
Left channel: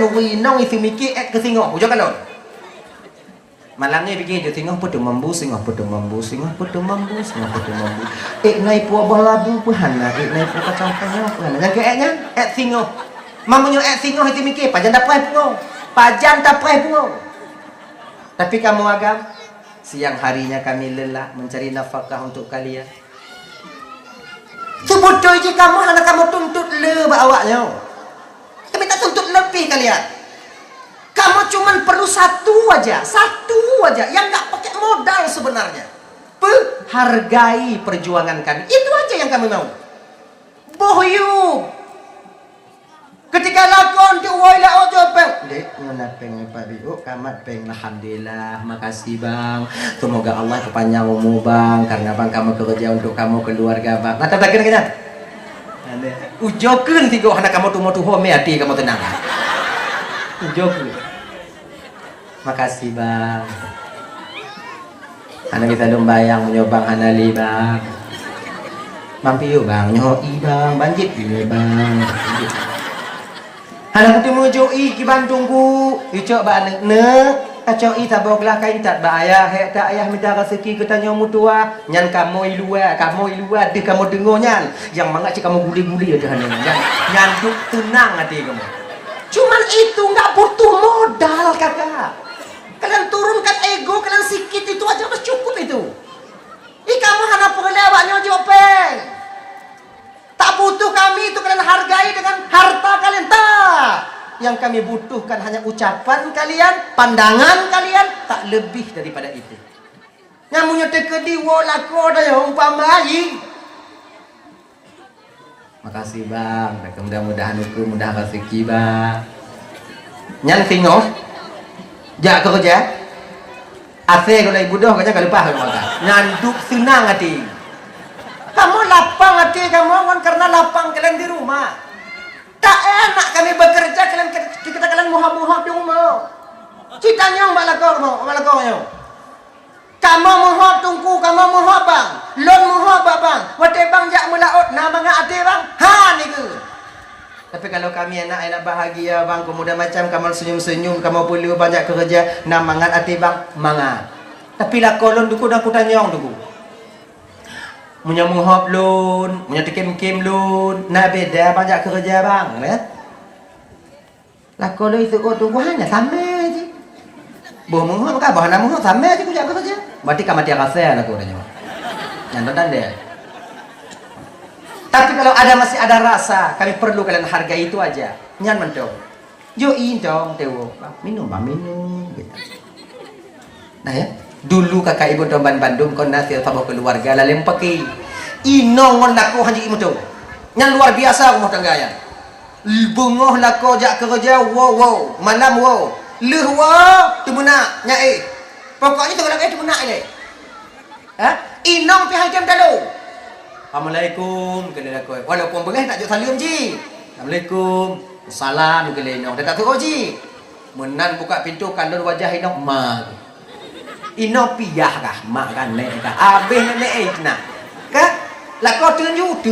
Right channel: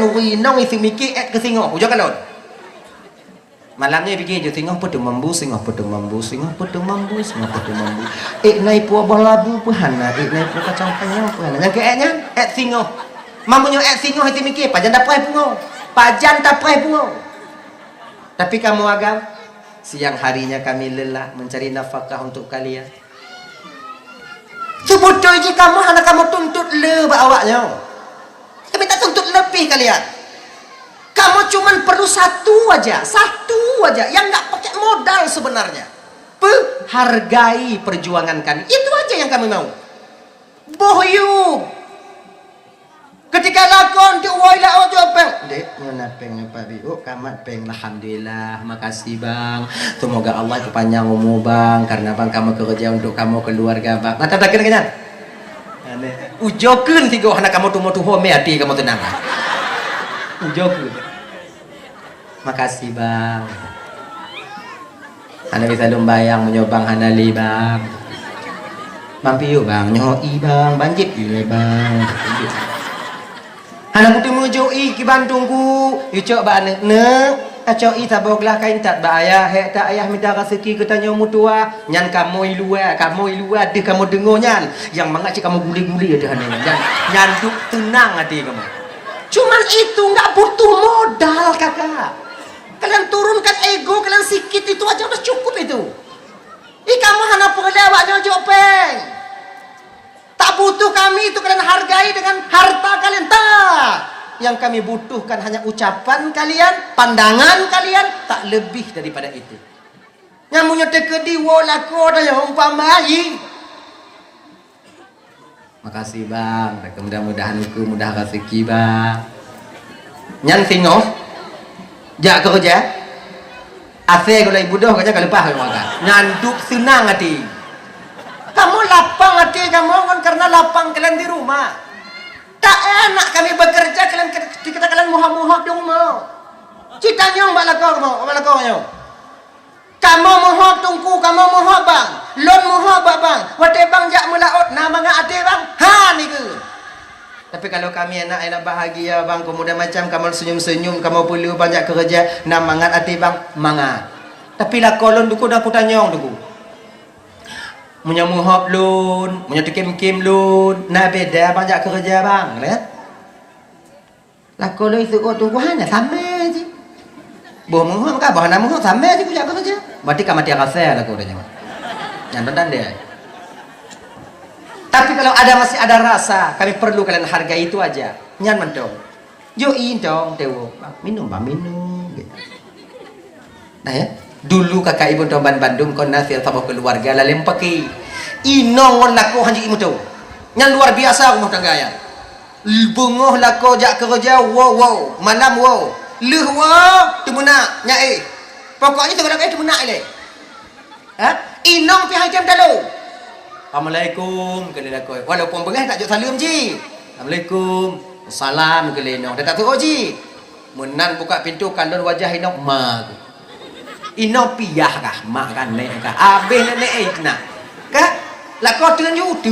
ukui inong itu mikir ke singok. Ujak kalau malamnya fikir je singok putu mambu, singok putu mambu, singok putu mambu, singok putu mambu. Naik puah balabu puhana, naik puah kacang tanya puhana. Yang keeknya singok. Mamunyo singok itu mikir, pajan dapat pungo, pajan dapat pungo. Tapi kamu agam, siang harinya kami lelah mencari nafkah untuk kalian. Sebetulnya je kamu anak kamu tuntut le awaknya. Tapi tak tuntut lebih kalian. Kamu cuma perlu satu aja yang nggak pakai modal sebenarnya. Hargai perjuangan kami. Itu aja yang kami mau. Bohyu. Ketika lakon tu woi la ojo peng. Dek, nyona peng Pak Biu, kamat peng alhamdulillah. Makasih Bang. Semoga Allah kepanjang umur Bang karena Bang kamu kerja untuk kamu keluarga Bang. Mata tak kena. Ujokeun tigo anak kamu tu mau tu home hati kamu tenang. Ujokeun. Makasih Bang. Anak bisa lumbayang menyobang hanali Bang. Mampi yuk Bang, nyoi Bang, banjit yuk Bang. Anak tu mengejoi ke Bandung ku, icok ba anak ne, acoi taboglah kain tak ba ayah, tak ayah minta rezeki kita nyomu tua, nyan kamu ilua, de kamu dengo nyan, yang mangak cik kamu guli-guli ada hanya nyan tenang hati kamu. Cuman itu nggak butuh modal kakak. Kalian turunkan ego, kalian sikit itu aja udah cukup itu. Kamu hana pengelawaknya jopeng. Tak butuh kami itu kalian hargai dengan harta kalian. Tak. Yang kami butuhkan hanya ucapan kalian, pandangan kalian, tak lebih daripada itu. Nyamunya tekedi walako dah yang umpamai. Makasih Bang. Mudah-mudahan hukum mudah rezeki Bang. Nyan singo. Jak kerja. Ase kalau ibu dah kerja kalau lepas kalau nyanduk senang hati. Kamu lapang hati kamu karena lapang kalian di rumah. Tak enak kami bekerja kalian muha-muha di rumah. Citanya malako yo. Kamu muha tungku, kamu muha bang. Lon muha bang. Wate bang jak mulaut namanya ate bang. Ha ni ke. Tapi kalau kami enak bahagia bang, kemudian macam kamu senyum-senyum, kamu boleh banyak kerja, namanya ate bang, manga. Tapi lah kolon duku dah aku tanya duku. Punya muhab lun, punya tikim-kim lun, nak beda banyak kerja bang, lihat. Lah kalau itu kau tunggu hanya sama aja. Boh muhab kah, bahan muhab sama aja kerja apa saja. Berarti kamu tiada rasa lah kau tanya. Nyantan dia. Tapi kalau masih ada rasa, kami perlu kalian hargai itu aja. Nyan mentong. Join dong, tewo. Minum bang, minum. Nah ya. Dulu kakak ibu Tomban Bandung kon nasir sama keluarga lalem pakai inong mon laku hanji imu tu yang luar biasa kamu tenggaya bungoh laku jak kerja wow malam wow leh wow tu muna nyai pokoknya tengah nak tu muna ile inong pi hajam dalu assalamualaikum kena laku walaupun boleh tak jauh salam ji assalamualaikum salam kena inong tak tahu ji menan buka pintu kandung wajah inong mak Ino piyah kah, mak kan nek kah, abeh nek nak, kah? Lah kau tunjuk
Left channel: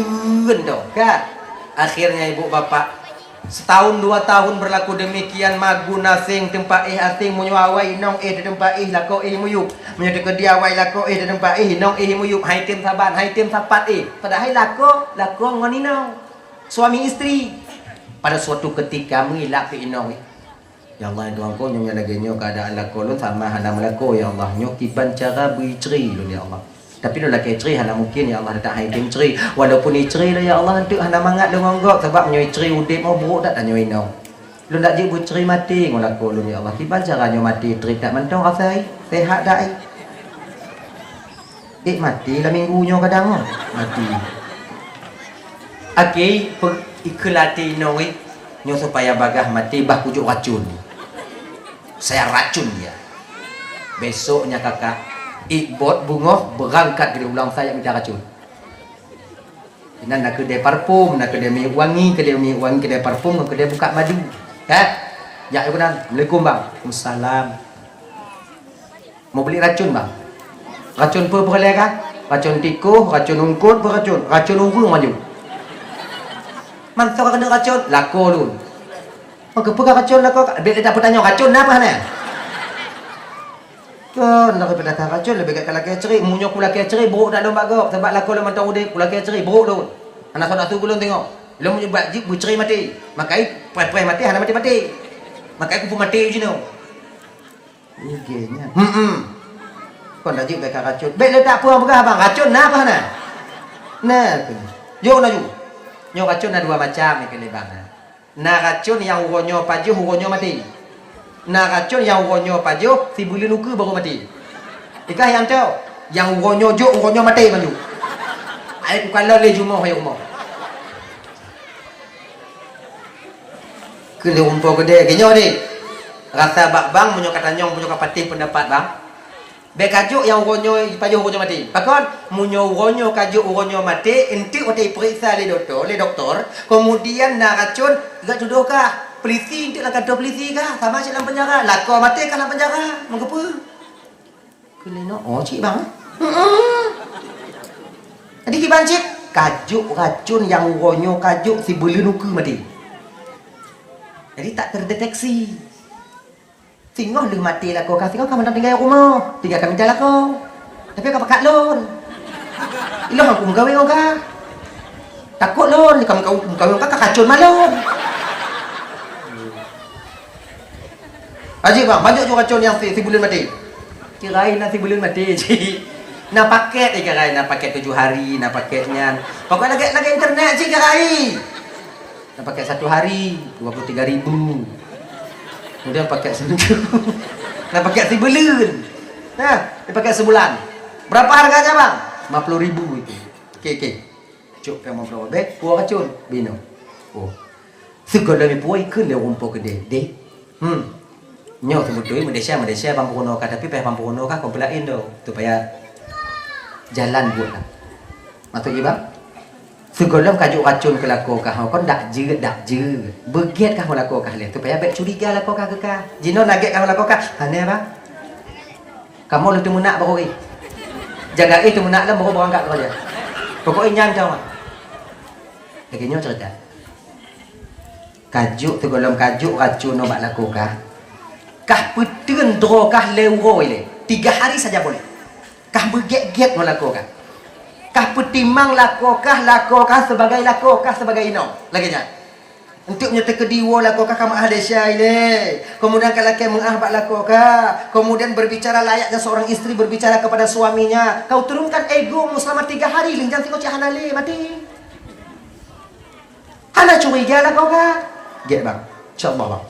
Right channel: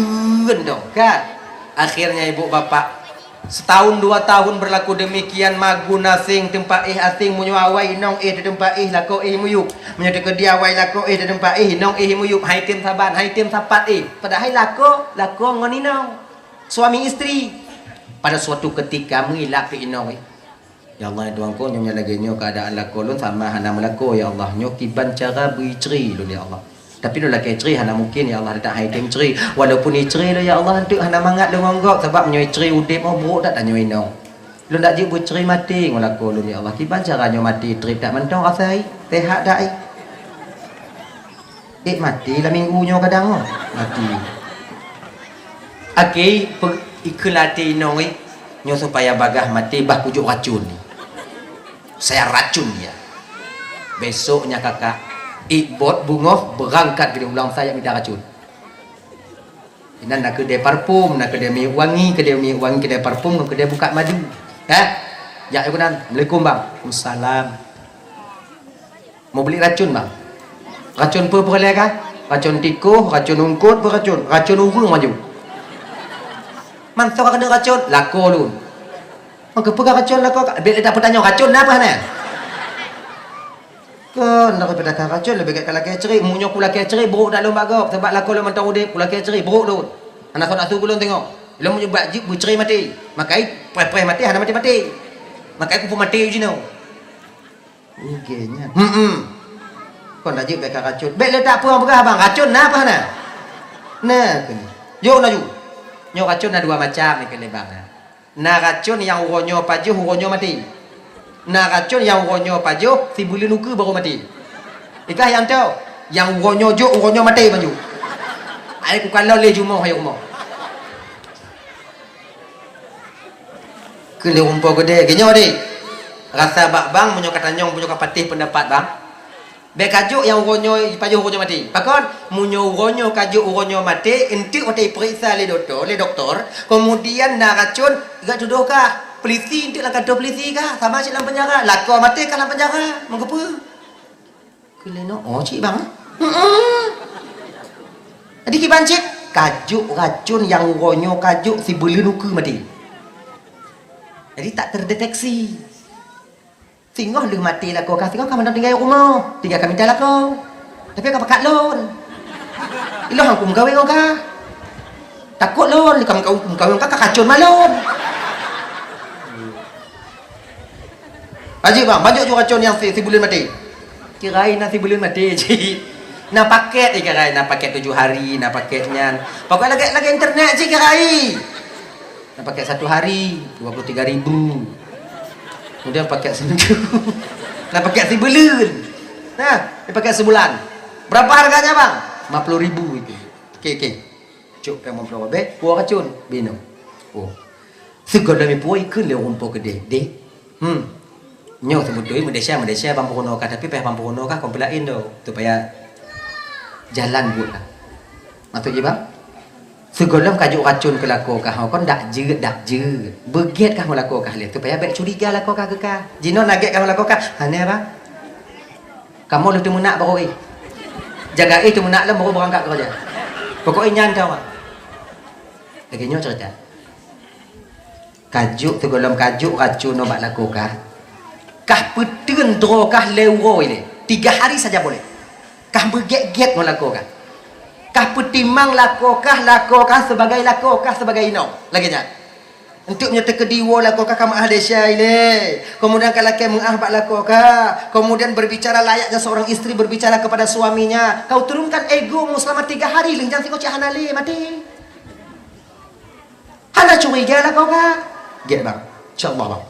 dong, kan? Akhirnya ibu bapak setahun 2 tahun berlaku demikian magu nasing tempat asing menyuawai nong di tempat lah kau muyuk menyata kediawai lah kau di tempat nong muyuk hai tim sapat padahal lako ngonino suami istri pada suatu ketika mengilap inong. Ya Allah Tuhan ko nyonya lagi nyo keadaan lako lun sama hana melako ya Allah nyo kiban cara buicri lun ya Allah Tapi dia laki ceri hana mungkin ya Allah tak hai deng ceri. Walaupun ni ceri ya Allah hendak hana mangat dengan gok sebab nyoi ceri udip mau buruk tak nyoi nong. Lu nak jibu ceri mati ngolaku lu ya Allah. Kiban caranya mati trip tak mentong asai. Tehat dak ai. Mati lah minggunya kadang mati. Okey, ikulati nong nyo supaya bagah mati bah pujuk racun ni. Saya racun dia. Besoknya kakak Ibot bungoh berangkat ke ulang saya minta racun. Ini nak kedai parfum, nak kedai minyak wangi, kedai parfum, kedai buka madu. Ya, aku nan. Assalamualaikum bang. Waalaikumsalam. Mau beli racun bang? Racun apa boleh kah? Racun tikus, racun ungkut, racun urung maju. Man kena racun? Lako lu. Maka pegang racun lako. Bila tak bertanya racun apa ni? Kan nak pedagang racun lebih kat laki cerik munyo ku laki cerik buruk dak lomba gop sebab lako le mentau udip ku laki cerik buruk tu anak nak tu belum tengok bila munyo buat jip bu cerik mati makai pre mati hana mati makai ku pun mati je no okeynya kon dak jip bekan racun baik le tak puang begah bang racun apa hana nah yo na nyo racun ada dua macam ni kele bang na racun yang uronyo pajuh uronyo mati. Nah racun yang uronyo pajo si bulu luka baru mati. Ikah yang tahu yang uronyo jok uronyo mati maju. Aku kalau le jumo hai umur. Kele umpo gede genyo de. Rasa bak bang munyo katanyong munyo kapatih pendapat bang. Be kajuk yang uronyo pajo uronyo mati. Pakon munyo uronyo kajuk uronyo mati enti ote periksa le doktor, kemudian nah racun gak dudukah polisi untuk nak kata polisi kah? Sama cik dalam penjara. Lakau mati kan dalam penjara. Mengapa? Keleno. Oh cik bang. Jadi kiban cik. Kajuk racun yang uronyo kajuk si bulu luka mati. Jadi tak terdeteksi. Singoh lu mati lakau kah. Singoh kamu nak tinggal rumah. Tinggal kami jalan lakau. Tapi kau pakat lon. Ilah aku mengkawin kau. Takut lon. Kamu mengkawin kau kacun malon. Haji bang, banyak juga racun yang si bulan mati. Kirain nasi bulan mati je. Nak paket kirain, nak paket 7 hari, nak paketnya. Pakai lagi internet je kirain. Nak paket 1 hari 23,000. Kemudian paket seminggu. Nak paket sebulan. Nah, dia pakai sebulan. Berapa harganya bang? 50,000 itu. Okey. Cuk pemang flower be, buah racun, bino. Oh. Segala mi puai ke le rumput gede. Dek. Nyo sebetulnya Malaysia Pampuno kah tapi peh Pampuno kah komplain do supaya jalan buat lah. Atau je bang? Segolong kajuk racun ke lako kah kon dak je. Beget kah lako kah lihat supaya bet curiga lako kah ke kah. Jino naget kah lako kah. Hane bang? Kamu lu temu nak baru jaga itu nak lah baru berangkat kerja. Pokoknya nyan tau. Lagi nyo cerita. Kajuk segolong kajuk racun obat lako kah. Kah petun dro kah leuro ile 3 hari saja boleh. Kah berget-get melakukan. Kah petimang lakokah sebagai lakokah sebagai ino. Laginya. Untuk menyata kediwa lakokah kamu ahli syaile. Kemudian kalau kau mengahbat lakokah, kemudian berbicara layaknya seorang istri berbicara kepada suaminya. Kau turunkan egomu selama 3 hari lin jangan tengok hanale mati. Hana curiga lakokah. Get bang. Insya-Allah bang.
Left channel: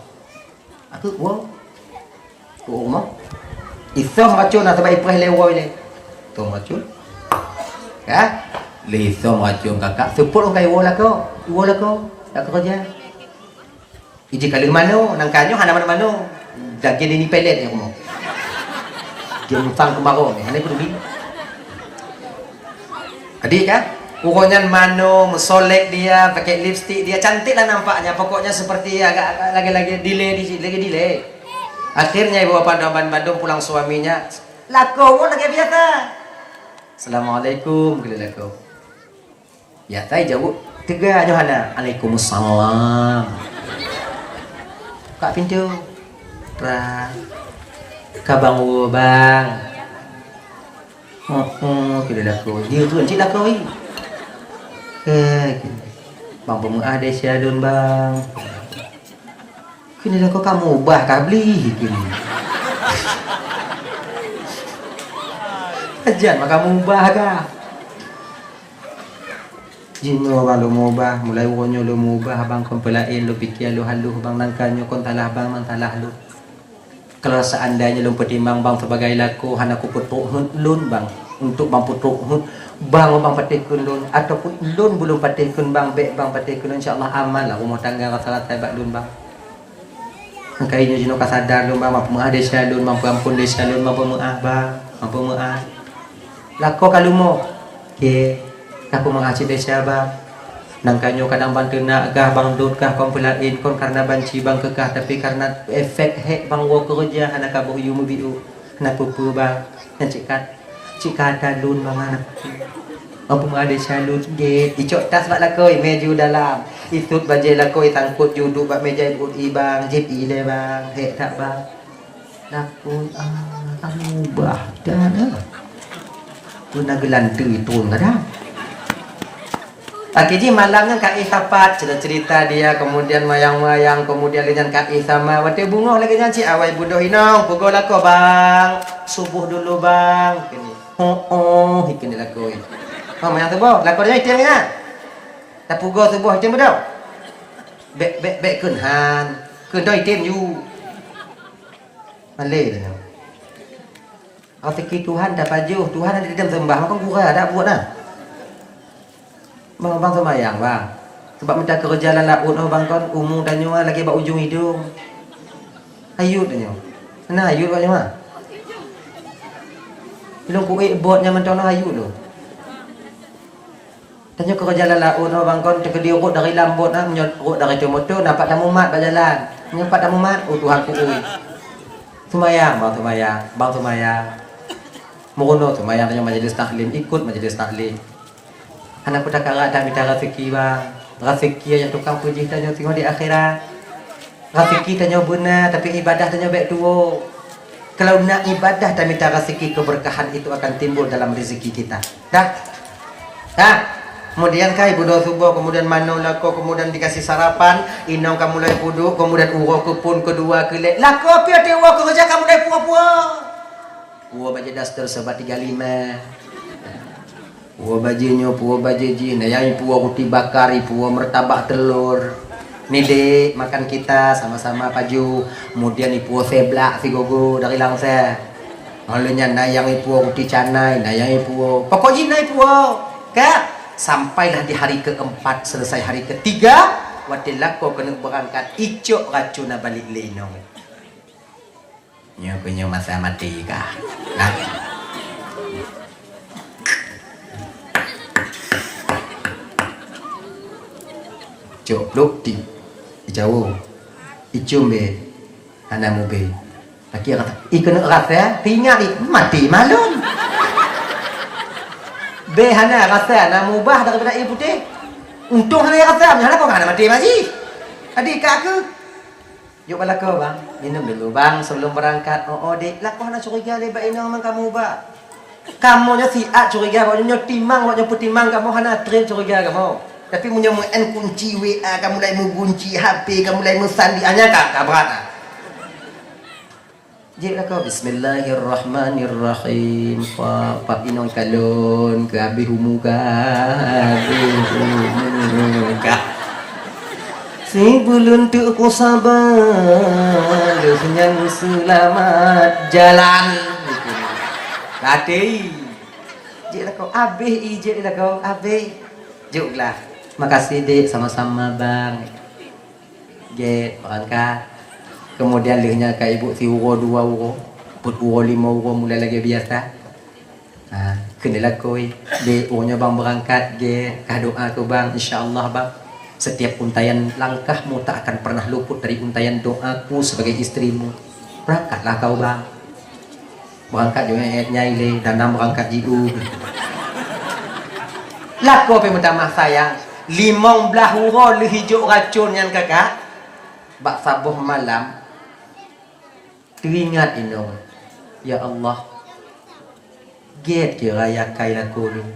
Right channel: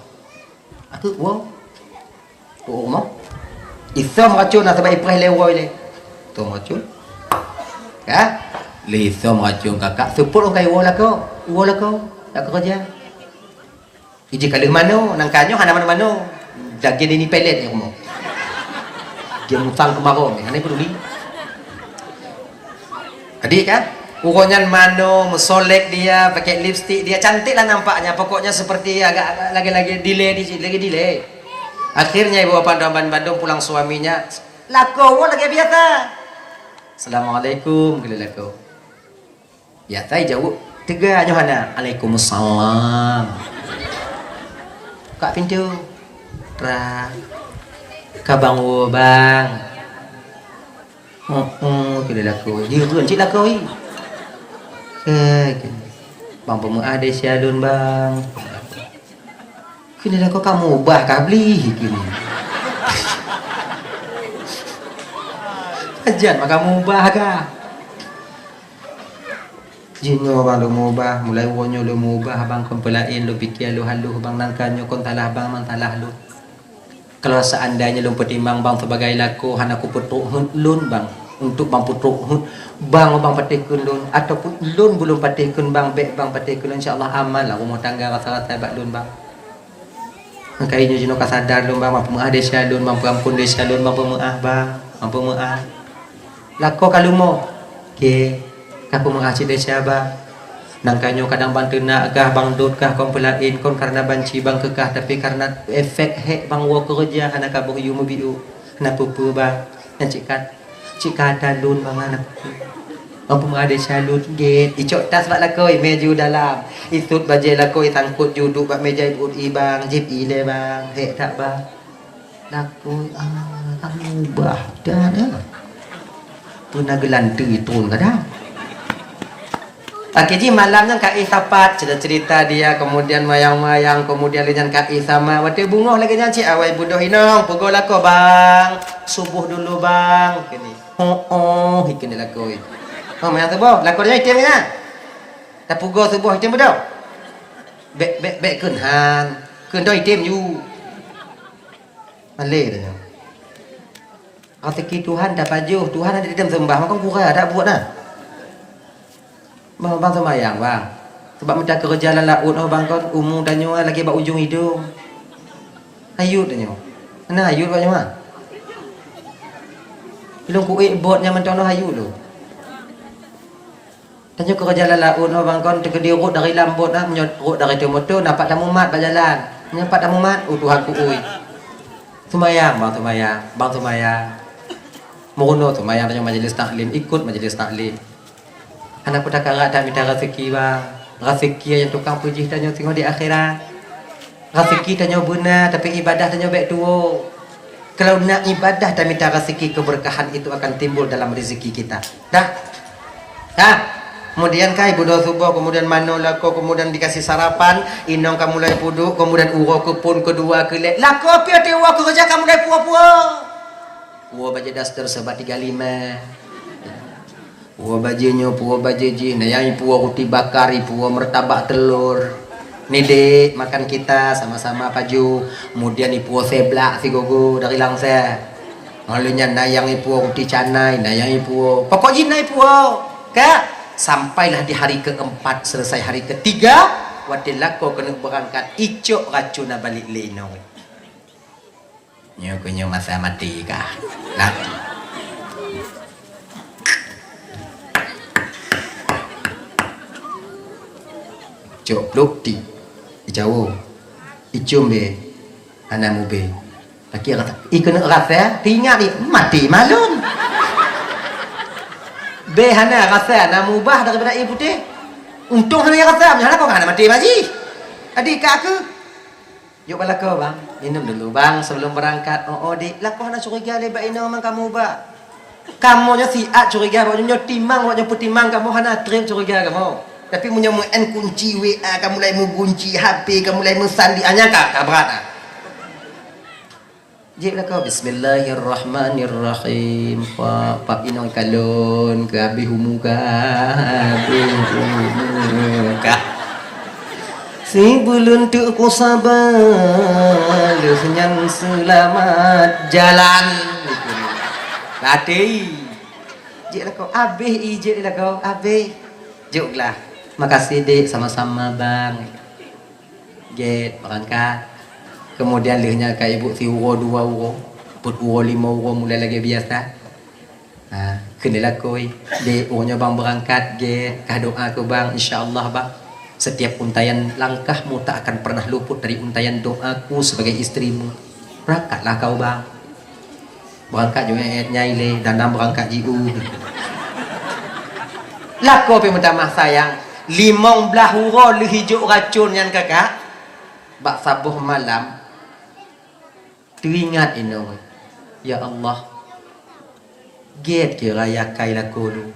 Aku rumah isam racun atau baik perih lewoi le tu racun ha lisam racun kakak sepuluh kai wola kau tak kerja iji kali mano nang kanyo hana mano lagi ni pelet ni rumah game sang kemarau ni hana peduli adik kan uronyan mano musolek dia pakai lipstick dia cantik lah nampaknya pokoknya seperti agak lagi delay. Akhirnya ibu bapa Bandung pulang suaminya lako lagi biasa. Assalamualaikum gila lako. Biasa jauh. Tiga Johana. Waalaikumsalam. Kak pintu. Kabang bang. Gila lako. Dia tu encik lako ni. Bang pemuah ada syalun bang. Kini lah kau ubah kah beli kini. Ajan maka mubah kah? Jinyo bang lu mubah, mulai wonyo lu mubah bang kempelain lu pikir lu halu bang nangkanyo kon talah bang mang talah lu. Kalau seandainya lu pertimbang bang sebagai laku hanaku putuk lun bang untuk bang putuk bang bang patikun lun ataupun lun belum patikun bang bek bang patikun insyaallah aman lah rumah tangga rasa hebat lun bang. Makanya jino kasadar lun bang mampu mengadesya lun mampu ampun desya lun mampu muah bang mampu muah. Lako kalumo ke aku mengasih desya bang. Nangkanyo kadang bang kena agah bang dut kah kompelain kon karena banci bang kekah tapi karena efek hek bang wa kerja anak kabur yumu biu anak pupu bang yang cikat dalun bang anak mampu ada salun gate icok tas lak lakoi meju dalam itut bajai lakoi tangkut juduk bak meja ibu bang jip ile bang hek tak bang laku bah dah tu nak gelantu itu kadang. Oke, jadi malamnya Kak Tapat cerita dia, kemudian mayang-mayang, kemudian dengan Kak sama, waktu bunga lagi nyanyi, awai budoh inang, pukul aku bang, subuh dulu bang, kini, kini laku, mayang subuh, laku dia item ni, dah pukul subuh item budoh, bek kunhan item you, malay dah, rezeki Tuhan dah pajuh, Tuhan ada di dalam sembah, maka kurang ada buat nah. Bang semayang bang sebab minta kerja laut bang kan umum danyo lagi bak ujung hidung ayut danyo mana ayut banyak mah belum kuik botnya mentono ayut tu danyo kerja laut bang kan terkedirut dari lambot nah menyerut dari tu motor nampak tamu mat berjalan nampak tamu mat Tuhan ku semayang bang semayang murono semayang danyo majlis taklim ikut majlis taklim. Anak kuda karat dan minta rezeki bang. Rezeki yang tukang puji tanya tengok di akhirat. Rezeki tanya buna tapi ibadah tanya baik dua. Kalau nak ibadah dan minta rezeki keberkahan itu akan timbul dalam rezeki kita. Dah. Kemudian kai budo subuh, kemudian mano lako, kemudian dikasih sarapan, inong kamu mulai pudu, kemudian uro kupun kedua kelek. Lako pia te uro kerja kamu mulai puah-puah. Uro baca daster sebat 35. Puah bajinya, puah bajeji, nayai puah roti bakar, puah mertabak telur. Ni dek makan kita sama-sama paju. Kemudian puah seblak si gogo dari Langsa. Malunya nayang puah roti canai, nayang puah. Pokok jinai puah. Kak, sampailah di hari keempat selesai hari ketiga, waktu lako kena berangkat icok racun balik lenong. Nyo punya masa mati kah? Nah. Cok luk di jauh icum be anamu be laki kata ikan rasa tinggal di mati malum be hana rasa anamu bah daripada air putih untung hana rasa hana kau hana mati maji adik kak ke yuk bala kau bang minum dulu bang sebelum berangkat dik lah kau hana curiga lebat ina memang kamu bah kamu nya siat curiga bawanya timang bawanya putimang kamu hana train curiga kamu. Tapi punya men kunci WA, kamu mulai mengunci HP, kamu mulai mesandi hanya kak berat. Jadi kau Bismillahirrahmanirrahim. Pak inong kalon ke abi humuka. Si bulun tu aku sabar, lu senyang selamat jalan. Latih. Jadi kau abi ije kau abi. Juklah. Makasih dek sama-sama bang. Get berangkat. Kemudian lihnya ke ibu si uro 2 uro, put uro 5 uro mulai lagi biasa. Kenalah koi. Dek uronya bang berangkat get. Kah doa ke bang insya-Allah bang. Setiap untayan langkahmu tak akan pernah luput dari untayan doaku sebagai istrimu. Berangkatlah kau bang. Berangkat juga nyai dan berangkat jiu. Laku apa minta mah sayang. 15 hurau lu hijau racun yang kakak. Bak sabuh malam. Teringat ini. Ya Allah. Get kira ya kai laku lu.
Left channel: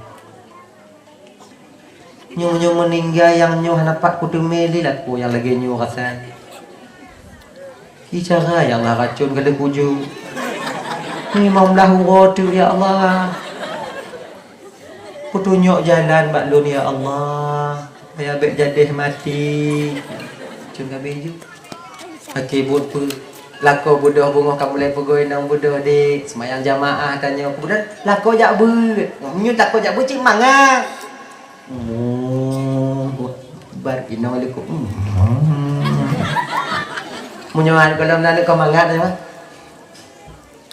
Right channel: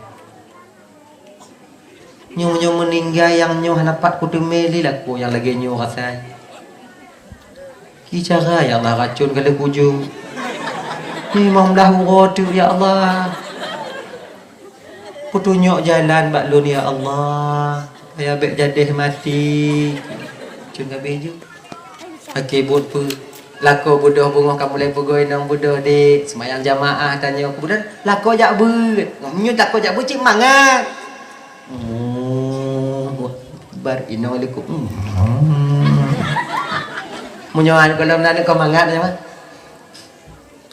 Nyu meninggal yang nyu nampak kudu meli laku yang lagi nyu rasa. Ki cara ya Allah racun kada bujung. 15 hurau tu ya Allah. Putunjuk jalan bak lun ya Allah. Supaya bek jadih mati. Cun gabe je. Okey buku lako budoh bunga kamu mulai pegoi nang budoh dik semayang jamaah tanya aku budak lako jak bet. Nyu tak ko jak bet cik mangat. Bar innaalikum. Munyoan kalau nanu kau mangat ya.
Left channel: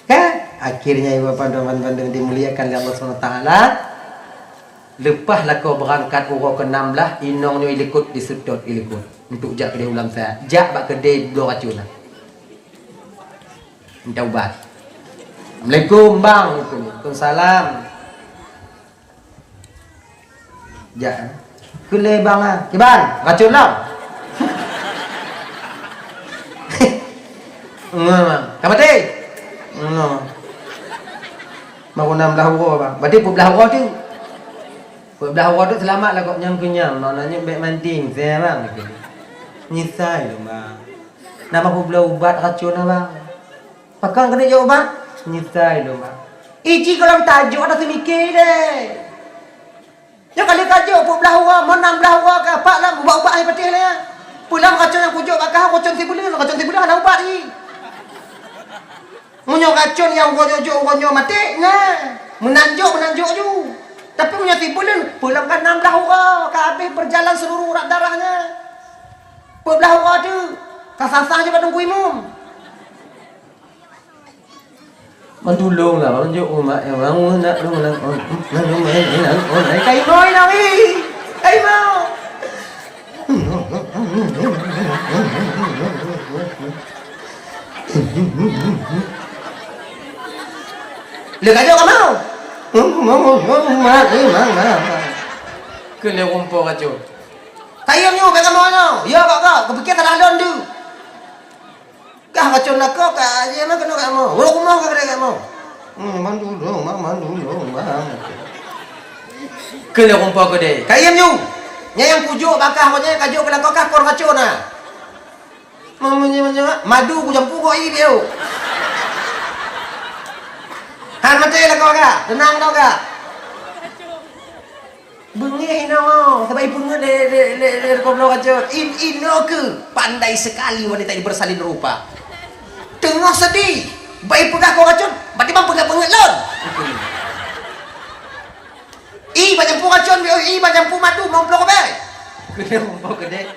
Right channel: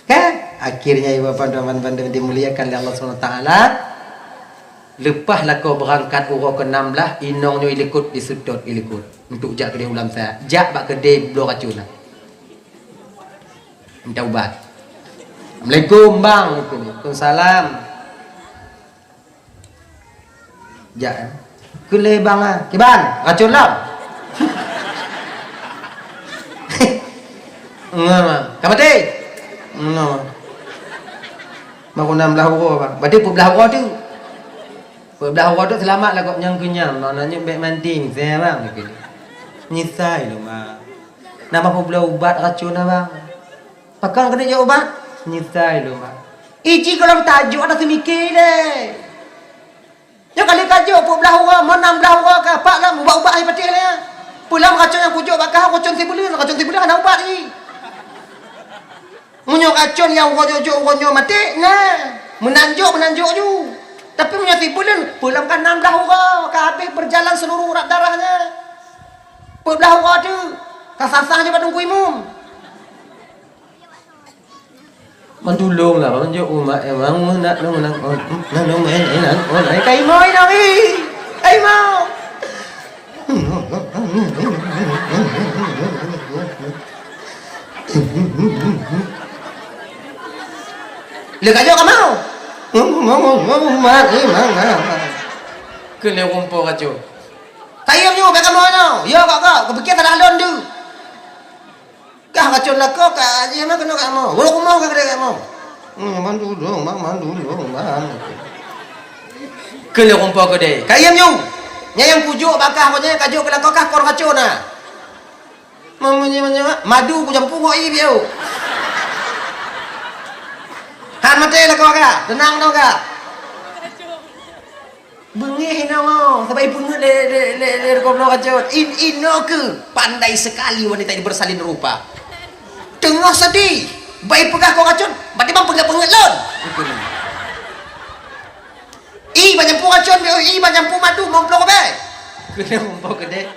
Kan akhirnya ibu bapa teman-teman dimuliakan oleh Allah SWT. Lepas lah kau berangkat urut ke-16 inong ni ilikut disudut ilikut untuk jak kedai ulam saya jak bak kedai dua racun lah minta ubat. Assalamualaikum bang. Waalaikumsalam. Jak kedai bang ah kiban racun lah. Kamu teh no mau 16 urut bang berarti 12 urut tu. Belah awak tu selamat lah kau yang kenyam. Maknanya baik manding. Saya bang. Nyisai tu bang. Nama aku belah ubat racun lah bang. Pakang kena jauh ubat. Nyisai tu bang. Iji kalau tajuk ada semikir deh. Yang kali tajuk pun belah orang. Mau 16 orang ke apa lah. Ubat-ubat air patih lah. Pulang racun yang kujuk bakal racun tibulan. Racun tibulan kena ubat ni. Munyo racun yang ronyok mati. Nah. Menanjuk je. Tapi punya tibulan pulang kan 16 orang ke habis berjalan seluruh urat darahnya. Belah orang tu kasasah je pada tunggu imam. Mandulung lah menunjuk umat yang bangun nak kai noi nak kai mau. Lihat aja kamu. Kena kumpul kacau. Kayam nyu bagaimana mana? Ya kak, kepikir terlalu tu. Kah kacau nak kau kak aje mana kena kamu? Walau kumau kak ada kamu. Mandu dong. Kena kumpul kau deh. Kayam nyu. Yang pujuk bakah kau je kacau kena kau kah kor kacau na. Mamunya madu ku jampu kau ini dia. Han mati lah kau kak, tenang tau kak. Bengih nama, sebab ibu ni le kau nak kacau. Ino ke pandai sekali wanita ini bersalin rupa. Tengah sedih, baik pegah kau kacau, berarti bang pegah pengelon. Banyak pu kacau, banyak pu madu, mampu kau be. Kena mampu kedai.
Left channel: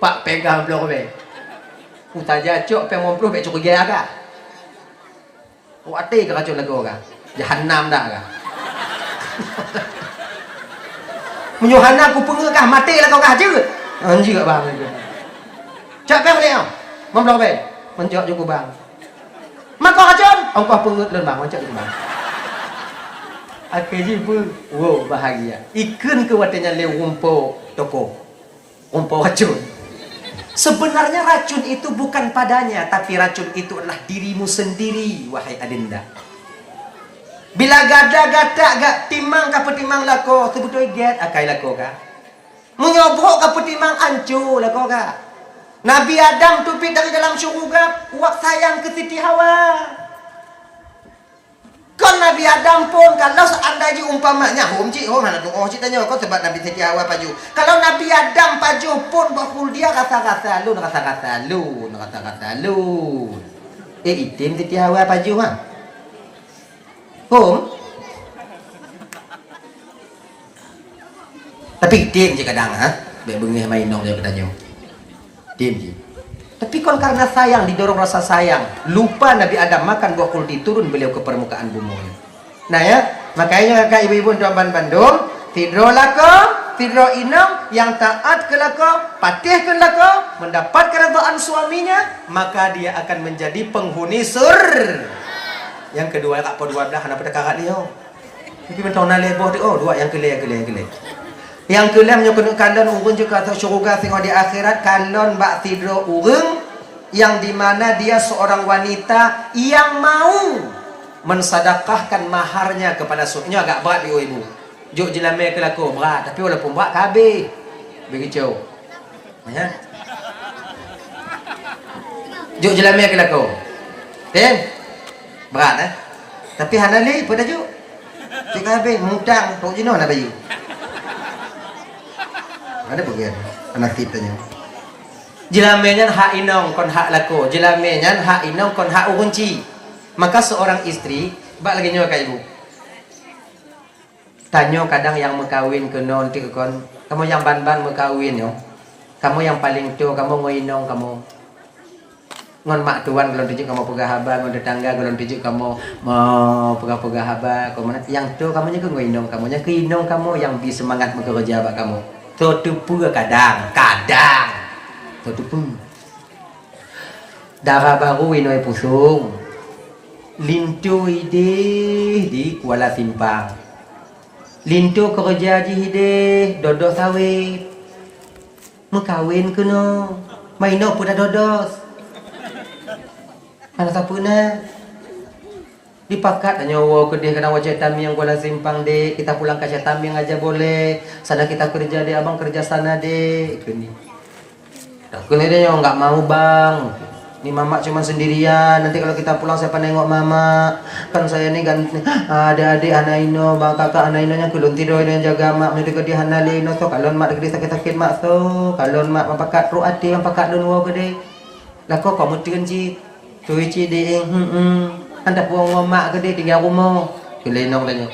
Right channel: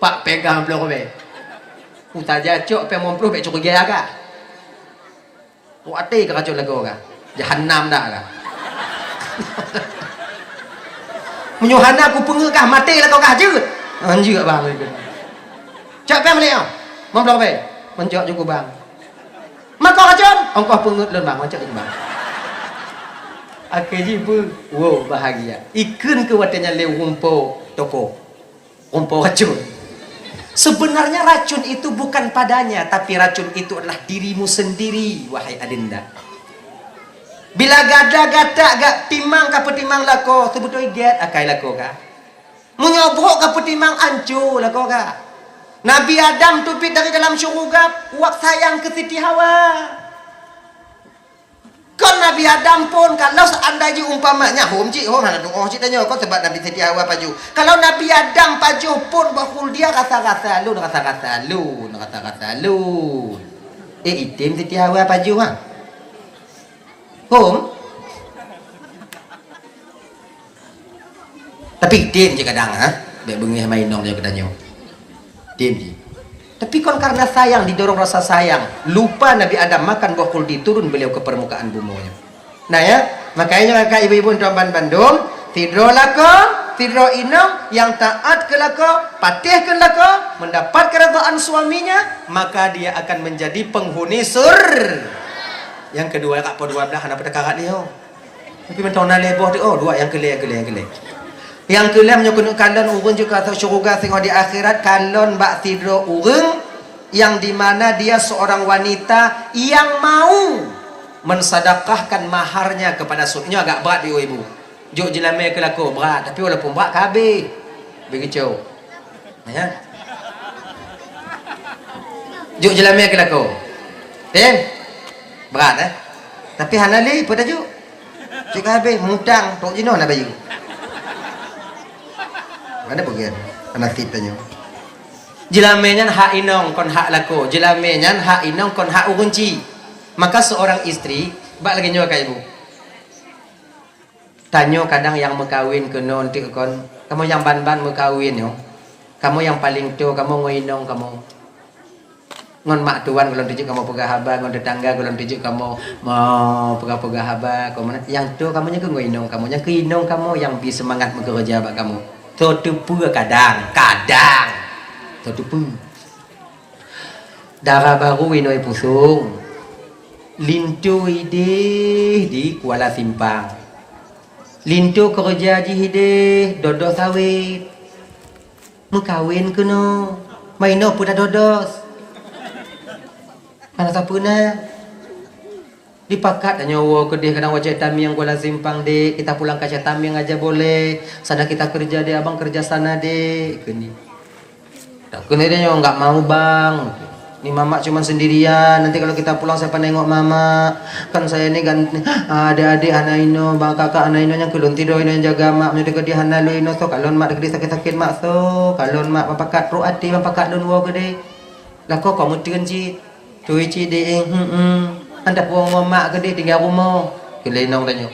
Pak pegang mampu kau be. Uta jacok, pe mampu be cukup gaya kak. Wati ke kacau lagu kah? Jahannam dah kah? Menyuhana aku pengekah mati lah kau kah je? Anjir kat bang itu. Cak kan balik ah? Mampu be? Mencak juga bang. Maka kacau? Engkau pengek lon bang, mencak juga bang. Akhirnya pun, wow bahagia. Ikan ke watanya le rumpo toko, rumpo kacau. Sebenarnya racun itu bukan padanya, tapi racun itu adalah dirimu sendiri, wahai adinda. Bila gada-gada gak timang ka petimang lako, sebetulnya get akai lako ka. Menyobrok ka petimang ancu lako ka. Nabi Adam tupit dari dalam syurga, wak sayang ke Siti Hawa. Kan Nabi Adam pun kalau seandainya umpamanya hom nak cik tanya kau sebab Nabi Siti Hawa paju. Kalau Nabi Adam paju pun bakul dia rasa-rasa lu. Itim Siti Hawa paju ha. Hom. Tapi itim je kadang ha. Dek bengih mainong dia bertanya. Itim je. Tapi kan karena sayang, didorong rasa sayang, lupa Nabi Adam makan buah kuldi, turun beliau ke permukaan bumi. Nah ya, makanya kakak ibu-ibu Tuan Bandung, tidro lako, tidro inang, yang taat ke lako, patih ke lako, mendapat keredaan suaminya, maka dia akan menjadi penghuni Yang kedua kak po 12 anak pada kakak dia. Mungkin mentau nalai buah tu, dua yang kelih. Yang kelam yang kena kalon urun juga atau syurga tengok di akhirat kalon bak tidro urun yang dimana dia seorang wanita yang mau mensadakahkan maharnya kepada suaminya. Agak berat dia ibu. Juk jelame ke laku berat, tapi walaupun berat kabeh. Begitu. Ya. Juk jelame ke laku. Berat Tapi hanali pada juk. Cik habis mutang tok jino nak bayu. Ada bagian anak kitanya. Jelamenyan hak inong kon hak lako. Jelamenyan hak inong kon hak urunci. Maka seorang istri bak lagi nyawa ka ibu. Tanyo kadang yang mekawin ke non ti kon. Kamu yang ban-ban mekawin yo. Kamu yang paling tua, kamu ngoinong kamu. Ngon mak tuan kalau tujuk kamu pegah haba, ngon tetangga kalau tujuk kamu mau pegah-pegah haba, kamu yang tua kamunya ke ngoinong, kamunya ke inong kamu yang bi semangat bekerja bak kamu. Tutupu kadang. Tutupu. Darah baru inoi pusung. Lintu ide di Kuala Simpang. Lintu kerja di hide dodos sawit. Mekawin ke no. Maino pun dah dodos. Anak tak pernah dipakat nyawa ke dia kena wajah tami yang Kuala Simpang dek. Kita pulang ke Tami yang aja boleh. Sana kita kerja dek, abang kerja sana dek. Kini. Tak kena dia yang enggak mau bang. Ni mama cuma sendirian. Nanti kalau kita pulang siapa nengok mama? Kan saya ni ganti adik-adik anak ino, bang kakak anak ino nya kulun tidur ino yang jaga mak menuju ke dia hana lu ino so kalon mak dekat sakit-sakit mak so kalon mak papakat pro ati papakat lun wo gede. Lah kok kamu tenji tu ci de anda puang mak gede tiga rumah. Kelenong tanya.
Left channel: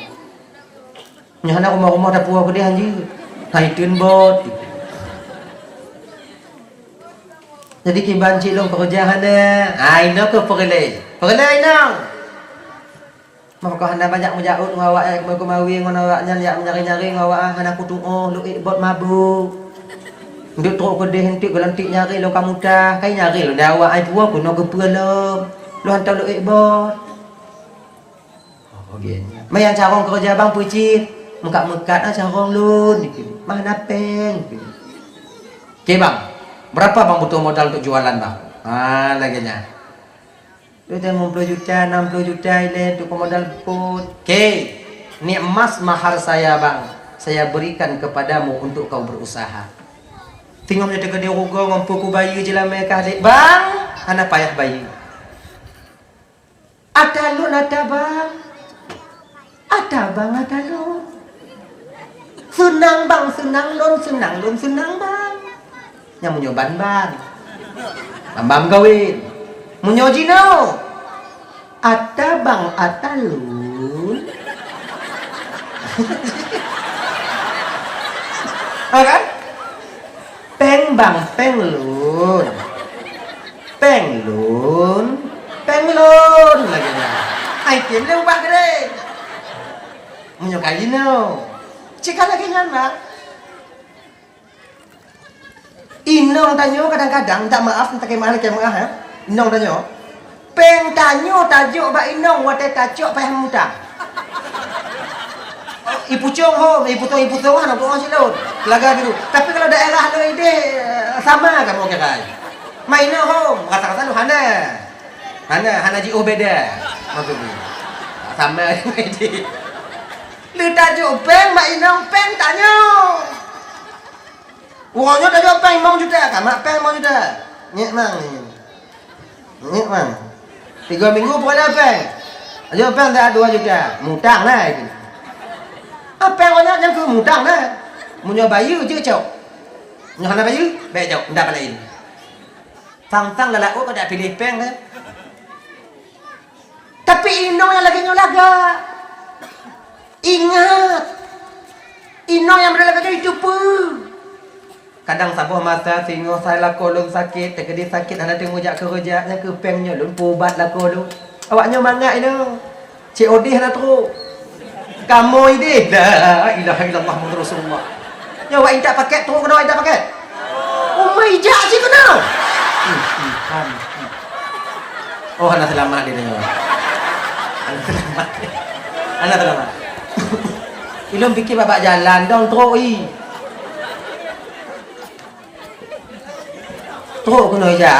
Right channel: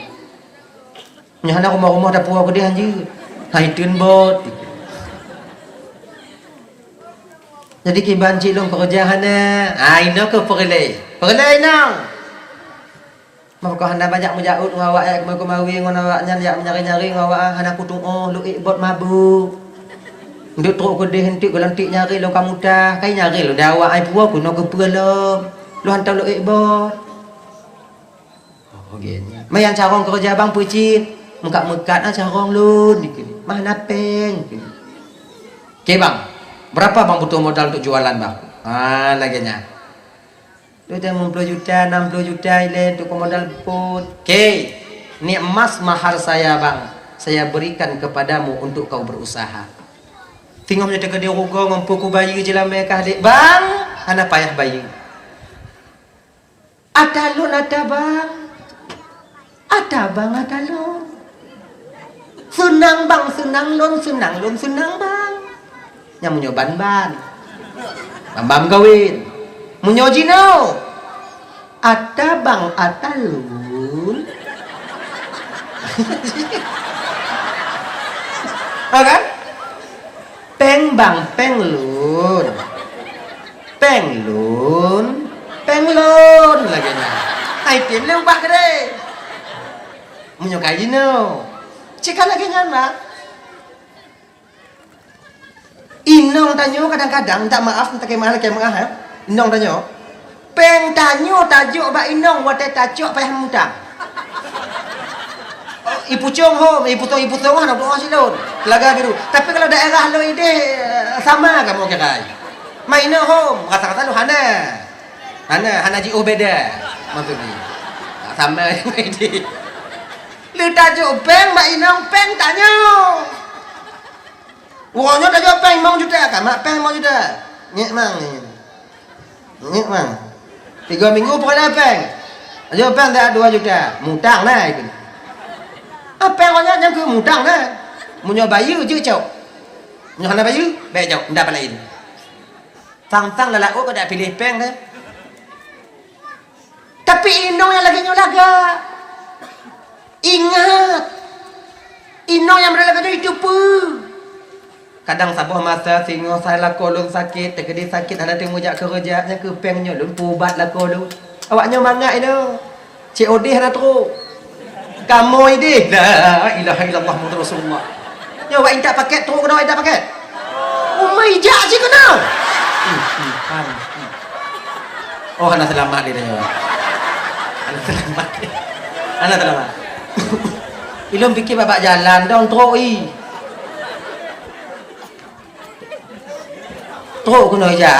Nya hana rumah-rumah ada puang gede anji. Hai tun bot. Jadi kiban cik long pekerjaan ino ke perle ino. Mau kau hana banyak menjaut ngawak mau kemawi ngawak yak menyari-nyari ngawak hana kutung lu bot mabuk. Nduk truk ko deh hentik gelantik nyari lo kamu dah kai nyari lo dawa ai puak ku no ke pelom. Lu hantar lu bot. Oh gini. Mayan carong kerja bang pucit. Mekat-mekat carong lu dikini. Mana peng. Okey bang. Berapa bang butuh modal untuk jualan bang? Laginya. Itu 50 juta, 60 juta ile untuk modal pun. Okey. Ni emas mahar saya bang. Saya berikan kepadamu untuk kau berusaha. Tinggal menjadi gede rugo ngompu ku bayi je lah mereka adik. Bang, anak payah bayi. Ada lu ada bang. Ada bang ada lu. Senang bang, senang bang. Yang munyo ban-ban. Bambam kawin. Munyo jino. Ada bang, ada lun. Oke? Peng bang, peng lun. Peng lun lagi nah. Ai tim leu bak gede. Munyo kajino. Cika lagi nyana. Inong tanyo kadang-kadang minta maaf minta kemah ya. Inong tanyo. Peng tanyo tajuk ba inong wate tajuk payah muda. Ibu cong ho, ibu tong anak doa silon. Laga biru. Tapi kalau daerah lo ide sama kamu kira. Maino ho, kata-kata lu hana ji beda. Maksudnya. Sama ide. Lu tajuk peng ba inong peng tanyo. Uangnya tadi peng mau juta kan? Mak peng mau juta. Nyek mang. 3 minggu pun ada peng. Ayo peng dah 2 juta. Mutang lah itu. Peng orangnya yang ke mutang lah. Munyo bayu je cok. Munyo hana bayu, baik cok, ndak lain. Tang-tang lalak ko dak pilih peng dah. Tapi inong yang lagi nyolaga. Ingat. Inong yang berlaga itu pun. Kadang sabuh masa singo salah kolon sakit, terkedi sakit ada temujak kerjanya ke pengnya lun pubat lah kolon. Awaknya mangat itu. Cik Odih ada teruk. Kamu ini la ilaha illallah Muhammad Rasulullah. Ya awak tak paket teruk kena tak paket. Oh my god sih kena. Oh anak selamat dia. Anak selamat. Ilum fikir bapak jalan dong teruk Teruk kena aja.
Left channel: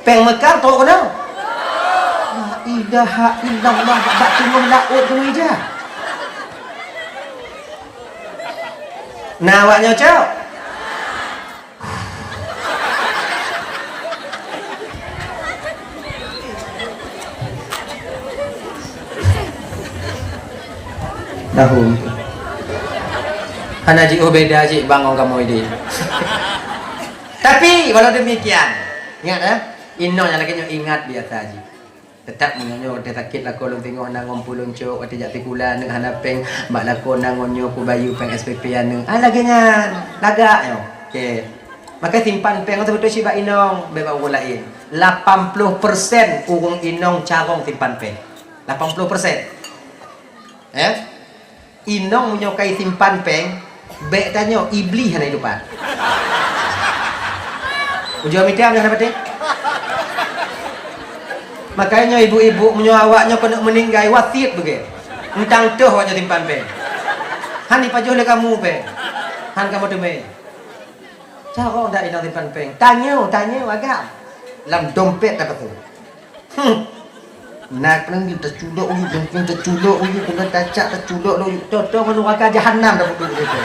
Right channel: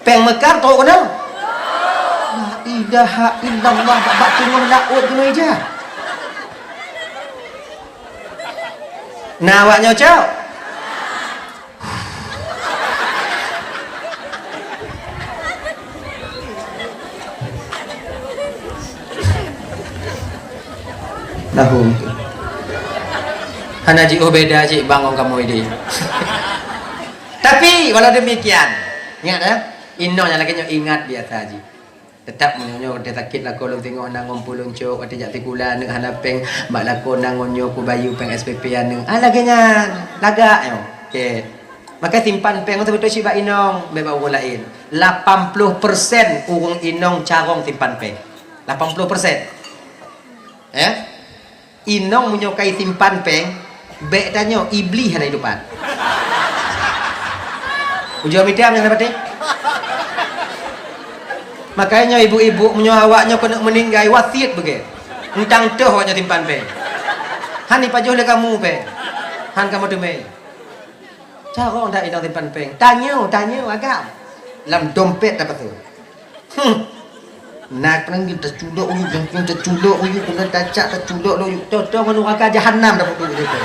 Peng mekar teruk kena. La ilaha illallah bak tengah laut kena aja. Nah awaknya cok. Tahu itu. Hana ji beda ji bangun kamu ini. Tapi walau demikian, ingat ya, inong yang lagi ingat biasa ji. Tetap menyo dia sakit lah kalau tengok nang ngumpulun cok atau jati gula nang hanapeng mak lako nang ngonyo ku bayu peng SPP nang laganya laga yo. Okey. Maka simpan peng betul si ba inong beba urang lain. 80% urang inong carong simpan peng. 80%. Ya. Inong menyukai simpan peng, bek tanyo iblis hana hidupan. Ujung mitam yang dapat makanya ibu-ibu awaknya kena meninggal wasiat begitu. Entang tuh awaknya simpan peng. Han ni pajuh le kamu peng. Han kamu demai. Carong dak inong simpan peng. Tanya agak. Dalam dompet dapat tu. Nak nang kita cudok uyu, kita cudok uyu, kena tacak tercudok uyu. Contoh neraka jahanam dapat tu gitu.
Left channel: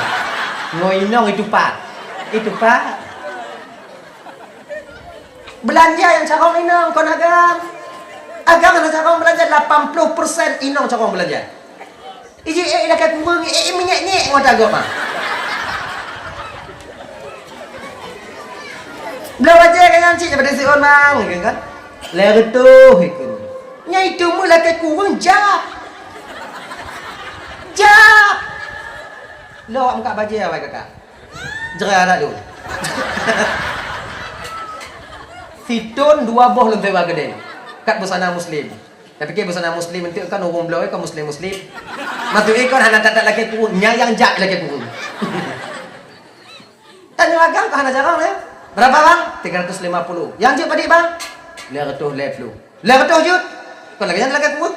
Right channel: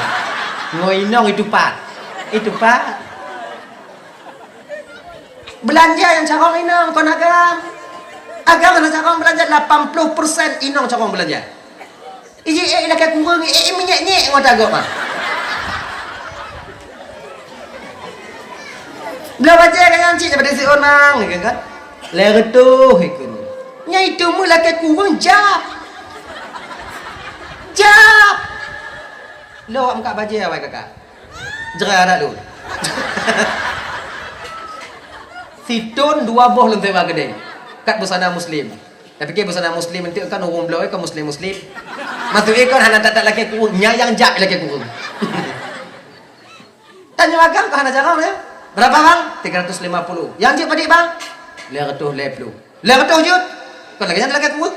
Ngoinong itu pak. Belanja yang carong inong kau agam. Agam mana carong belanja 80% inong carong belanja. Iji dah kat kurung minyak ngoda agak mah. Belah baca kan cik daripada si onang kan. Lera tu ikut. Nya itu mula kat kurung jap. Lo angkat baca apa kakak? Jerah dah lu. Situn 2 boh lu tebak gede. Kat busana muslim. Tapi ke busana muslim nanti kan orang belau ke muslim. Matu ikon hana tak laki kurung nyayang jak laki kurung. Tanya agak ke hana jarang ya? Berapa bang? 350. Yang jut tadi bang? 250. 200 jut. Kau lagi yang lagi kurung?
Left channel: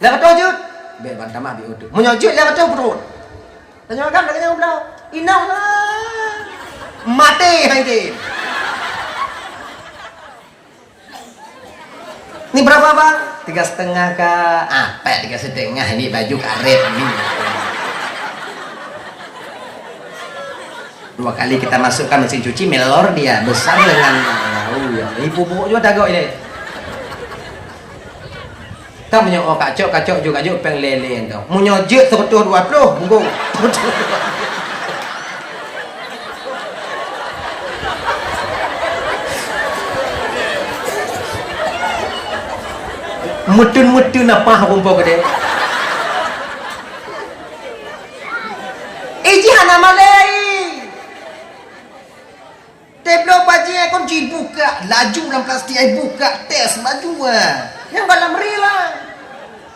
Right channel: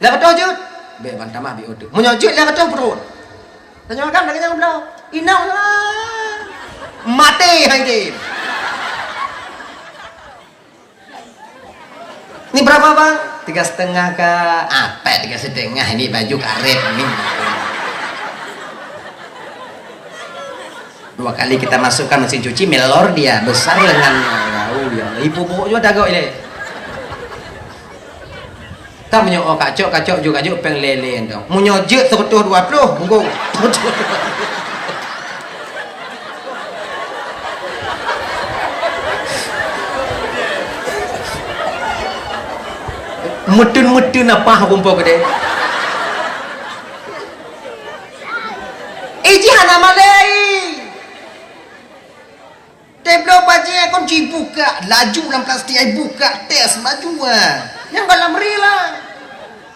200 jut. Be bang tamah di utuh. Munyo jut 200 perut. Tanya agak lagi yang belau. Inang lah. Mati hai dia. Ini berapa bang? 3,5 ke apa? 3,5 ini baju karet ini. 2 kali kita masukkan mesin cuci melor dia besar dengan ya. Ibu juga dagok ini. Tak menyok kacok juga peng lele endo. Munyojek 120 bungkung. Mutun apa rumput gede. Hana malai. Teblo baje kon buka, laju dalam plastik ai buka tes laju Yang dalam rila.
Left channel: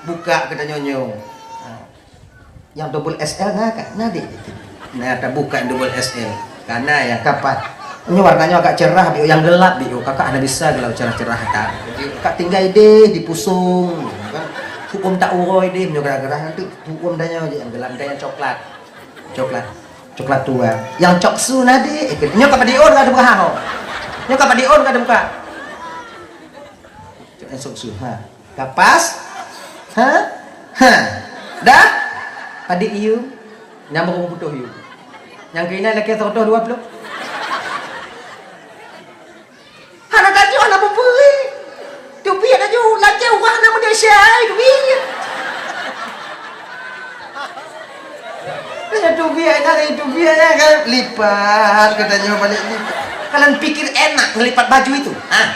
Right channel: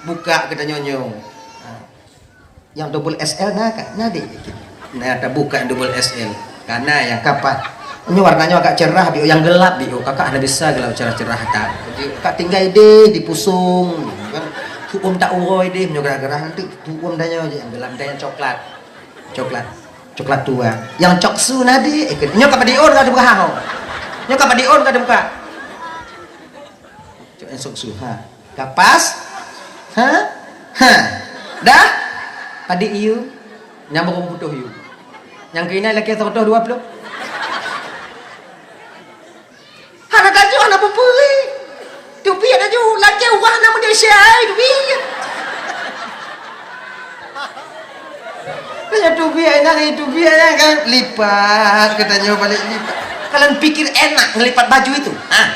Buka kita nyonyo. Yang double SL nah kak, nadi. Nah, kita buka double SL. Karena yang kapat ini warnanya agak cerah, bio yang gelap bio. Kakak ada bisa gelap cerah-cerah tak. Kak tinggal deh di pusung. Kan hukum tak uroi deh menyogara-gerah itu hukum danya yang gelap dan yang coklat. Coklat tua. Yang coksu nadi nyo kapan dion ada buka hao. Nyo kapan dion ada buka. Cok coksu ha. Kapas? Ha? Dah? Padi iu nyambung putuh iu. Yang kini lagi 120. Hana taju hana pupuli. Tupi ada ju lagi warna Malaysia tupi. Punya tupi kan lipat katanya balik lipat. Kalian pikir enak ngelipat baju itu? Ah.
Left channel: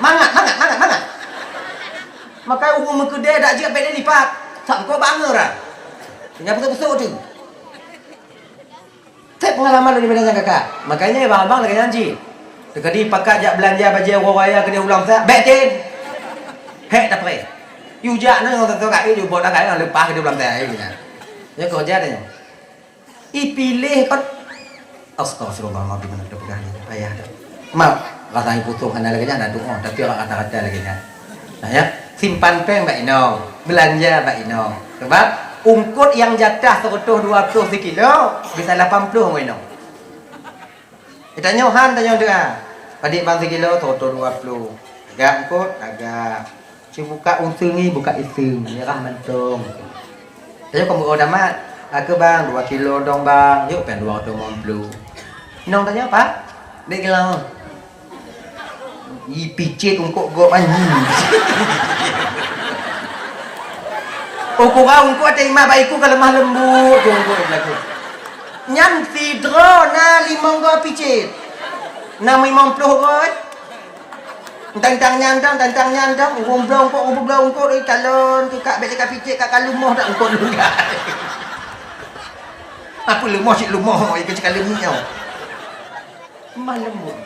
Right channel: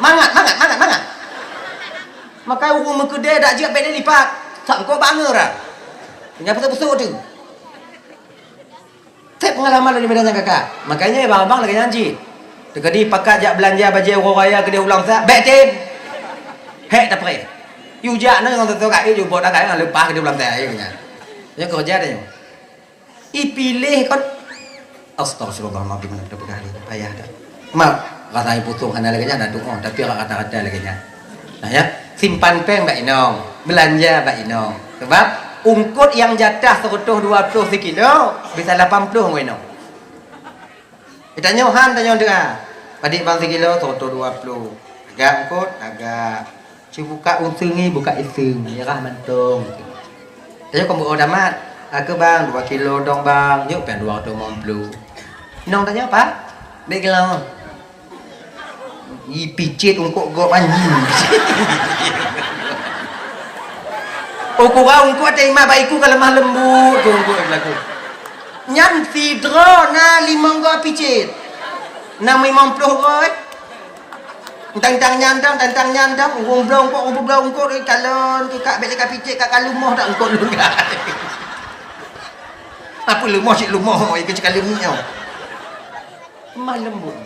Mangat. Maka umum kedai dak ajak beda lipat. Sangko banger ah. Punya betul-betul tu. Saya pengalaman dari bedanya kakak. Makanya abang-abang lagi janji. Dekadi pakat jak belanja baju orang raya kedai ulang tak. Betin. Hek tak pre. You jak na ngau tu kak you buat dak ai lepas kedai ulang tak ai punya. Ya kerja dia. Ipilih kan astagfirullahaladzim nak berani payah dah. Mak kata ibu tu hana lagi ada doa tapi orang kata-kata lagi nya. Nah ya, simpan peng Mbak Inong, belanja Mbak Inong. Sebab ungkut yang jatah 120 kilo bisa 80 Mbak Inong. Kita nyohan tanya doa. Adik bang sekilo 120. Agak ungkut agak. Cuba buka untungi buka ising ya kan mantung. Tanya kamu udah mat. Aku bang 2 kilo dong bang. Yuk pengen 250. Nong tanya apa? Dek kilo. Picit ungkuk gop anjing. Ukuran ku ada imam baiku kalau lemah lembut tu ku berlaku. Nyan tidro na 5 go picit. 650 roi. Tentang nyandang, umblong kok dari calon tu kak beli picit kat kalumah tak engkau juga. Apa lumah cik lumah ikut cakap lumahnya. Malam lembut.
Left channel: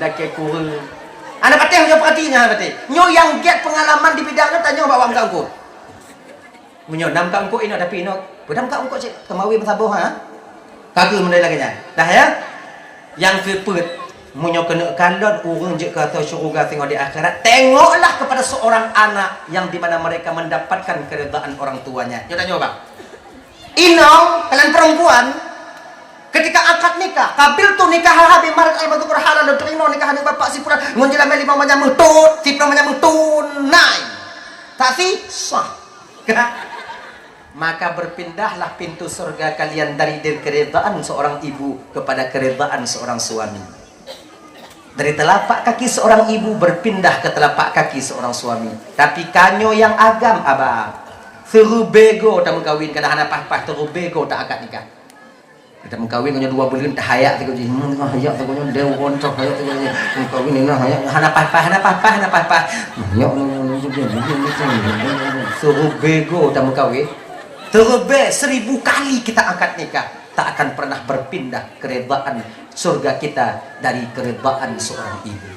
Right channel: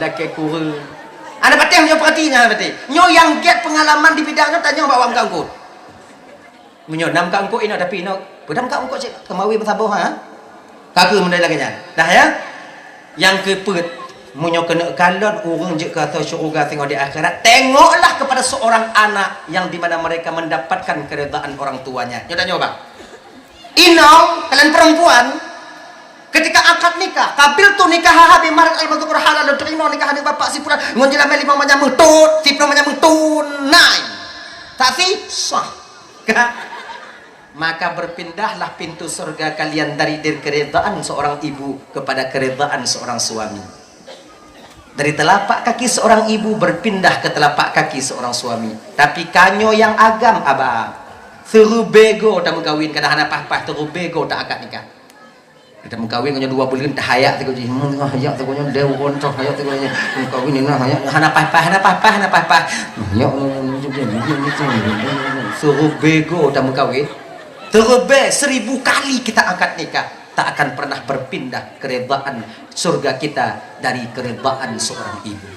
Laki kurang. Anda patih nyo perhatinya patih. Nyo yang get pengalaman di bidang tu tanya bawa angkau. Menyo nam kak angkau ini tapi ino. Pedam kak angkau cik kemawi bersabar ha. Kagak menai lagi nya. Dah ya. Yang kepet munyo kena kalon urung je kata syurga tengok di akhirat. Tengoklah kepada seorang anak yang di mana mereka mendapatkan keredaan orang tuanya. Nyo tanya bang. Inong kalian perempuan ketika akad nikah, kabil tu nikah habis marak ai bagi halal dan terima nikah dengan bapak si puran ngonjela meli mamanya mutut, si puran mamanya tunai. Tak sah. Maka berpindahlah pintu surga kalian dari keredaan seorang ibu kepada keredaan seorang suami. Dari telapak kaki seorang ibu berpindah ke telapak kaki seorang suami. Tapi kanyo yang agam abah. Suruh bego tak mengkawin kadang anak pah-pah terus bego tak akad nikah. Kita mengkawin punya 2 bulan tak hayak tu jadi mun hayak tu punya dew koncok hayak tu punya mengkawin ni hayak anak pah-pah. Ya suruh bego tak mengkawin. Terlebih 1000 kali kita akad nikah tak akan pernah berpindah keredaan surga kita dari keredaan seorang ibu.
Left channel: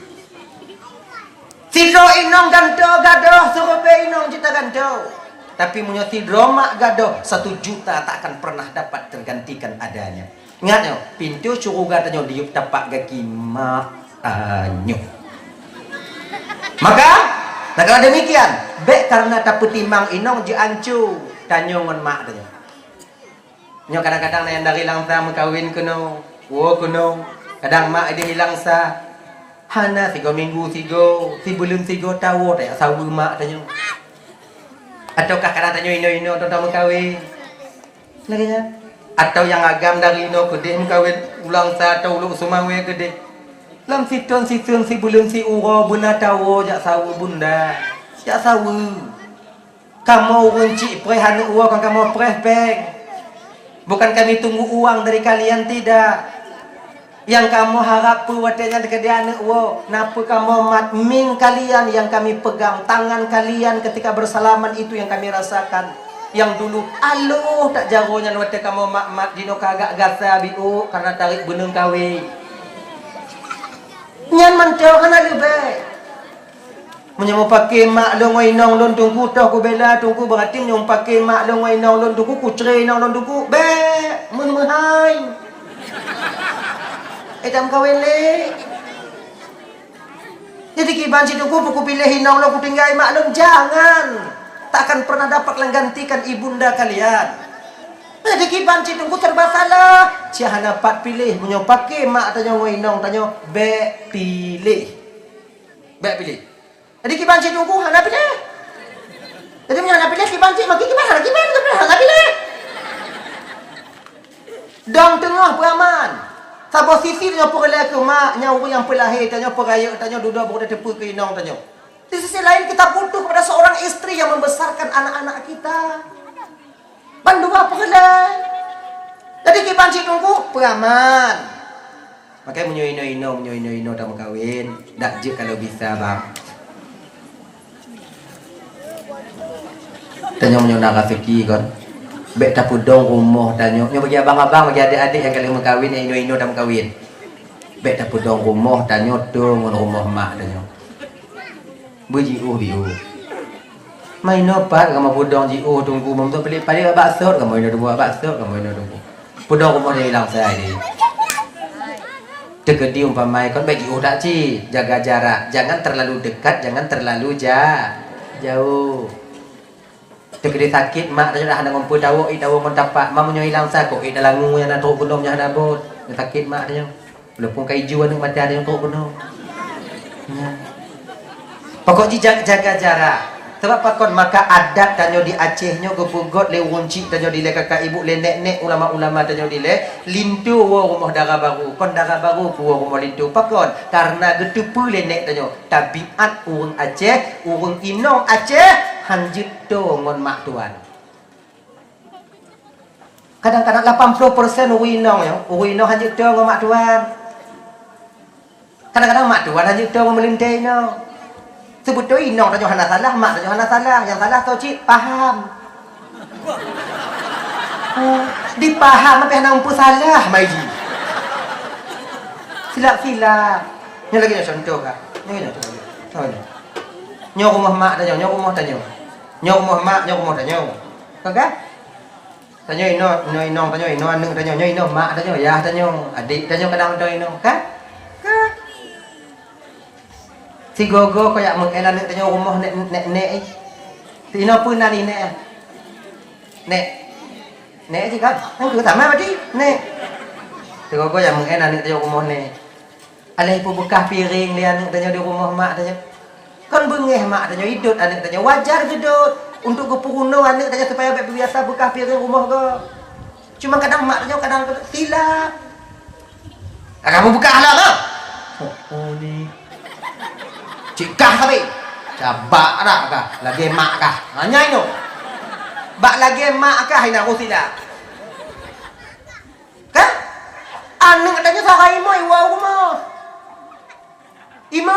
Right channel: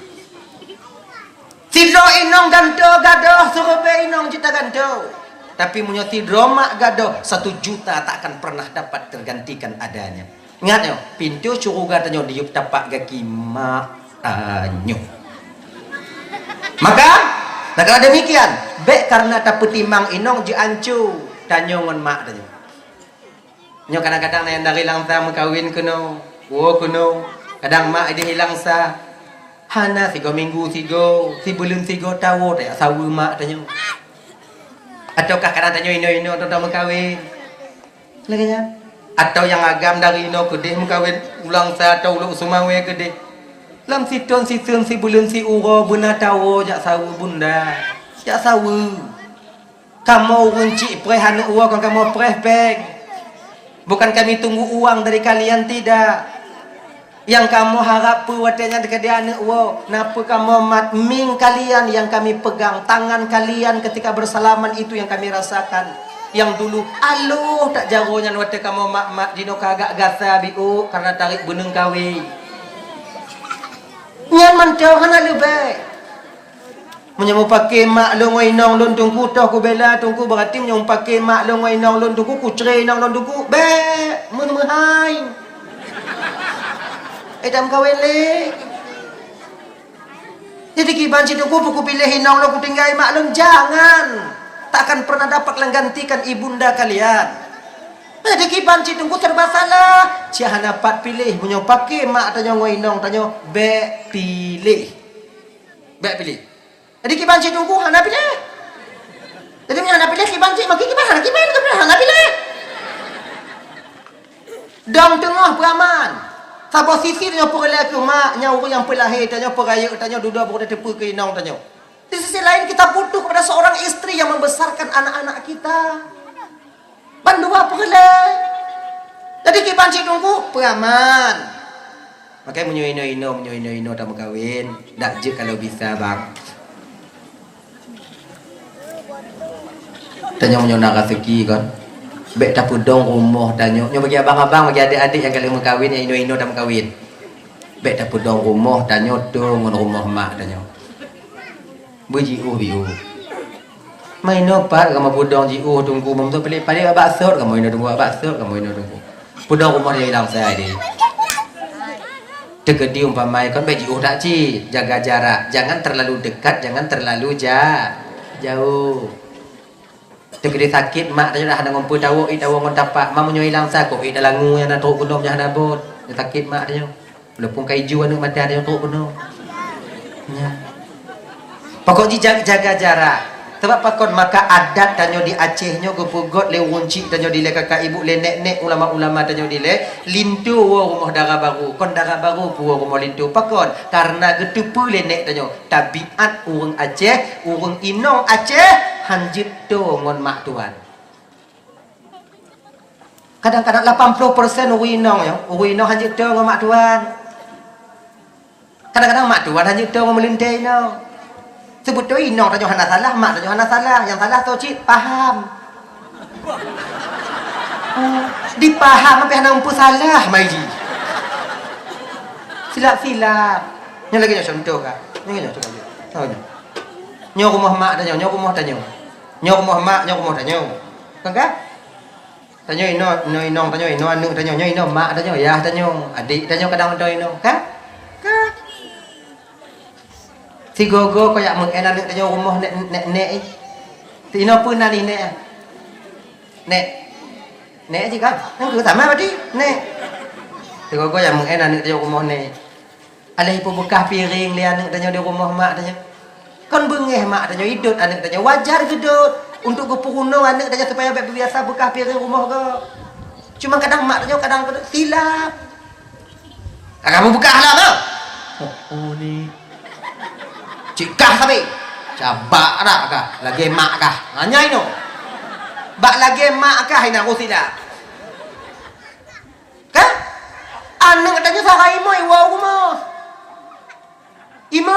Tidro inong ganto gadoh suruh be inong cita ganto. Tapi punya tidro mak gadoh 1 juta tak akan pernah dapat tergantikan adanya. Ingat ya, pintu surga tanyo diup tapak kaki mak anyo. Maka kalau demikian, be karena tak petimang inong je ancu tanyo ngon mak tanyo. Nyo kadang-kadang yang dari langsa mengkawin kuno, kuno. Kadang mak dia hilang sa. Hana 3 minggu 3, 3 bulan 3 tahun tak sawu mak tanyo. Ataukah kadang tanyo ino atau tak mengkawin. Laginya. Atau yang agam dari ino kedih mengkawin ulang sa atau ulu sumawe kedih. Lam siton si bulan si uro buna tawo jak sawu bunda. Jak sawu. Kamu runci prehan uang kan kamu preh beg. Bukan kami tunggu uang dari kalian tidak. Yang kamu harap puwatnya dekat dia anak uang. Napa kamu matming kalian yang kami pegang tangan kalian ketika bersalaman itu yang kami rasakan. Yang dulu aluh tak jagonya wate kamu mak dino kagak gasa biu karena tarik gunung kawi. Nyan mantau kana lebih. Menyamu pakai mak long inong lon tungku tah ko bela tungku berarti menyamu pakai mak long inong lon tungku kucre inong lon tungku be mun hai. Edam kawin le. Jadi kiban si tungku buku pilih inong lon ku tinggal mak long jangan. Tak akan pernah dapat menggantikan ibunda kalian. Jadi kiban si tungku serba salah. Cia dapat pilih menyamu pakai mak tanyo inong tanyo be pilih. Be pilih. Jadi kiban cik tunggu hana pilih. Jadi punya hana pilih kiban cik maki kiban hana pilih. Dong tengah beraman. Sabo sisi tanya perlai ke mak nyawa yang pelahir tanya peraya tanya duda berada tepu ke inong tanya. Di sisi lain kita butuh kepada seorang istri yang membesarkan anak-anak kita. Bandua perlai. Jadi kiban cik tunggu beraman. Makanya menyo tak berkahwin. Tak je kalau bisa bang. Tanya nak rezeki kan. Bek tak pudong rumah tanya. Nyo bagi abang-abang bagi adik-adik yang kalian mengkawin yang ino dah mengkawin. Bek tak pudong rumah tanya dong rumah mak tanya. Buji biu. Main apa kamu pudong ji tunggu mom tu pelik paling bakso kamu ino tunggu bakso kamu ino tunggu. Pudong rumah dia hilang saya ni. Dekat di umpamai kan bagi tak ci jaga jarak. Jangan terlalu dekat, jangan terlalu jauh. Tegede sakit mak tanya dah ada ngumpul tawo ngon tapak mak munyo hilang sako dah langu yang nak turun gunung jangan bot sakit mak tanya lepung kaiju anu mati ada yang turun gunung ya pokoknya jaga jarak sebab pakon maka adat tanyo di Aceh nyo gepugot le wunci tanyo di le kakak ibu le nek ulama-ulama tanyo di le lintu wo rumah darah baru kon darah baru pu rumah lintu pakon karena getupu le nek tanyo tabiat urang Aceh urang inong Aceh hanjit tu ngon mak tuan. Kadang-kadang 80% uwinong ya, uwinong hanjit tu ngon mak tuan. Kadang-kadang mak tuan hanjit tu ngon melintai no. Sebut tu inong tanya hana salah, mak tanya hana salah, yang salah tu cik faham. Dipaham apa yang nampu salah maiji. Silap-silap. Yang lagi contoh kak. Yang contoh lagi. Tahu ni. Nyo rumah mak tanya, nyo rumah tanya. Nyo rumah mak, nyo rumah tanya. Kan kan? Tanya ino tanya ino anu tanya, nyo ino mak tanya, ya tanya, adik tanya kadang tanya ino, kan? Kan? Si gogo kayak mengenan tanya rumah nek. Ti ino pun nani nek. Nek je kan? Nang tu sama berarti nek. Si gogo yang mengenan tanya rumah nek. Alai pun bekas piring lian tanya di rumah mak tanya. Kan bengeh mak tanya hidup anak tanya wajar gedut untuk kepuruno anak tanya supaya biasa bekas piring rumah ke. Cuma kadang mak tanya kadang silap. Kamu bekas lah mak. Oh ni. Cik kah tapi. Cabak dah kah? Lagi mak kah? Hanya itu. Bak lagi mak kah nak aku silap. Kan? Anak tanya sarai mo iwa rumah. Imo,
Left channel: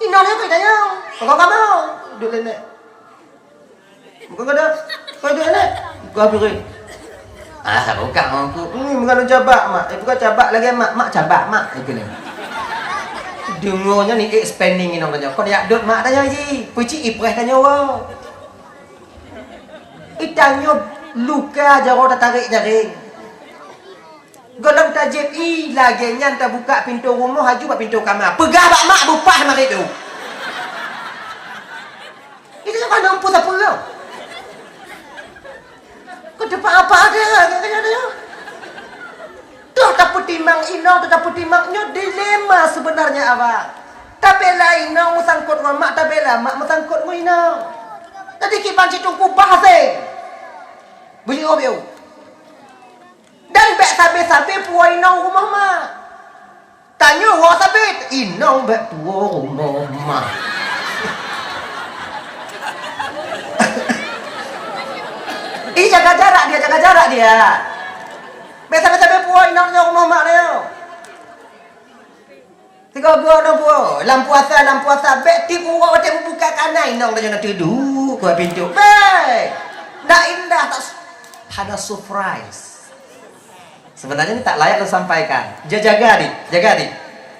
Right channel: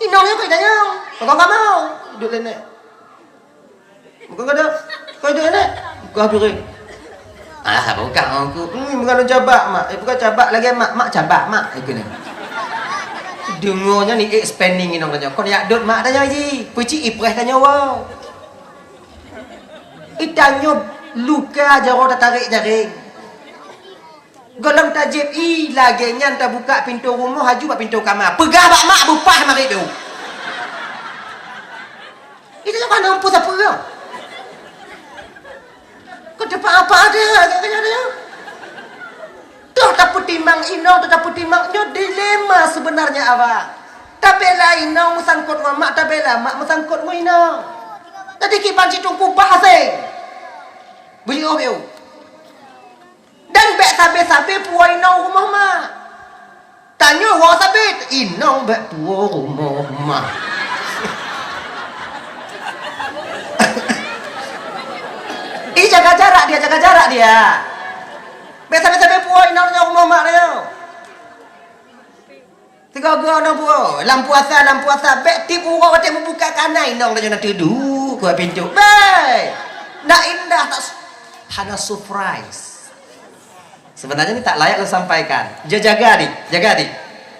inongnya kau tanya, kau kamu duduk ni, bukan kau dah, kau duduk ni, kau beri, bukan aku, bukan cabak mak, bukan cabak lagi mak cabak mak, itu ni, dengarnya ni expanding inong tanya, kau nak duduk mak tanya je, puji ipreh tanya wow, itanya luka jauh tak tarik jaring. Golong tajib lagi nyan tak buka pintu rumah haju buat pintu kamar. Pegah bak mak bupah mari tu. Itu kan nampu siapa ke? Kau dapat apa dia? Kaya dia. Tu tak putimang ino, tu tak putimangnya dilema sebenarnya awak. Tapi lain ino musangkut dengan mak tapi lah mak musangkut dengan ino. Tadi kipan citung kupah sing. Buyuk. Dan bek sabe-sabe puan inong rumah mak. Tanya wak sabe, inong bek puan rumah mak. Ini jaga jarak dia. Bek sabe-sabe puan inong rumah mak dia. Tiga buah no buah. Lampu asa. Bek tipu wak temu buka kanan inong dia nak tidur ke pintu. Bek. Nak indah tak ada surprise. Sebenarnya ini tak layak disampaikan. Jaga di.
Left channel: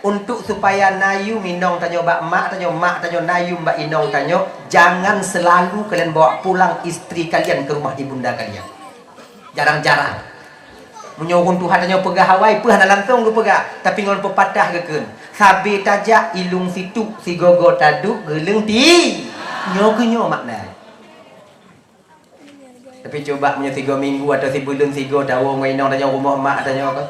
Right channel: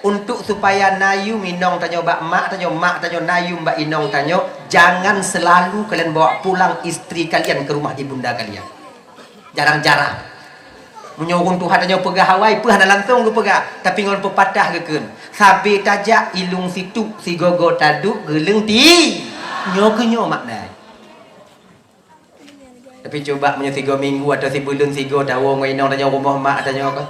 Untuk supaya nayu minong tanya mak tanya nayu mbak inong tanya, jangan selalu kalian bawa pulang istri kalian ke rumah ibunda kalian. Jarang-jarang. Menyuruh Tuhan tanya pegah Hawaii, peh langsung ke pegah. Tapi ngon pepatah ke. Sabe tajak ilung situ, si gogo taduk geleng ti. Nyo makna. Tapi coba punya 3 minggu atau sebulan 3 tahun mainong tanya rumah mak tanya apa.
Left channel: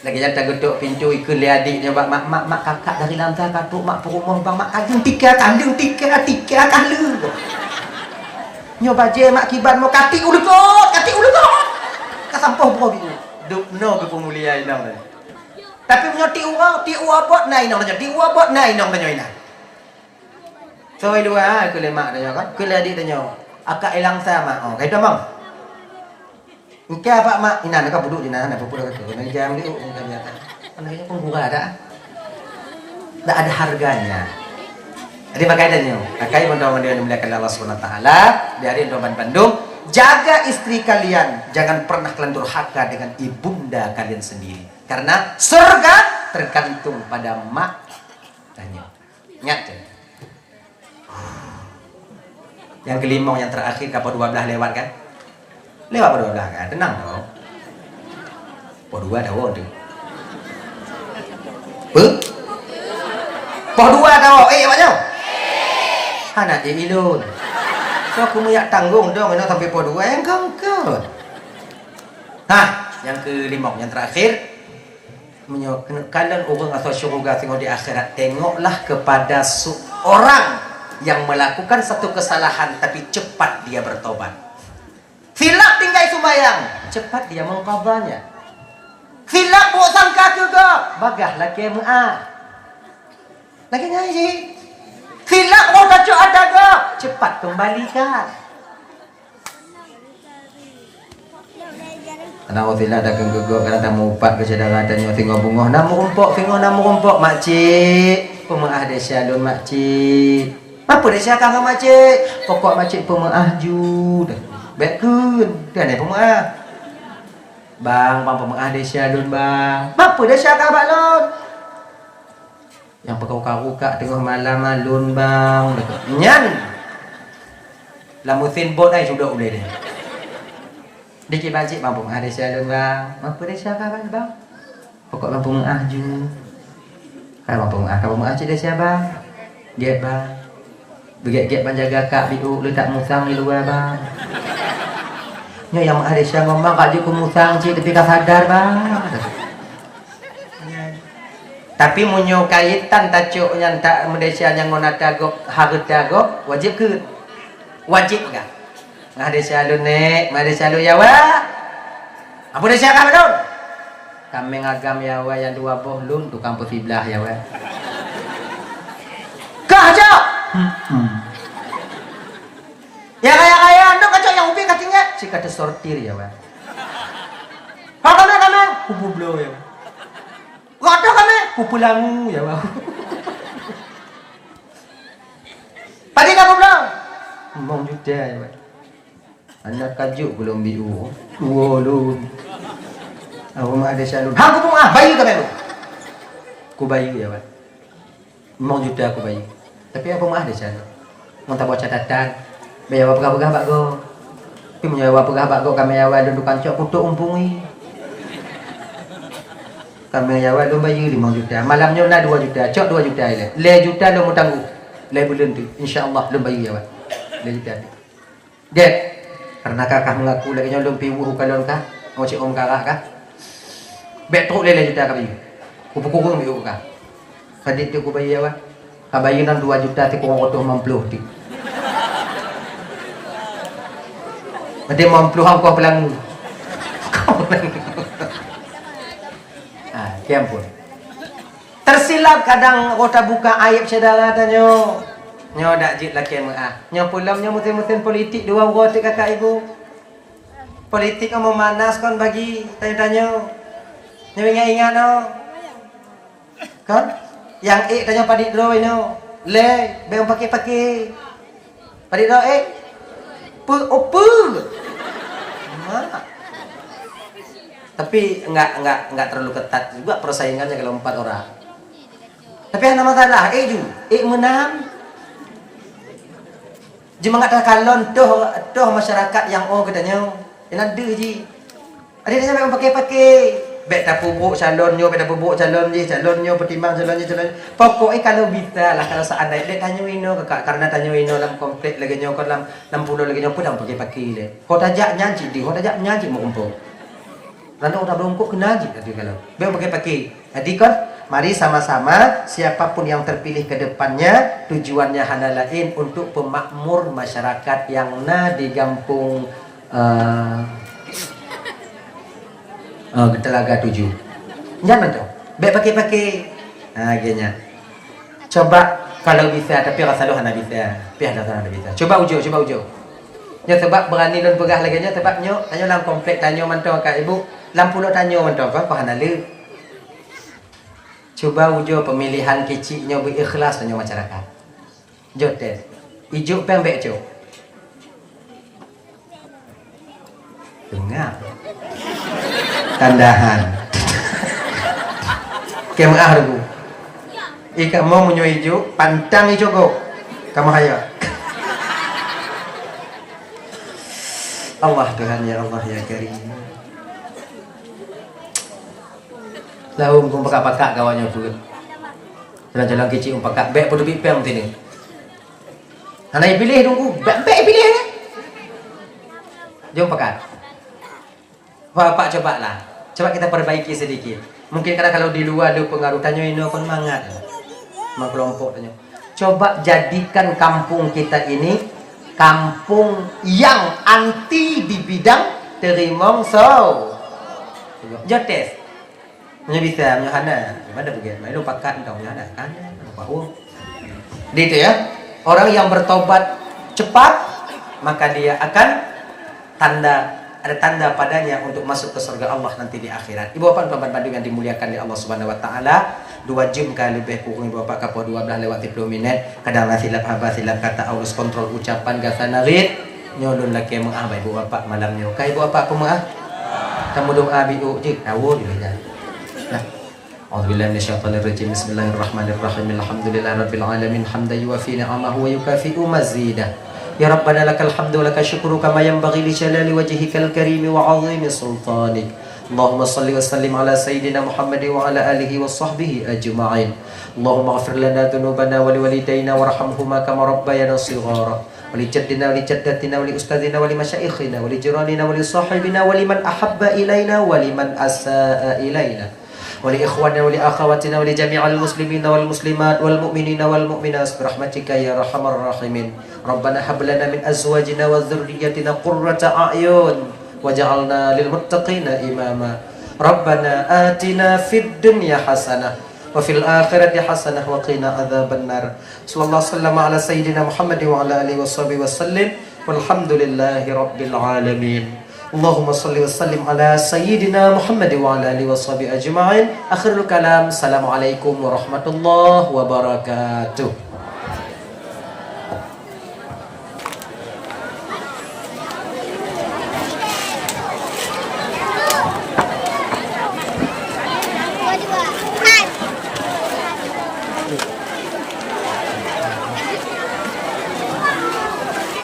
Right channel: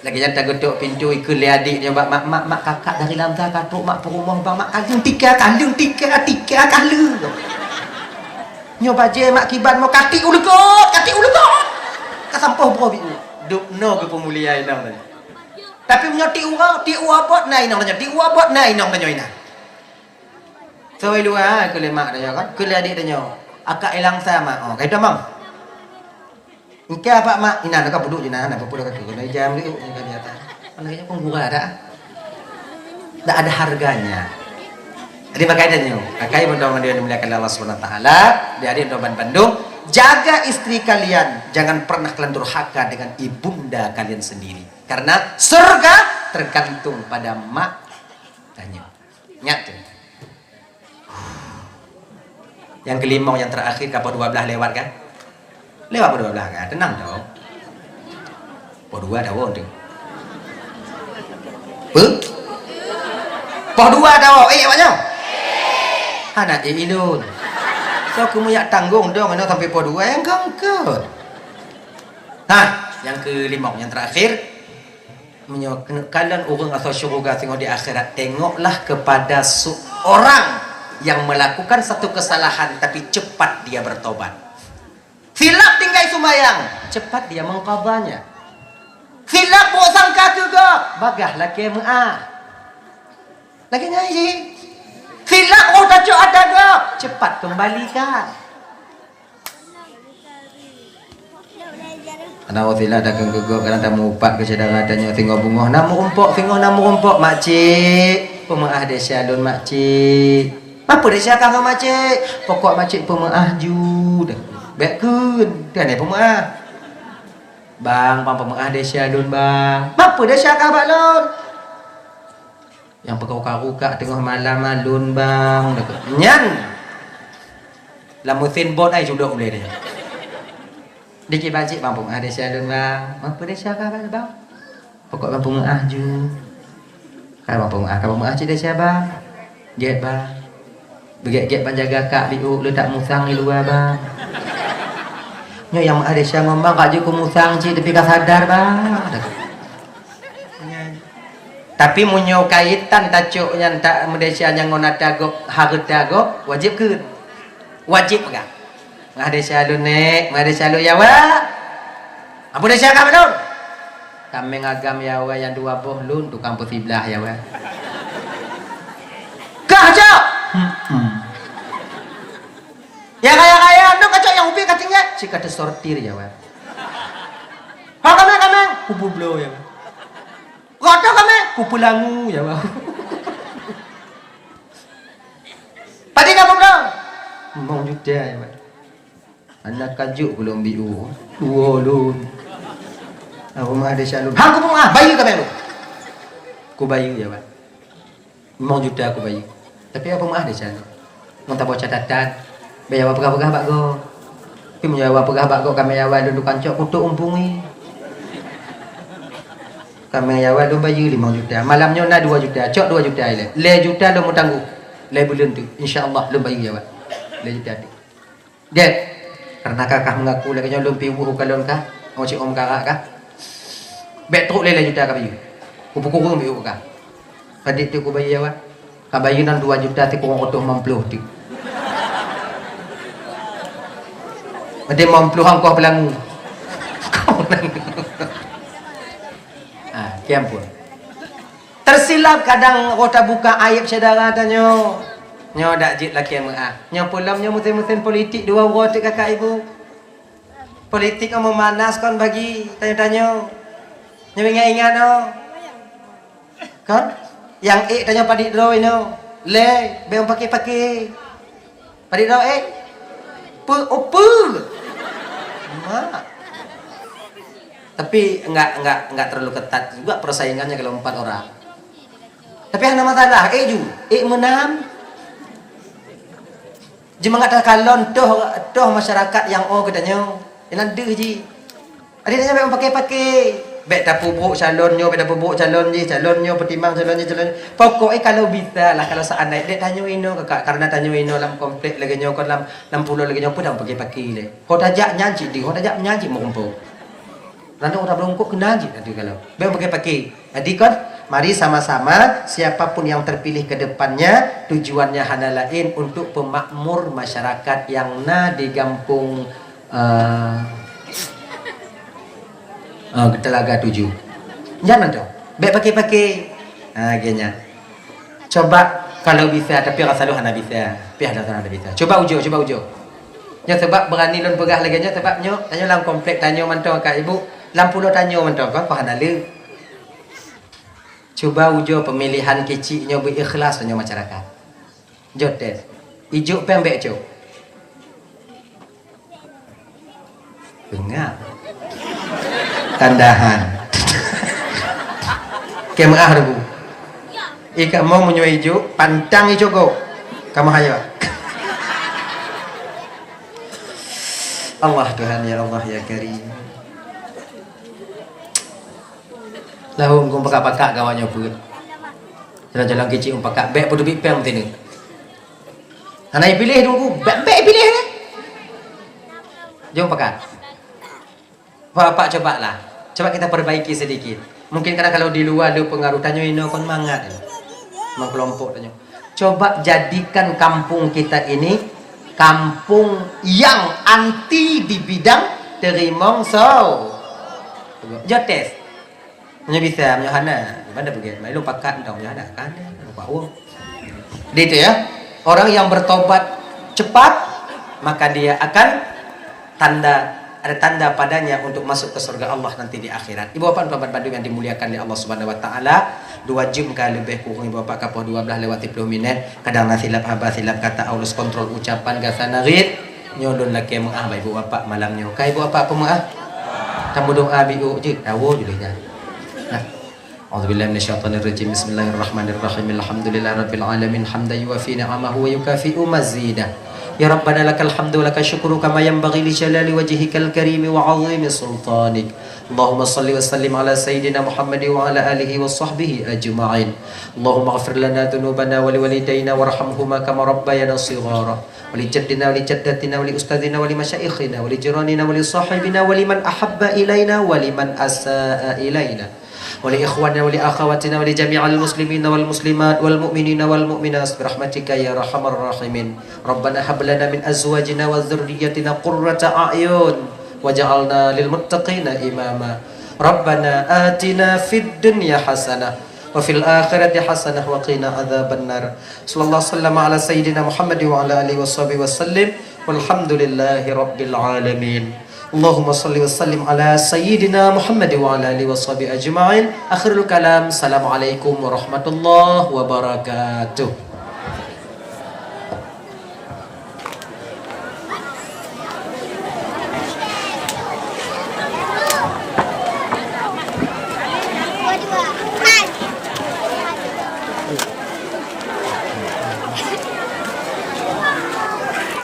Lagi yang tak geduk pintu ikut li adik dia mak kakak dari lantai katuk mak perumah bang mak kandung tiga kali. Nyo baje mak kiban mau kati ulu kok. Kasampah bro biu. Duk no ke pemulia inong tanya. Tapi punya ti uabot na inong tanya. Ti uabot na inong tanya ina. So dua ke le mak tanya kan. Ke li adik tanya. Akak ilang sama. Oh, kaito bang. Engke apa mak? Ina nak buduk je nah, nak pura kata kena jam dia ternyata. Kayaknya penggura ada. Tak ada harganya. Jadi pakaiannya. Kakak mudah-mudahan dia dimuliakan Allah Subhanahu wa taala. Di hari Doban Bandung, jaga istri kalian, jangan pernah kalian durhaka dengan ibunda kalian sendiri. Karena surga tergantung pada mak tanya. Ingat ya. Yang kelimong yang terakhir kapal 12 lewat kan? Lewat 12 kan? Tenang dong. Po 2 dah wong tu. Po 2 dah wong. Maknya? Anak ilun. So aku punya tanggung dong nak sampai po 2 yang ke. Yang kelimong yang terakhir kalian orang atau syurga tengok di akhirat, tengoklah kepada seorang yang melakukan satu kesalahan tapi cepat dia bertobat. Silap tinggal sumayang, cepat dia mengqadanya. Silap buat sangka juga, bagah laki mu'ah. Lagi ngaji. Silap kau tajuk ada go. Cepat kembalikan. Anak wasila dah keguguk kerana tamu upat ke saudara tanya tengok bunga namu rumpok makcik pemaah desa lun makcik apa desa kang makcik pokok makcik pemaah ju dah bekun kan ni pemaah bang pemaah desa lun bang apa desa kang bak lun yang pekau-kau tengah malam lun bang dah nyan lamusin bot ai sudah boleh dia dikit bacik bang pemaah desa lun bang apa desa kang bang pokok bang pemaah ju kan bang pemaah cik desa bang get bang beget-get bang jaga kak biu lu tak musang di luar bang nyo yang ada desa ngomong kak ju ku musang cik tapi kak sadar bang tapi munyo kaitan tajuk yang tak Malaysia yang ngona tagok harta gok wajib ke wajib enggak ngah desa lu nek ngah desa lu yawa apa desa kak lu kami ngagam yawa yang dua boh lun tu kampus sebelah yawa kah aja ya kaya anda kacau yang ubi katanya si kata sortir yawa kami kubu blow ya kata kami kupu langu yawa tadi kamu bilang mau juta yawa anak kajuk belum biu lun rumah ada shalun aku pun bayi kami lu ku bayi ya pak mau juta aku bayi tapi aku mah ada shalun mau tak bawa catatan bayar apa bak go tapi menjawab apa bak go kami awal duduk kancok kutuk umpungi kami awal lu bayi 5 juta malamnya na 2 juta cok 2 juta le juta lu mau tangguh le bulan tu insyaallah lu bayi ya pak le juta dia karena kakak mengaku lagi nyolong piwu kalon kah mau cik om kakak kah betul lele juta kami kupu-kupu mi uka kadit tu ku bayi awak kabayi nan 2 juta ti ko otoh mampluh ti ade mampluh ang ko pelang kiam pun tersilap kadang kota buka aib saudara tanyo nyo dak jit laki nyo pulam nyo musim-musim politik dua wot kakak ibu politik mau memanas kon bagi tanya-tanya nyo ingat no kan yang tanya padik dro no le beong pakai padik dro pul tapi enggak terlalu ketat juga persaingannya kalau 4 orang tapi ada masalah menang cuma kata kalon toh masyarakat yang katanya nanti ji ada yang memang pakai bet tak pupuk calonnya bet tak pupuk calonnya pertimbang calonnya pokoknya kalau bisa lah kalau seandainya dia tanya ino kakak karena tanya ino dalam komplek lagi nyo kon dalam 60 lagi nyo pun dah pakai le kau tajak nyanyi di kau tajak menyanyi mau umpuk nanti orang belum kok kena je tadi kalau biar pakai jadi kan mari sama-sama siapapun yang terpilih ke depannya tujuannya hanya lain untuk pemakmur masyarakat yang di kampung Telaga 7 jangan dong baik pakai gini coba kalau bisa tapi rasa lu hanya bisa coba ujo nya sebab berani lon pegah lagi nya sebab nyo tanya dalam komplek tanya mantau kak ibu lampu lo tanya mantau kau hanya lu coba ujo pemilihan kecilnya berikhlas tanya masyarakat jotes ijuk pembek co dengar tandahan kemah ribu ikan mau menyo ijuk pantang ijuk kau kamu hayo Allah Tuhan ya Allah ya Karim lahum kum pakak kawannya pun jalan-jalan kecil pakak bek putu bipeng sini anak pilih tunggu bek pilih jom pakak Bapak coba lah coba kita perbaiki sedikit mungkin karena kalau di luar ada pengaruh tanya ini kon mangat kelompok tanya coba jadikan kampung kita ini kampung yang anti di bidang terimong jotes hanya bisa hanya hana gimana begini lu pakat dong ya ada kan apa Gitu ya. Orang yang bertobat cepat, maka dia akan ada tanda padanya untuk masuk ke surga Allah nanti di akhirat. Ibu bapak Tuan Bandung yang dimuliakan di Allah Subhanahu wa taala, 2 jam kali lebih kurang ibu bapak kapo 12 lewat 10 menit, kadang silap haba silap kata aulus kontrol ucapan gasa narid, nyolon laki mengah ibu bapak malamnya. Kai ibu bapak pemaah. Tamu doa biu je dawo dulunya. Nah. A'udzubillahi minasyaitonirrajim. Bismillahirrahmanirrahim. Alhamdulillahirabbil alamin hamdan yuwafi ni'amahu wa yukafi'u mazidah. Ya Rabbana lakal hamdu wa lakal syukru kama yanbaghi li jalali wajhikal karim wa 'azimi sultanik. Allahumma salli wa sallim ala sayyidina Muhammad wa ala alihi wa sahbihi ajma'in. Allahumma ighfir lana dhunubana wa liwalidayna warhamhuma kama rabbayana shighara. Wa li jaddina wa li jaddatina wa li ustadina wa li masyayikhina wa li jiranina wa li sahibina wa liman ahabba ilaina wa liman asaa ilaina. ولإخواننا ولأخواتنا ولجميع المسلمين والمسلمات والمؤمنين والمؤمنات برحمتك يا أرحم الراحمين ربنا هب لنا من أزواجنا وذريتنا قرة أعين وجعلنا للمتقين إماما ربنا آتنا في الدنيا حسنة وفي الآخرة حسنة وقنا عذاب النار صلى الله وسلم على سيدنا محمد وعلى آله وصحبه وسلم والحمد لله رب العالمين Allahumma salli wa sallim ala sayyidina Muhammad wa ala alihi wa sahbihi ajma'in. Akhirul kalam. Assalamualaikum warahmatullahi wabarakatuh.